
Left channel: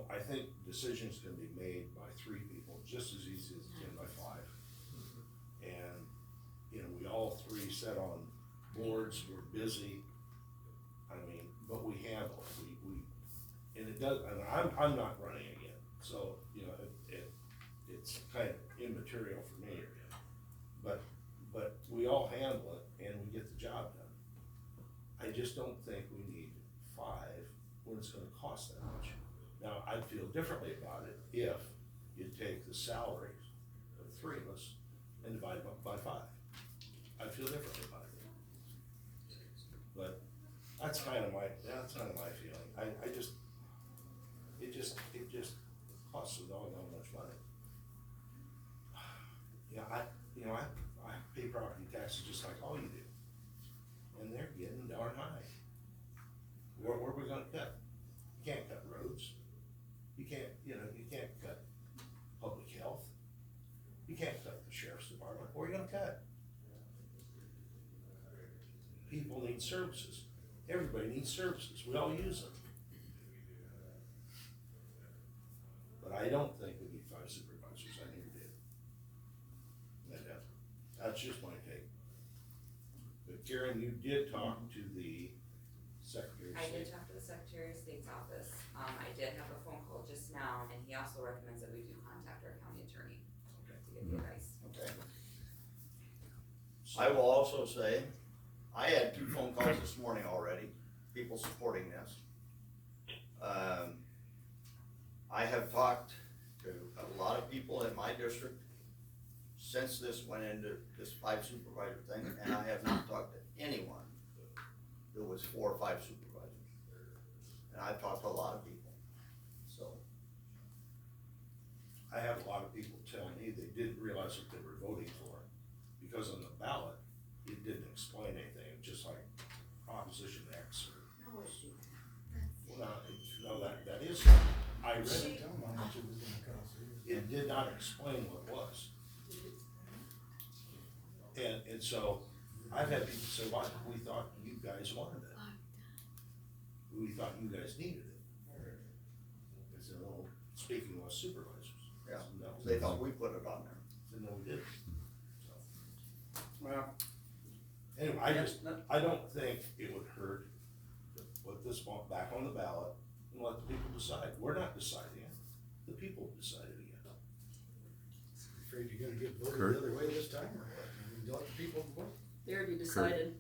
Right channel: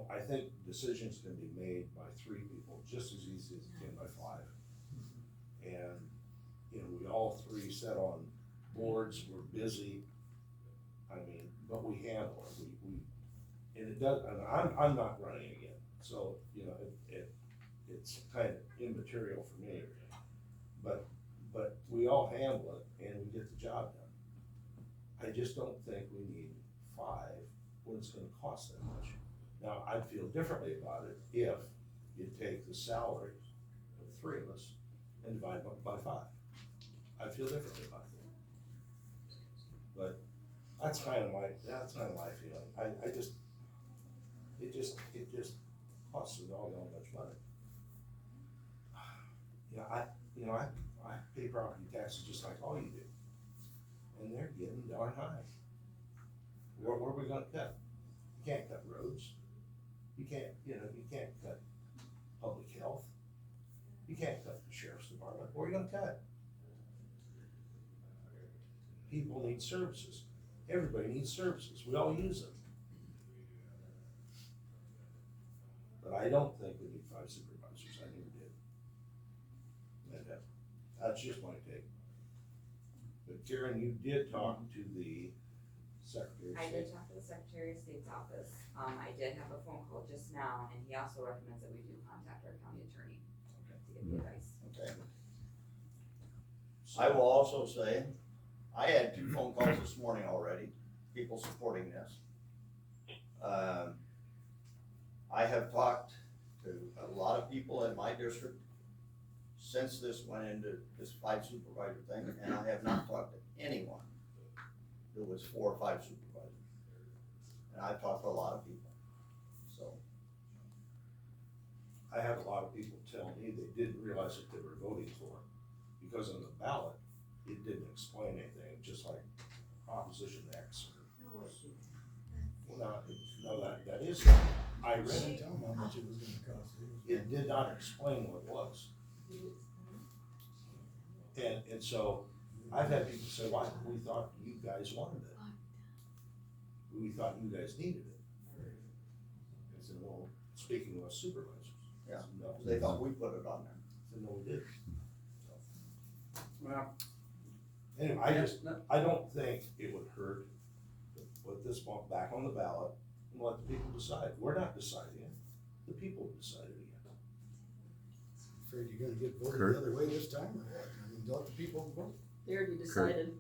I think decisions can be made by 3 people just as easy as it can by 5. And, we all 3 sat on boards, we're busy, but we handle it, and it does, and I'm not running again, so, it's kind of immaterial for me. But we all handle it, and we get the job done. I just don't think we need 5 when it's gonna cost that much. Now, I'd feel differently about it if you take the salaries of the 3 of us and divide them up by 5. I'd feel differently about it. But that's kind of my feeling. It just costs a doggone much money. I pay property taxes just like all you do, and they're getting darn high. Where are we gonna cut? You can't cut roads. You can't cut public health. You can't cut the sheriff's department. Where are you gonna cut? People need services. Everybody needs services. We all use them. But I don't think we need 5 supervisors. I never did. That's just my take. But Karen, you did talk to the Secretary of State. I did talk to the Secretary of State's office. I did have a phone call just now, and he also recommends that we do contact our county attorney to get the advice. Okay. I will also say, I had 2 phone calls this morning already, people supporting this. I have talked to a lot of people in my district since this went into this 5 supervisor thing, and I have not talked to anyone that was 4 or 5 supervisors. And I've talked to a lot of people, so. I have a lot of people tell me they didn't realize what they were voting for, because on the ballot, it didn't explain anything, just like Proposition X or. Well, no, that is, I read it. Tell them how much it was gonna cost. It did not explain what it was. And so, I've had people say, "Why? We thought you guys wanted it. We thought you guys needed it." I said, "No, speaking with supervisors." Yeah, No. they thought we put it on there. I said, "No, we didn't." So, Well, Anyway, I don't think it would hurt to put this one back on the ballot and let the people decide. We're not deciding it, the people decided again. Afraid you're gonna get voted Kurt? the other way this time, or what? I mean, let the people vote. They already decided.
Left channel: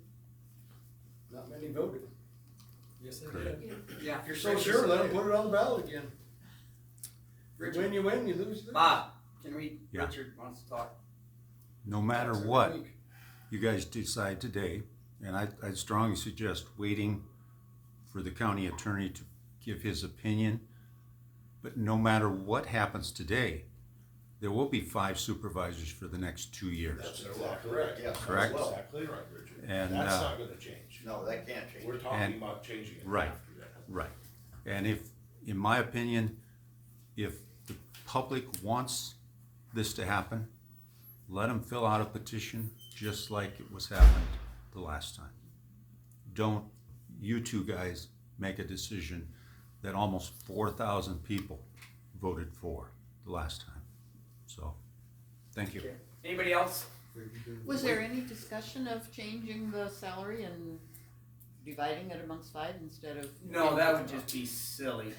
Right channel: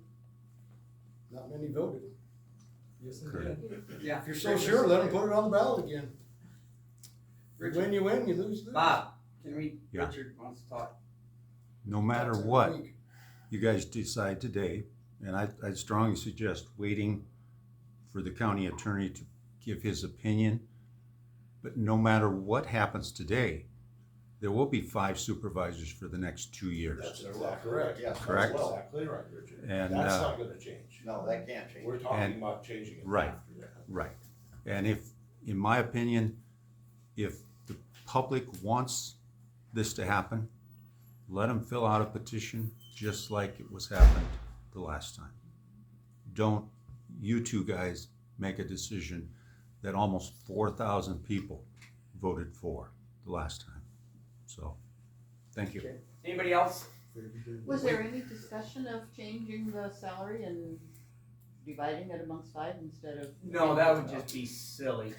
Not many voted. yes, Kurt. yeah. If you're so sure, let them put it on the ballot again. You win, you win, you lose, you lose. Bob, can we, Yeah. Richard wants to talk. No matter what you guys decide today, and I'd strongly suggest waiting for the county attorney to give his opinion. But no matter what happens today, there will be 5 supervisors for the next 2 years. That's exactly right. Yes. Correct? That's exactly right, Richard. And, That's not gonna change. No, that can't change. We're talking And- about changing it right. after that. Right. And if, in my opinion, if the public wants this to happen, let them fill out a petition just like it was happened the last time. Don't you two guys make a decision that almost 4,000 people voted for the last time. So, thank you. Okay. Anybody else? Was there any discussion of changing the salary and dividing it amongst 5 instead of? No, that would just be silly.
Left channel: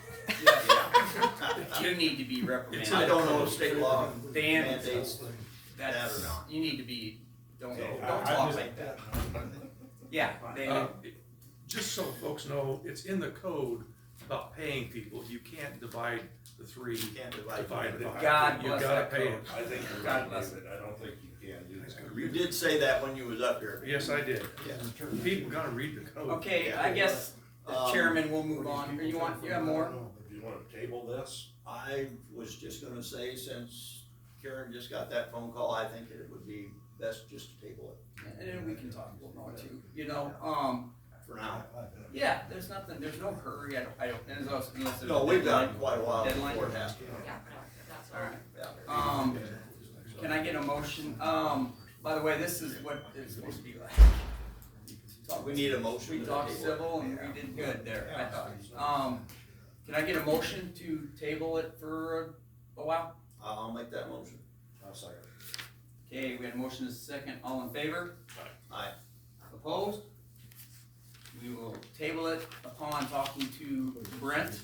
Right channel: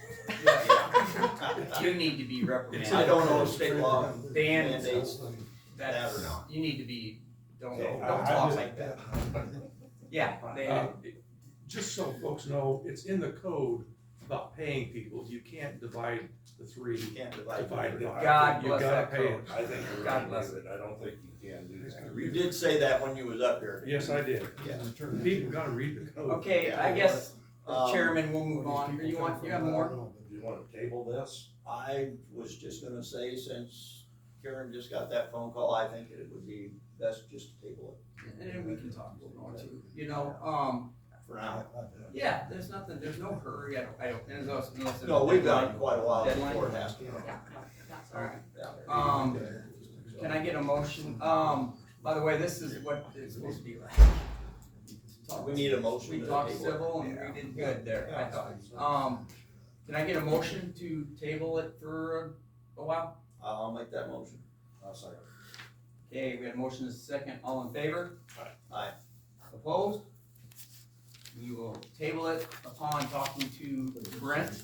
You need to be reprimanded. I don't know if state law Dan, mandates that's, that or you need to be, don't Okay, talk just- like that. Yeah, they, Just so folks know, it's in the code about paying people, you can't divide the 3. You can't divide. Divide it. God You bless gotta that pay code. it. I think you're God right, bless David. I don't think you can do that. You did say that when you was up here. Yes, I did. Yeah. People gotta read the code. okay, I guess, Um, Chairman, we'll move on. Or you have more? Do you wanna table this? I was just gonna say, since Karen just got that phone call, I think that it would be best just to table it And then we can talk a little more too, you know, for now. yeah, there's nothing, there's no hurry, I don't, there's also, unless there's. No, we've got quite a while Deadline? before it has to. Alright, Yeah. can I get a motion, by the way, this is what it's supposed to be like. We need a motion We to talked table it. civil and we did good there, I thought. Can I get a motion to table it for a while? I'll make that motion. I'll second. Okay, we had a motion and a second, all in favor? Aye. Opposed? We will table it upon talking to Brent.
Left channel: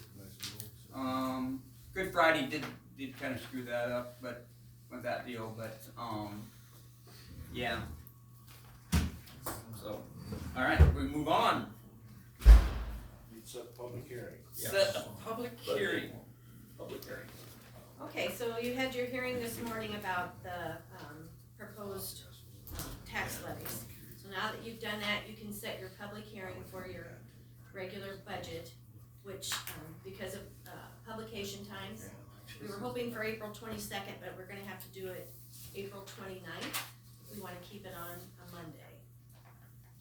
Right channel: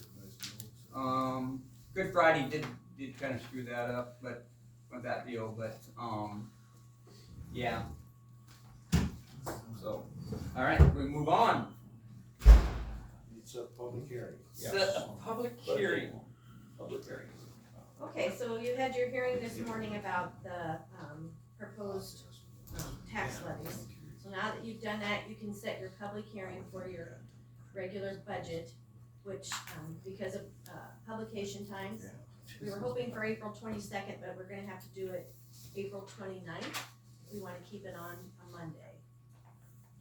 Good Friday did kind of screw that up, but, with that deal, but, yeah. So, alright, we move on. You'd set the public hearing. Yeah. Set a public hearing. Public hearing. Okay, so you had your hearing this morning about the, proposed, tax levies. So now that you've done that, you can set your public hearing for your regular budget, which, because of, publication times, we were hoping for April 22nd, but we're gonna have to do it April 29th. We wanna keep it on a Monday,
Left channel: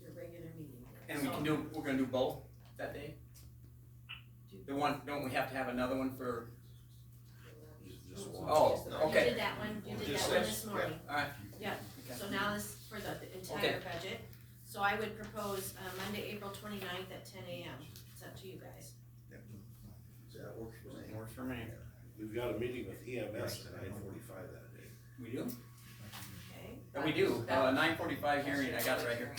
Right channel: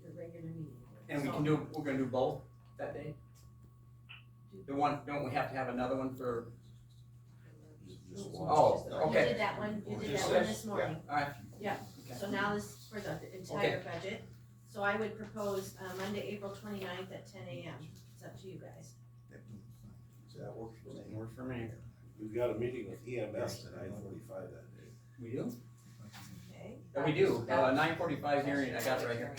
your regular meeting. And we So- can do, we're gonna do both that day? The one, don't we have to have another one for, Just one. oh, You okay, did that one, you did Just that one this, this morning. alright. Yeah. Okay. So now this for the entire budget. So I would propose, Monday, April 29th at 10 a.m. It's up to you guys. That works for me. Works for me. We've got a meeting with EMS at 9:45 that day. We do? Okay? Yeah, we do, 9:45 hearing, I got it right here.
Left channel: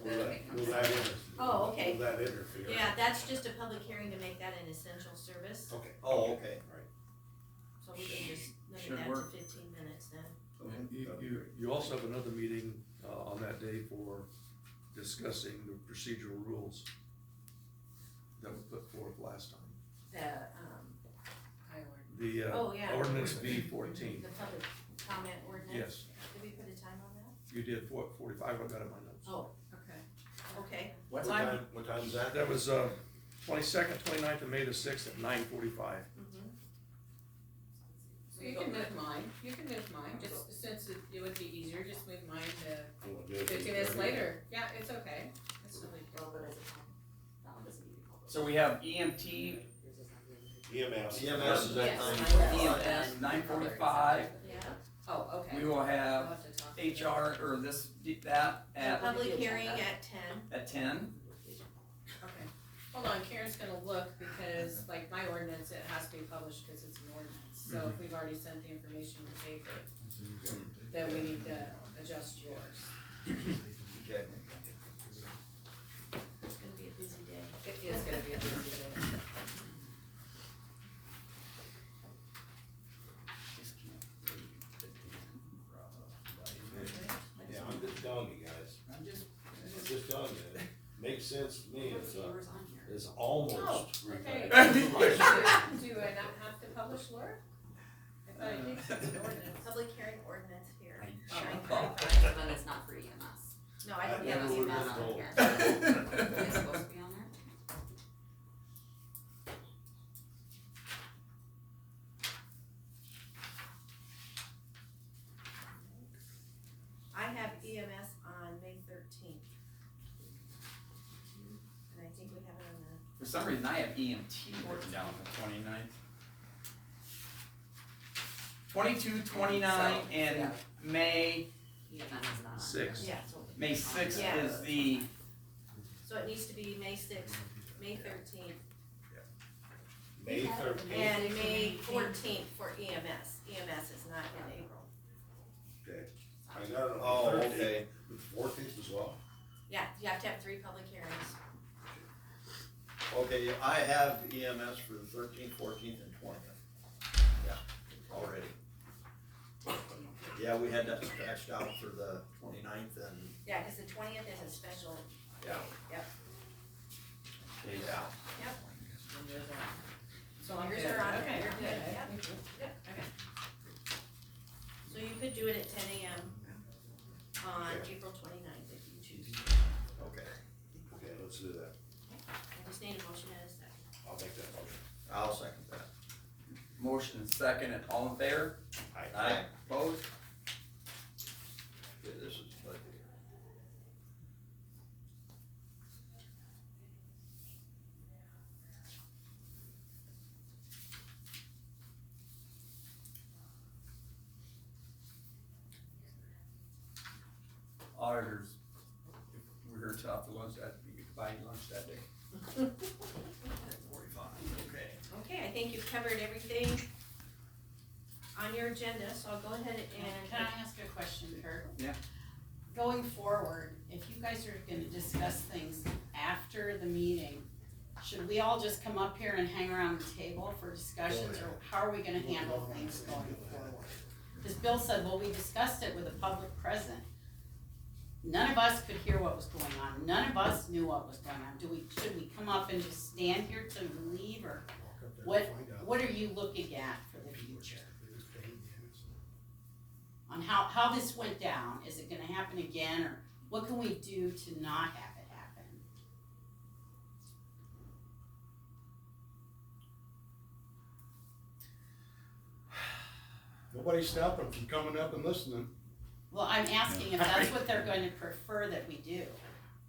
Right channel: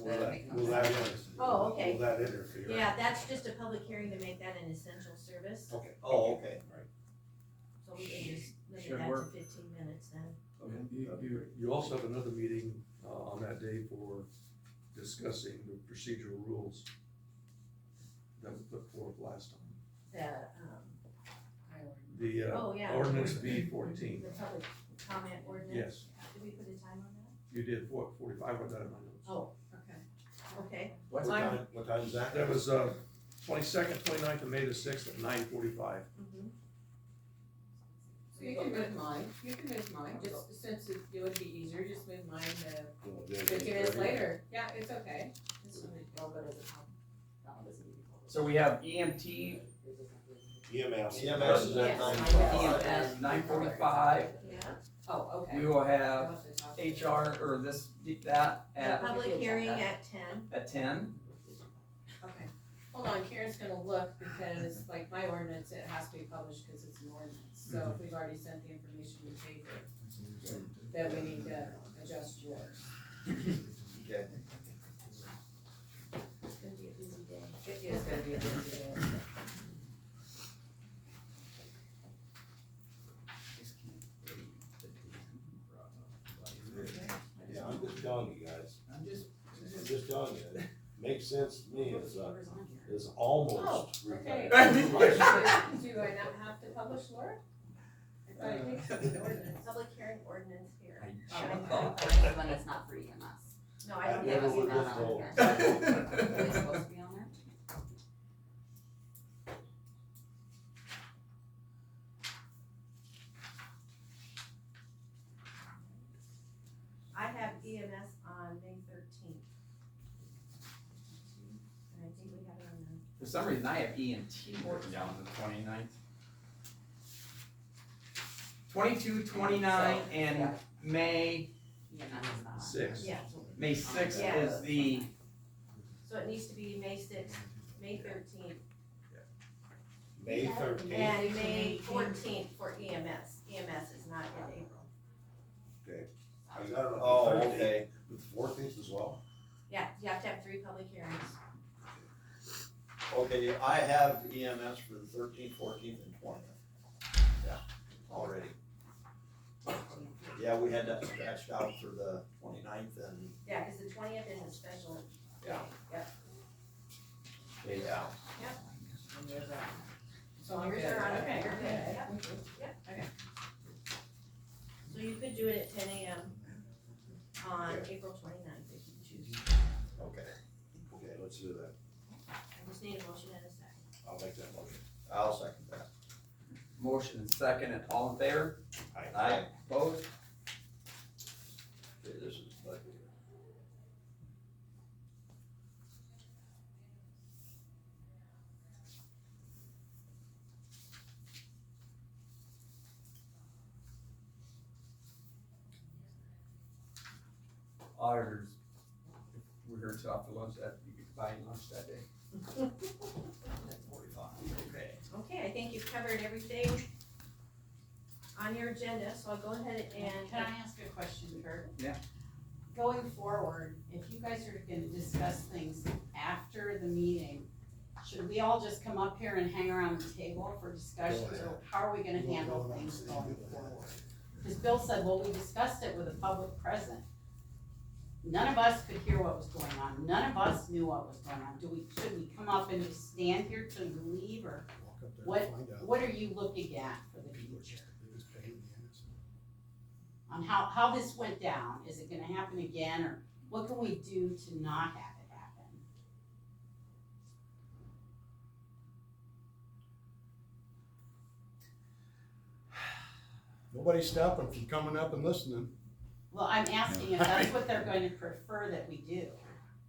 Will that Oh, okay. Will that interfere? Yeah, that's just a public hearing to make that an essential service. Okay. Oh, okay. So we can just limit Should that work. to 15 minutes then. And you also have another meeting, on that day for discussing the procedural rules that we put forth last time. The, Oh, yeah. ordinance V14. The public comment ordinance. Yes, Did we put a time on that? you did 45, I got it in my notes. Oh, okay. What time? What time is that? That was, 22nd, 29th, and May the 6th at 9:45. You can move mine, just since it would be easier, just move mine to 15 minutes later. Yeah, it's okay. It's no big deal. So we have EMT, EMS. EMS is at Yes. 9:45. EMS 9:45. Yeah. Oh, okay. We will We'll have have to talk. HR, or this, that, The public hearing at 10. at 10. Okay. Hold on, Karen's gonna look because like my ordinance, it has to be published because it's an ordinance. So if we've already sent the information to paper, then we need to adjust yours. Okay. It's gonna be a busy day. It is gonna be a busy day. Yeah, I'm just telling you guys, I'm just telling you, it makes sense to me, it's almost. Okay. retired. Do I not have to publish, Laura? I thought it takes an ordinance. Public hearing ordinance here. Shine Oh, through. then it's not for EMS. No, I I don't never have would EMS have on told. here. It's supposed to be on there? I have EMS on May 13th. And I think we have it on the, For some reason, I have EMT written down for 29th. 22, 29, and May, EMS is not. Six. yeah, May 6th Yeah. is the, so it needs to be May 6th, May 13th, May 13th. and May 14th for EMS. EMS is not in April. Okay. I got it Oh, on the 13th, okay. with 14th as well. Yeah, you have to have 3 public hearings. Okay, I have EMS for the 13th, 14th, and 20th. Yeah, already. Yeah, we had that scratched out for the 29th and, Yeah, because the 20th is a special. yeah. Yep. Yeah. So I'm Yours good. are on, Okay. you're good, yep, yep, okay. So you could do it at 10 a.m. on Okay. April 29th if you choose. Okay, Okay, let's do that. I just need a motion and a second. I'll make that motion. I'll second that. motion is second, and all in favor? Aye. Opposed? Okay, this is budget. Auditors, if we're here till after lunch, that, you could buy lunch that day. 45, okay. Okay, I think you've covered everything on your agenda, so I'll go ahead and. Can I ask a question, Kurt? Yeah. Going forward, if you guys are gonna discuss things after the meeting, should we all just come up here and hang around the table for discussions, or how are we gonna handle things going forward? Because Bill said, well, we discussed it with the public present. None of us could hear what was going on, none of us knew what was going on. Should we come up and just stand here till we leave, or Walk up there and find out. what are you looking at for the future? On how this went down, is it gonna happen again, or what can we do to not have it happen? Nobody's stopping from coming up and listening. Well, I'm asking if that's what they're going to prefer that we do.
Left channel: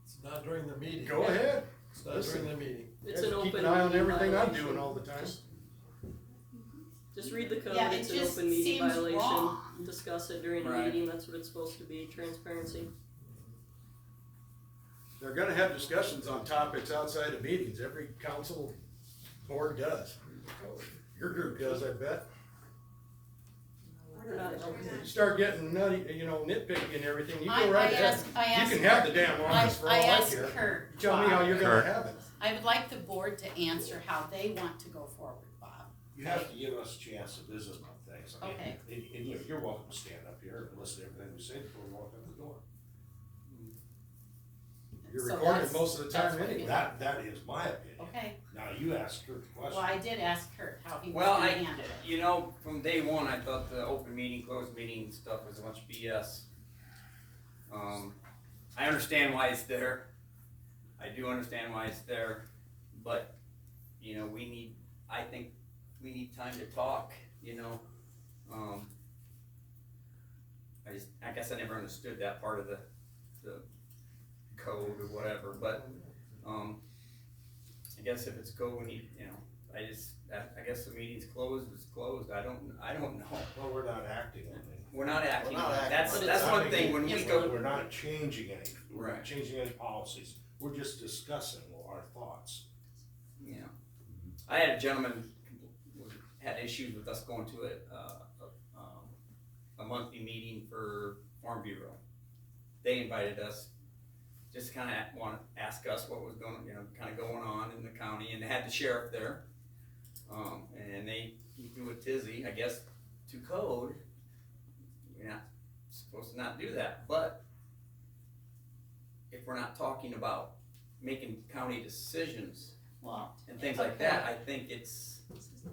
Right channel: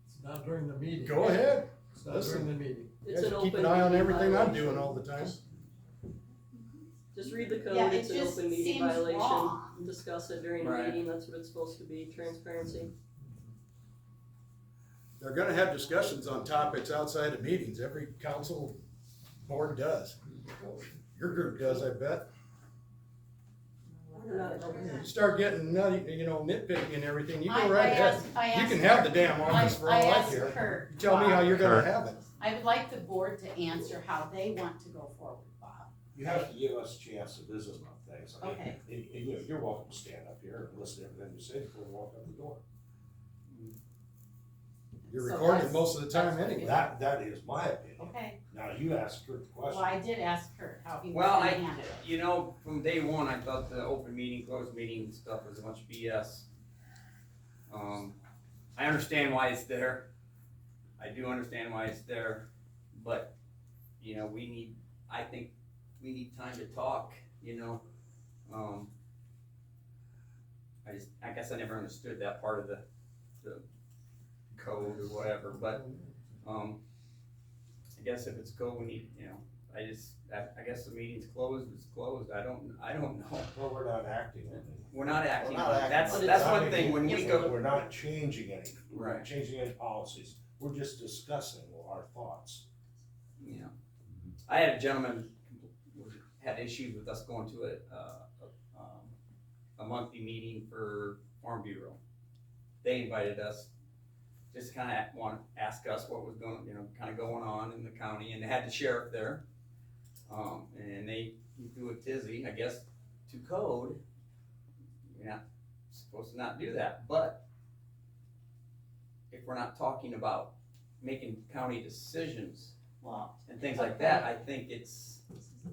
It's not during the meeting. Go ahead. It's not Listen. during the meeting. It's Guys an keep open an eye on meeting everything I'm violation. doing all the time. Just read the code, Yeah, it it's an just open meeting seems violation. wrong. Discuss it during the Right. meeting, that's what it's supposed to be, transparency. They're gonna have discussions on topics outside of meetings. Every council board does. Your group does, I bet. We're not You start getting nutty, nitpicky and everything, you I go right ahead. asked- You can have the damn office for all I I asked care. Kurt. You tell me how you're gonna Kurt. have it. I would like the board to answer how they want to go forward, Bob. You have to give us a chance to visit on things. I mean, Okay. And you're welcome to stand up here and listen to everything we say before we walk out the door. You're So recorded that's- most of the time that's what it anyway. is. That is my opinion. Okay, Now, you asked Kurt the question. well, I did ask Kurt how he was Well, gonna I, handle it. you know, from day one, I thought the open meeting, closed meeting stuff was a bunch of BS. I understand why it's there. I do understand why it's there, but, I think we need time to talk, I guess I never understood that part of the code or whatever, but, I guess if it's code, we need, I guess the meeting's closed, it's closed, I don't know. Well, we're not acting on it. We're not acting, We're not acting that's, on it. that's one thing, when we go, We're not changing any, we're Right. not changing any policies. We're just discussing our thoughts. I had a gentleman who had issues with us going to a monthly meeting for Farm Bureau. they invited us, just kinda want to ask us what was going, kinda going on in the county, and they had the sheriff there. And he threw a tizzy, I guess, to code, you're not supposed to not do that, but if we're not talking about making county decisions Well, and things like that, I think it's,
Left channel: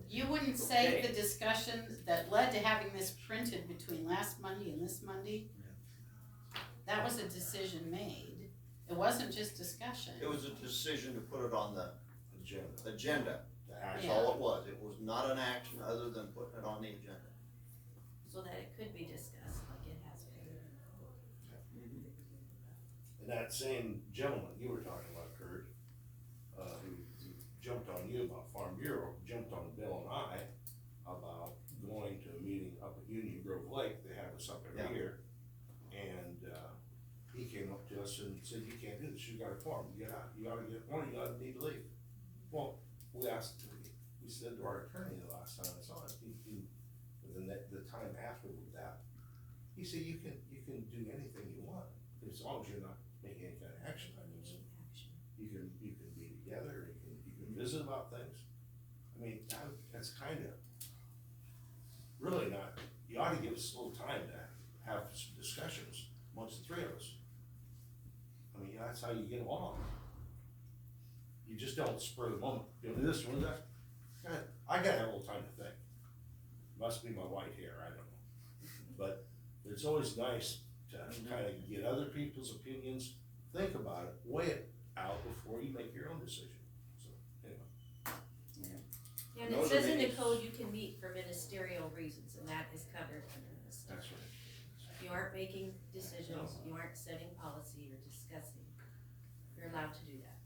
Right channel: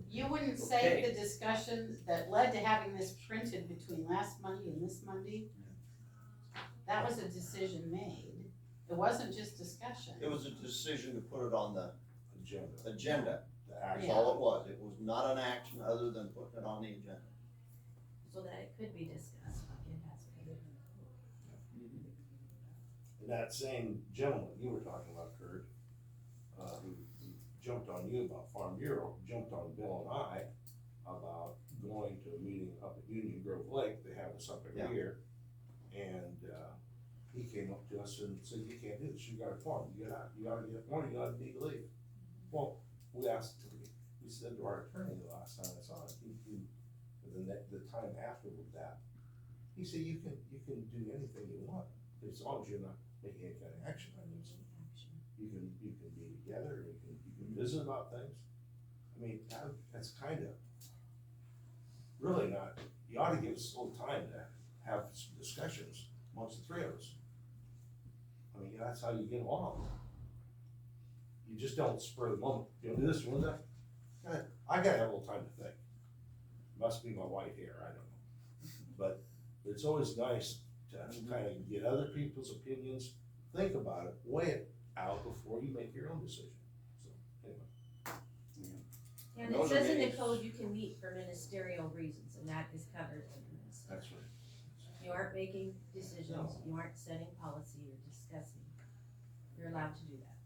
you wouldn't say Okay. the discussions that led to having this printed between last Monday and this Monday? That was a decision made. It wasn't just discussion. It was a decision to put it on the agenda. That's Yeah. all it was. It was not an action other than putting it on the agenda. So that it could be discussed like it has been. And that same gentleman you were talking about, Kurt, who jumped on you about Farm Bureau, jumped on Bill and I about going to a meeting up at Union Grove Lake. They have us up every Yeah. year. And, he came up to us and said, you can't do this, you got a form, get out, you gotta get one, you gotta need to leave. Well, we said to our attorney the last time I saw it, and then the time after that, he said, you can do anything you want, as long as you're not making any kind of action items. You can be together, you can visit about things. I mean, that's kinda, really not, you ought to give us a little time to have some discussions amongst the three of us. I mean, that's how you get along. You just don't spur the moment, do this, do that. I gotta have a little time to think. Must be my white hair, I don't know. But it's always nice to kinda get other people's opinions, think about it, weigh it out before you make your own decision. So, anyway. Yeah, and it says in the code you can meet for ministerial reasons, and that is covered under this. That's right. You aren't making decisions, you aren't setting policy or discussing, you're allowed to do that.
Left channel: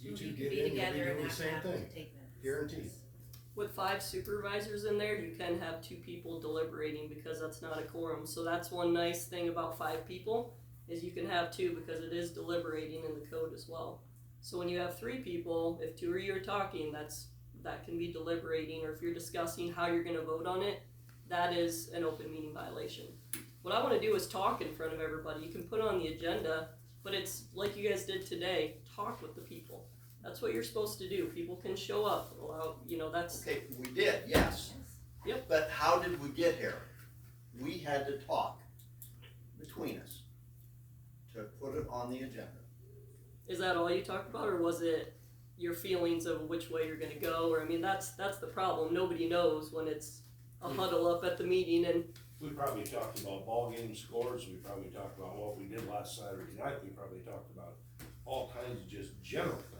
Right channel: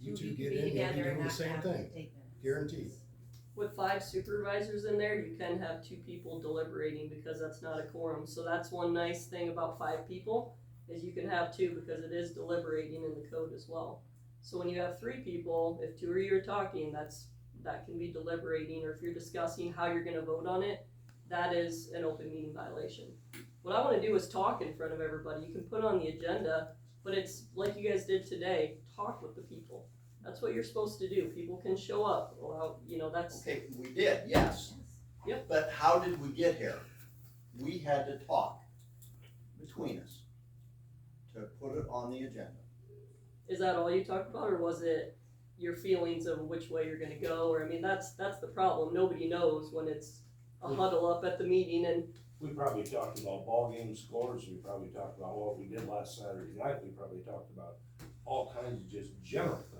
You Two two can get be in, you'll be together doing and the not same have to thing, take minutes. guaranteed. With 5 supervisors in there, you can have 2 people deliberating because that's not a quorum. So that's one nice thing about 5 people, is you can have 2 because it is deliberating in the code as well. So when you have 3 people, if 2 of you are talking, that can be deliberating, or if you're discussing how you're gonna vote on it, that is an open meeting violation. What I wanna do is talk in front of everybody. You can put it on the agenda, but it's like you guys did today, talk with the people. That's what you're supposed to do. People can show up, well, that's. Okay, we did, yes. Yep. But how did we get here? We had to talk between us to put it on the agenda. Is that all you talked about, or was it your feelings of which way you're gonna go? Or, I mean, that's the problem. Nobody knows when it's a huddle up at the meeting and. We probably talked about ball game scores, we probably talked about what we did last Saturday night, we probably talked about all kinds of just general things.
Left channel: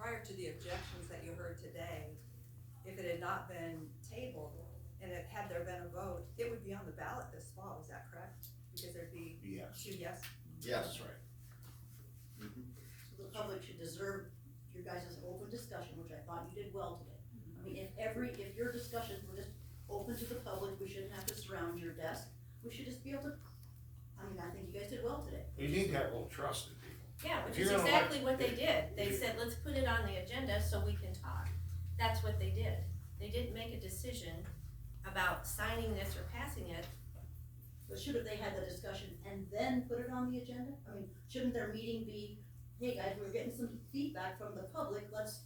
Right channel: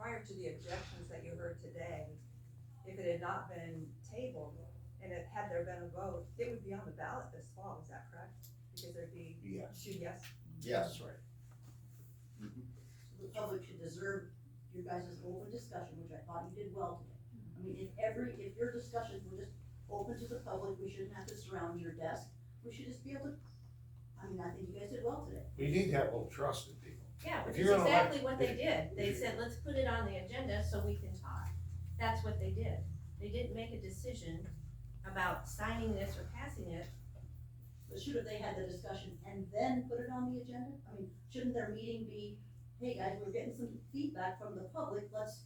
Prior to the objections that you heard today, if it had not been tabled and it had there been a vote, it would be on the ballot this fall, is that correct? Because there'd be Yes. 2 yes? Yes. That's right. So the public should deserve your guys' open discussion, which I thought you did well today. I mean, if your discussions were just open to the public, we shouldn't have to surround your desk. We should just be able to, I mean, I think you guys did well today. We need to have a little trust in people. Yeah, which If is you're gonna exactly elect- what they if- did. They if you- said, let's put it on the agenda so we can talk. That's what they did. They didn't make a decision about signing this or passing it. But shouldn't they had the discussion and then put it on the agenda? I mean, shouldn't their meeting be, hey guys, we're getting some feedback from the public, let's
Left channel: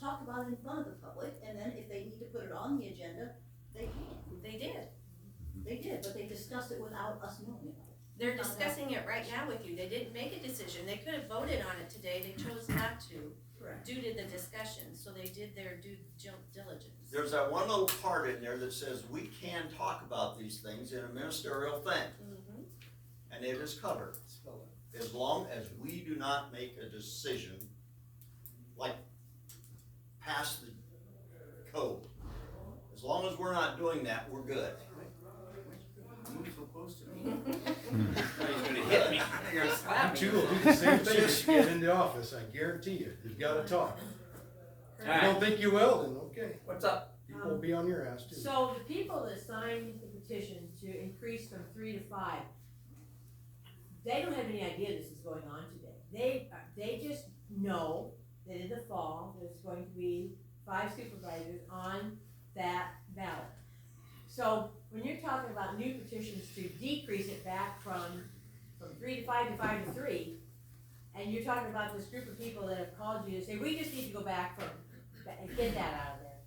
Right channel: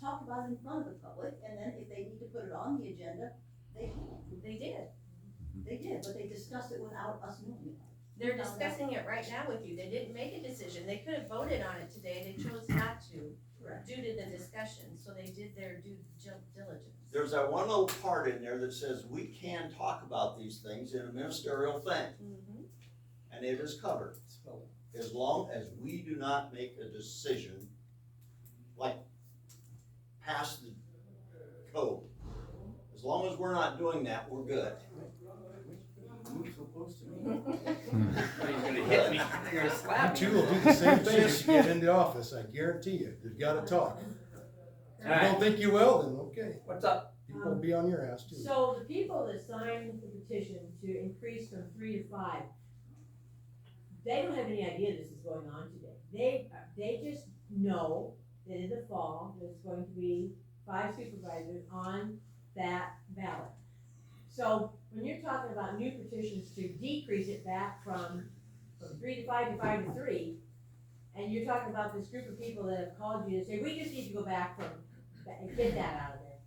talk about it in front of the public, and then if they need to put it on the agenda, they can. They did. They did, but they discussed it without us knowing about it. They're discussing it right now with you. They didn't make a decision. They could have voted on it today. They chose not to Correct. due to the discussion, so they did their due diligence. There's that one little part in there that says we can talk about these things in a ministerial thing. Mm-hmm. And it is covered. As long as we do not make a decision, like pass the code. As long as we're not doing that, we're good. Move so close to me. You're gonna hit me, you're gonna slap You me. two will do the same thing if you get into office, I guarantee you. You've gotta talk. If you don't think you will, then okay. What's up? People will be on your ass too. So the people that signed the petition to increase from 3 to 5, they don't have any idea this is going on today. They just know that in the fall, there's going to be 5 supervisors on that ballot. So when you're talking about new petitions to decrease it back from 3 to 5 to 5 to 3, and you're talking about this group of people that have called you to say, we just need to go back and get that out of there.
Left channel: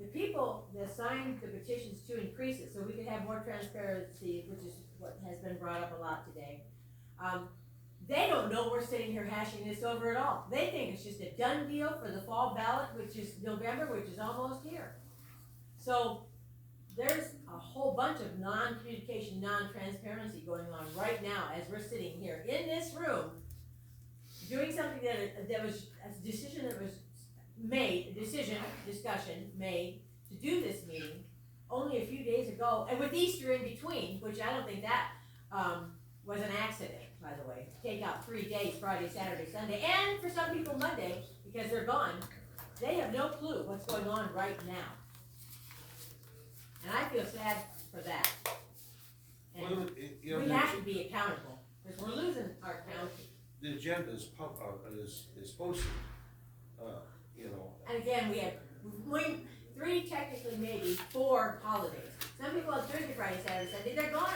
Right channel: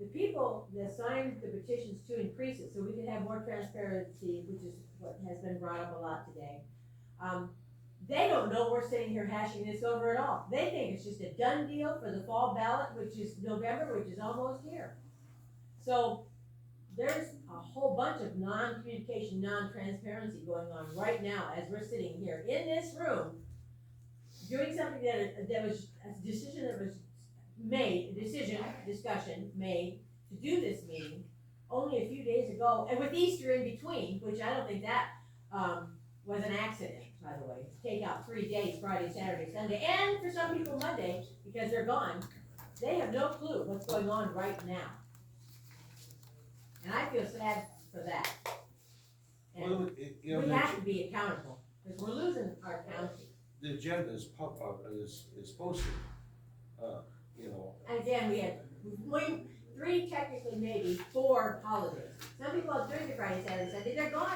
The people that signed the petitions to increase it, so we can have more transparency, which is what has been brought up a lot today, they don't know we're sitting here hashing this over at all. They think it's just a done deal for the fall ballot, which is November, which is almost here. So there's a whole bunch of non-communication, non-transparency going on right now as we're sitting here in this room doing something that was a decision that was made, discussion made to do this meeting only a few days ago, and with Easter in between, which I don't think that was an accident, by the way. Take out 3 days, Friday, Saturday, Sunday, and for some people Monday, because they're gone. They have no clue what's going on right now. And I feel sad for that. And Well, you know, we have to be accountable, because we're losing our county. the agenda is posted, you know. And again, we have 3, technically maybe 4 holidays. Some people have Thursday, Friday, Saturday, Sunday, they're gone.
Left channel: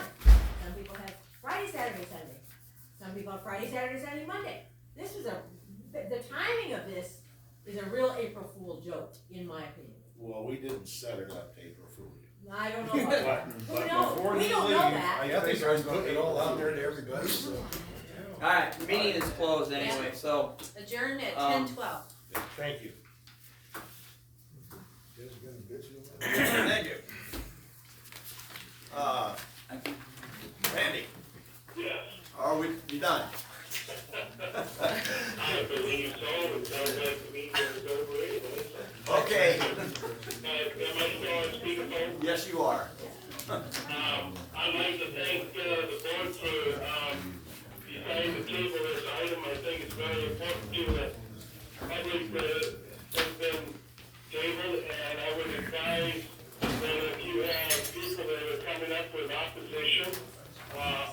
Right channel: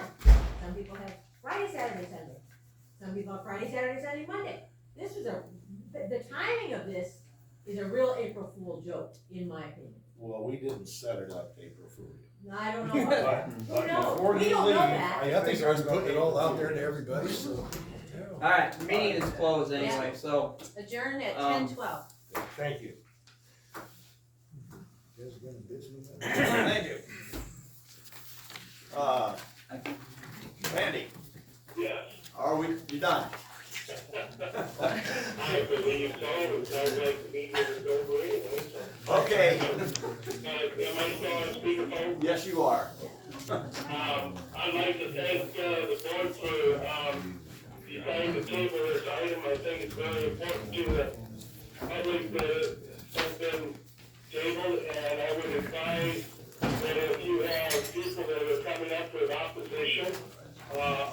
Some people have Friday, Saturday, Sunday. Some people have Friday, Saturday, Sunday, Monday. This is the timing of this is a real April Fool joke, in my opinion. Well, we didn't set it up to April Fool. No, I don't know. Who knows? Before We you don't leave, know that. I think I was putting it all out there to everybody, so. Alright, the meeting is closed anyway, so, Adjourn at 10:12. Thank you. Thank you. Randy, Yes. are you done? I believe so, it sounds like the meeting is over anyway, so. Okay. Am I still on speakerphone? Yes, you are. I'd like to thank, the board for, deciding to table this item. I think it's very important to the public that has been tabled, and I would advise that if you have people that are coming up with opposition,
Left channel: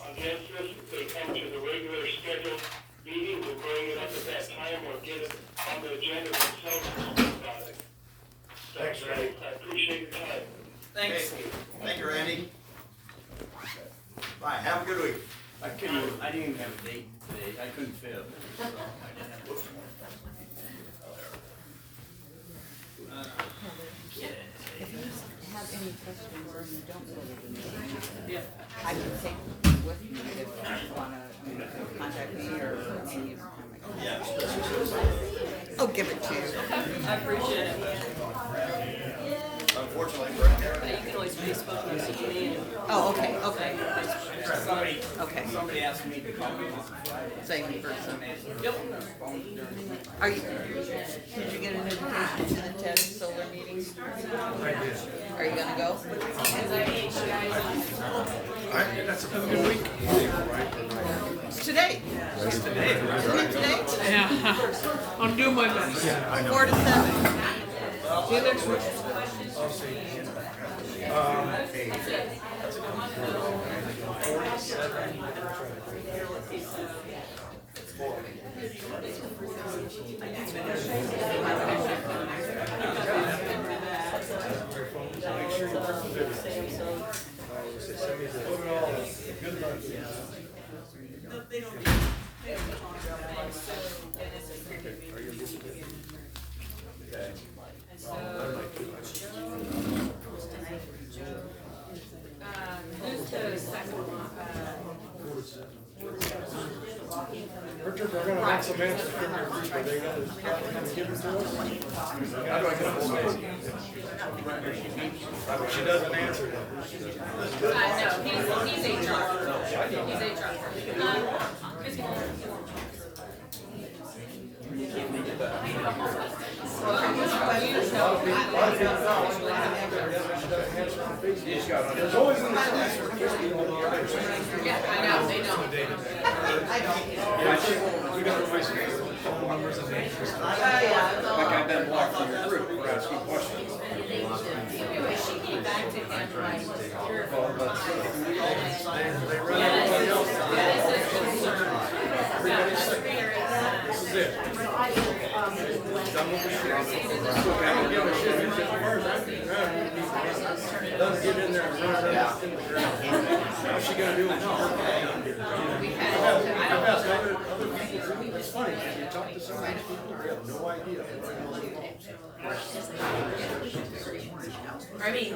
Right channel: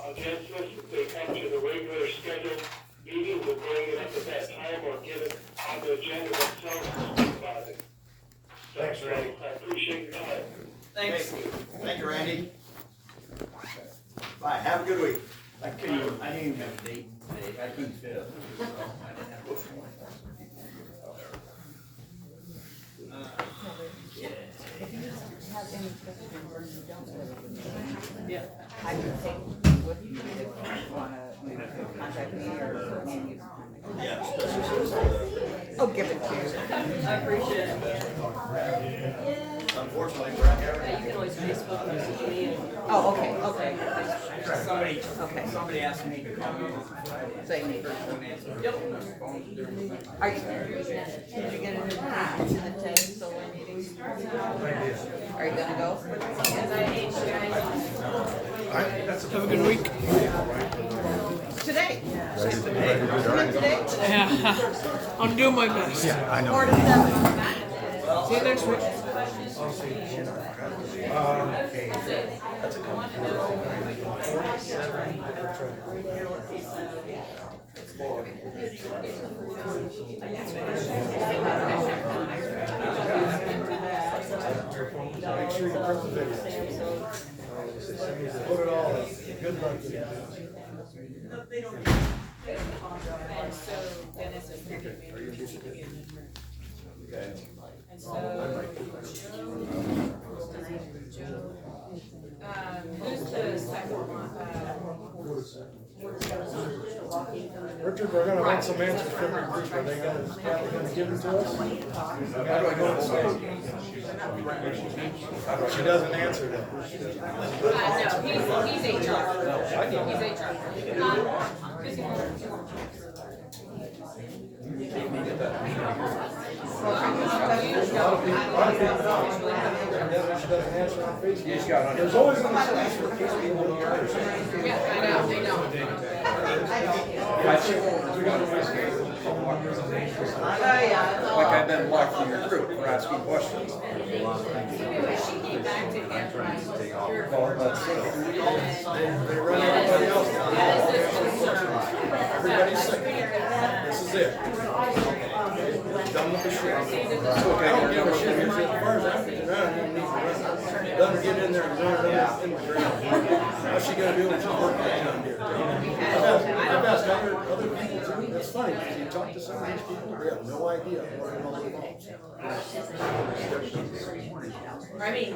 against this, if they come to the regular scheduled meetings and bring it up at that time, or get it on the agenda themselves to speak about it. Thanks, Randy. I appreciate your time. thanks. Thank you, Randy. Bye, have a good week. I didn't even have a date today, I couldn't fit. Yeah. I would say, what do you do if you wanna contact me or any of Yeah. I'll give it to you. I appreciate it. Unfortunately, we're in here. You can always Facebook message me and. Oh, okay. Somebody asked me to call me on Friday. Same in person. Yep. Are you, did you get an invitation to the 10 solar meetings? Are you gonna go? Have a good week. Today. Today? Yeah, I'm doing my best. Yeah, I know. 4 to 7. See you next week. Put it all, good luck to you. And so Dennis is going to be and so Joe, who's the second one? Richard, they're gonna want some answers from the group, are they gonna give it to us? She doesn't answer them. No, he's HR. I know. He's HR. She doesn't answer on Facebook. There's always an excuse for people to answer. Yeah, I know, they know. We got phone numbers and names. Like I've been blocked from your group, asking questions. She came back to him. Well, that's good. They run everybody else down. Everybody's sick. This is it. done with the shit. I don't give a shit, as far as I'm concerned, let her get in there and run it out. What's she gonna do when she's working? I've asked other people, it's funny, you talk to some of these people, they have no idea what all the involves. I mean,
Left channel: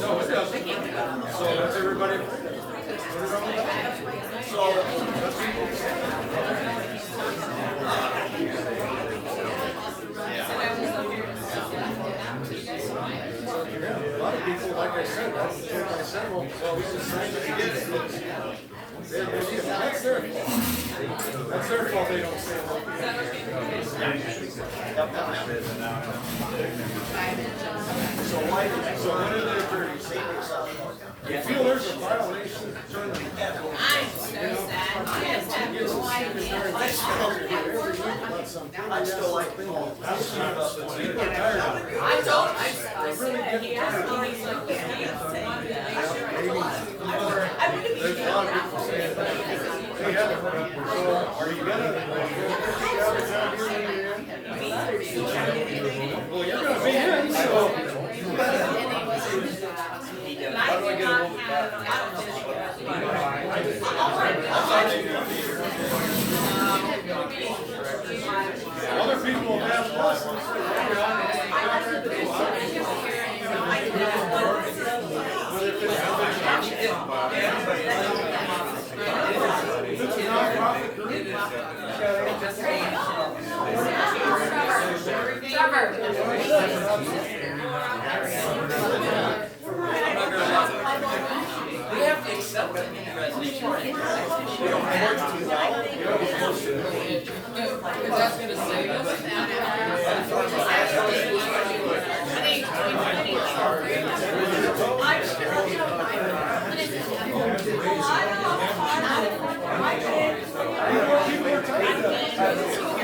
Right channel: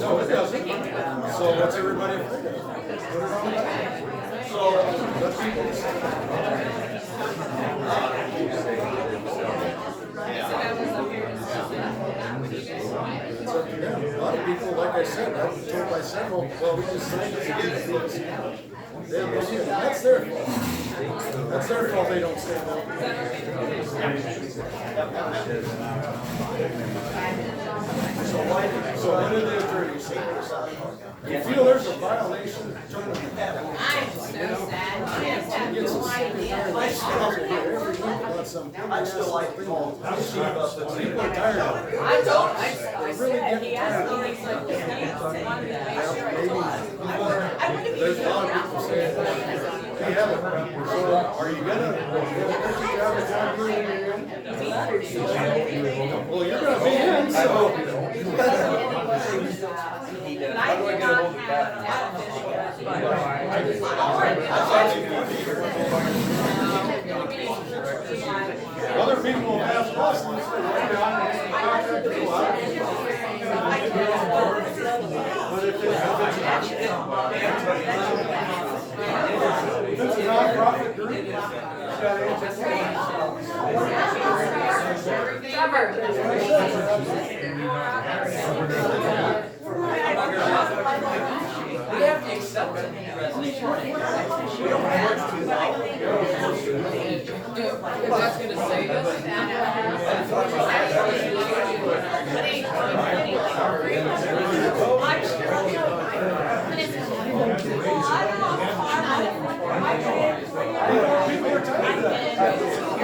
No, it doesn't. So what's everybody? Put it on the back. So, let's yeah, a lot of people, like I said, I was told by several, well, we just signed it. That's their fault. That's their fault they don't stand up. So what did the attorney say? You feel there's a violation? I'm so sad. Yes, I have no idea. I'd still like to call. People are tired of it. I don't, I said, he asked me, he's like, "What do you say?" There's a lot of people saying that. They have it. So are you gonna get out of town here when you're in? Well, you're gonna be in, so. How do I get a hold of that? Other people have asked us, and said, but if it's a nonprofit group, you gotta answer We have to accept that resolution. We don't want to too loud. That's gonna save us. people are tired of it.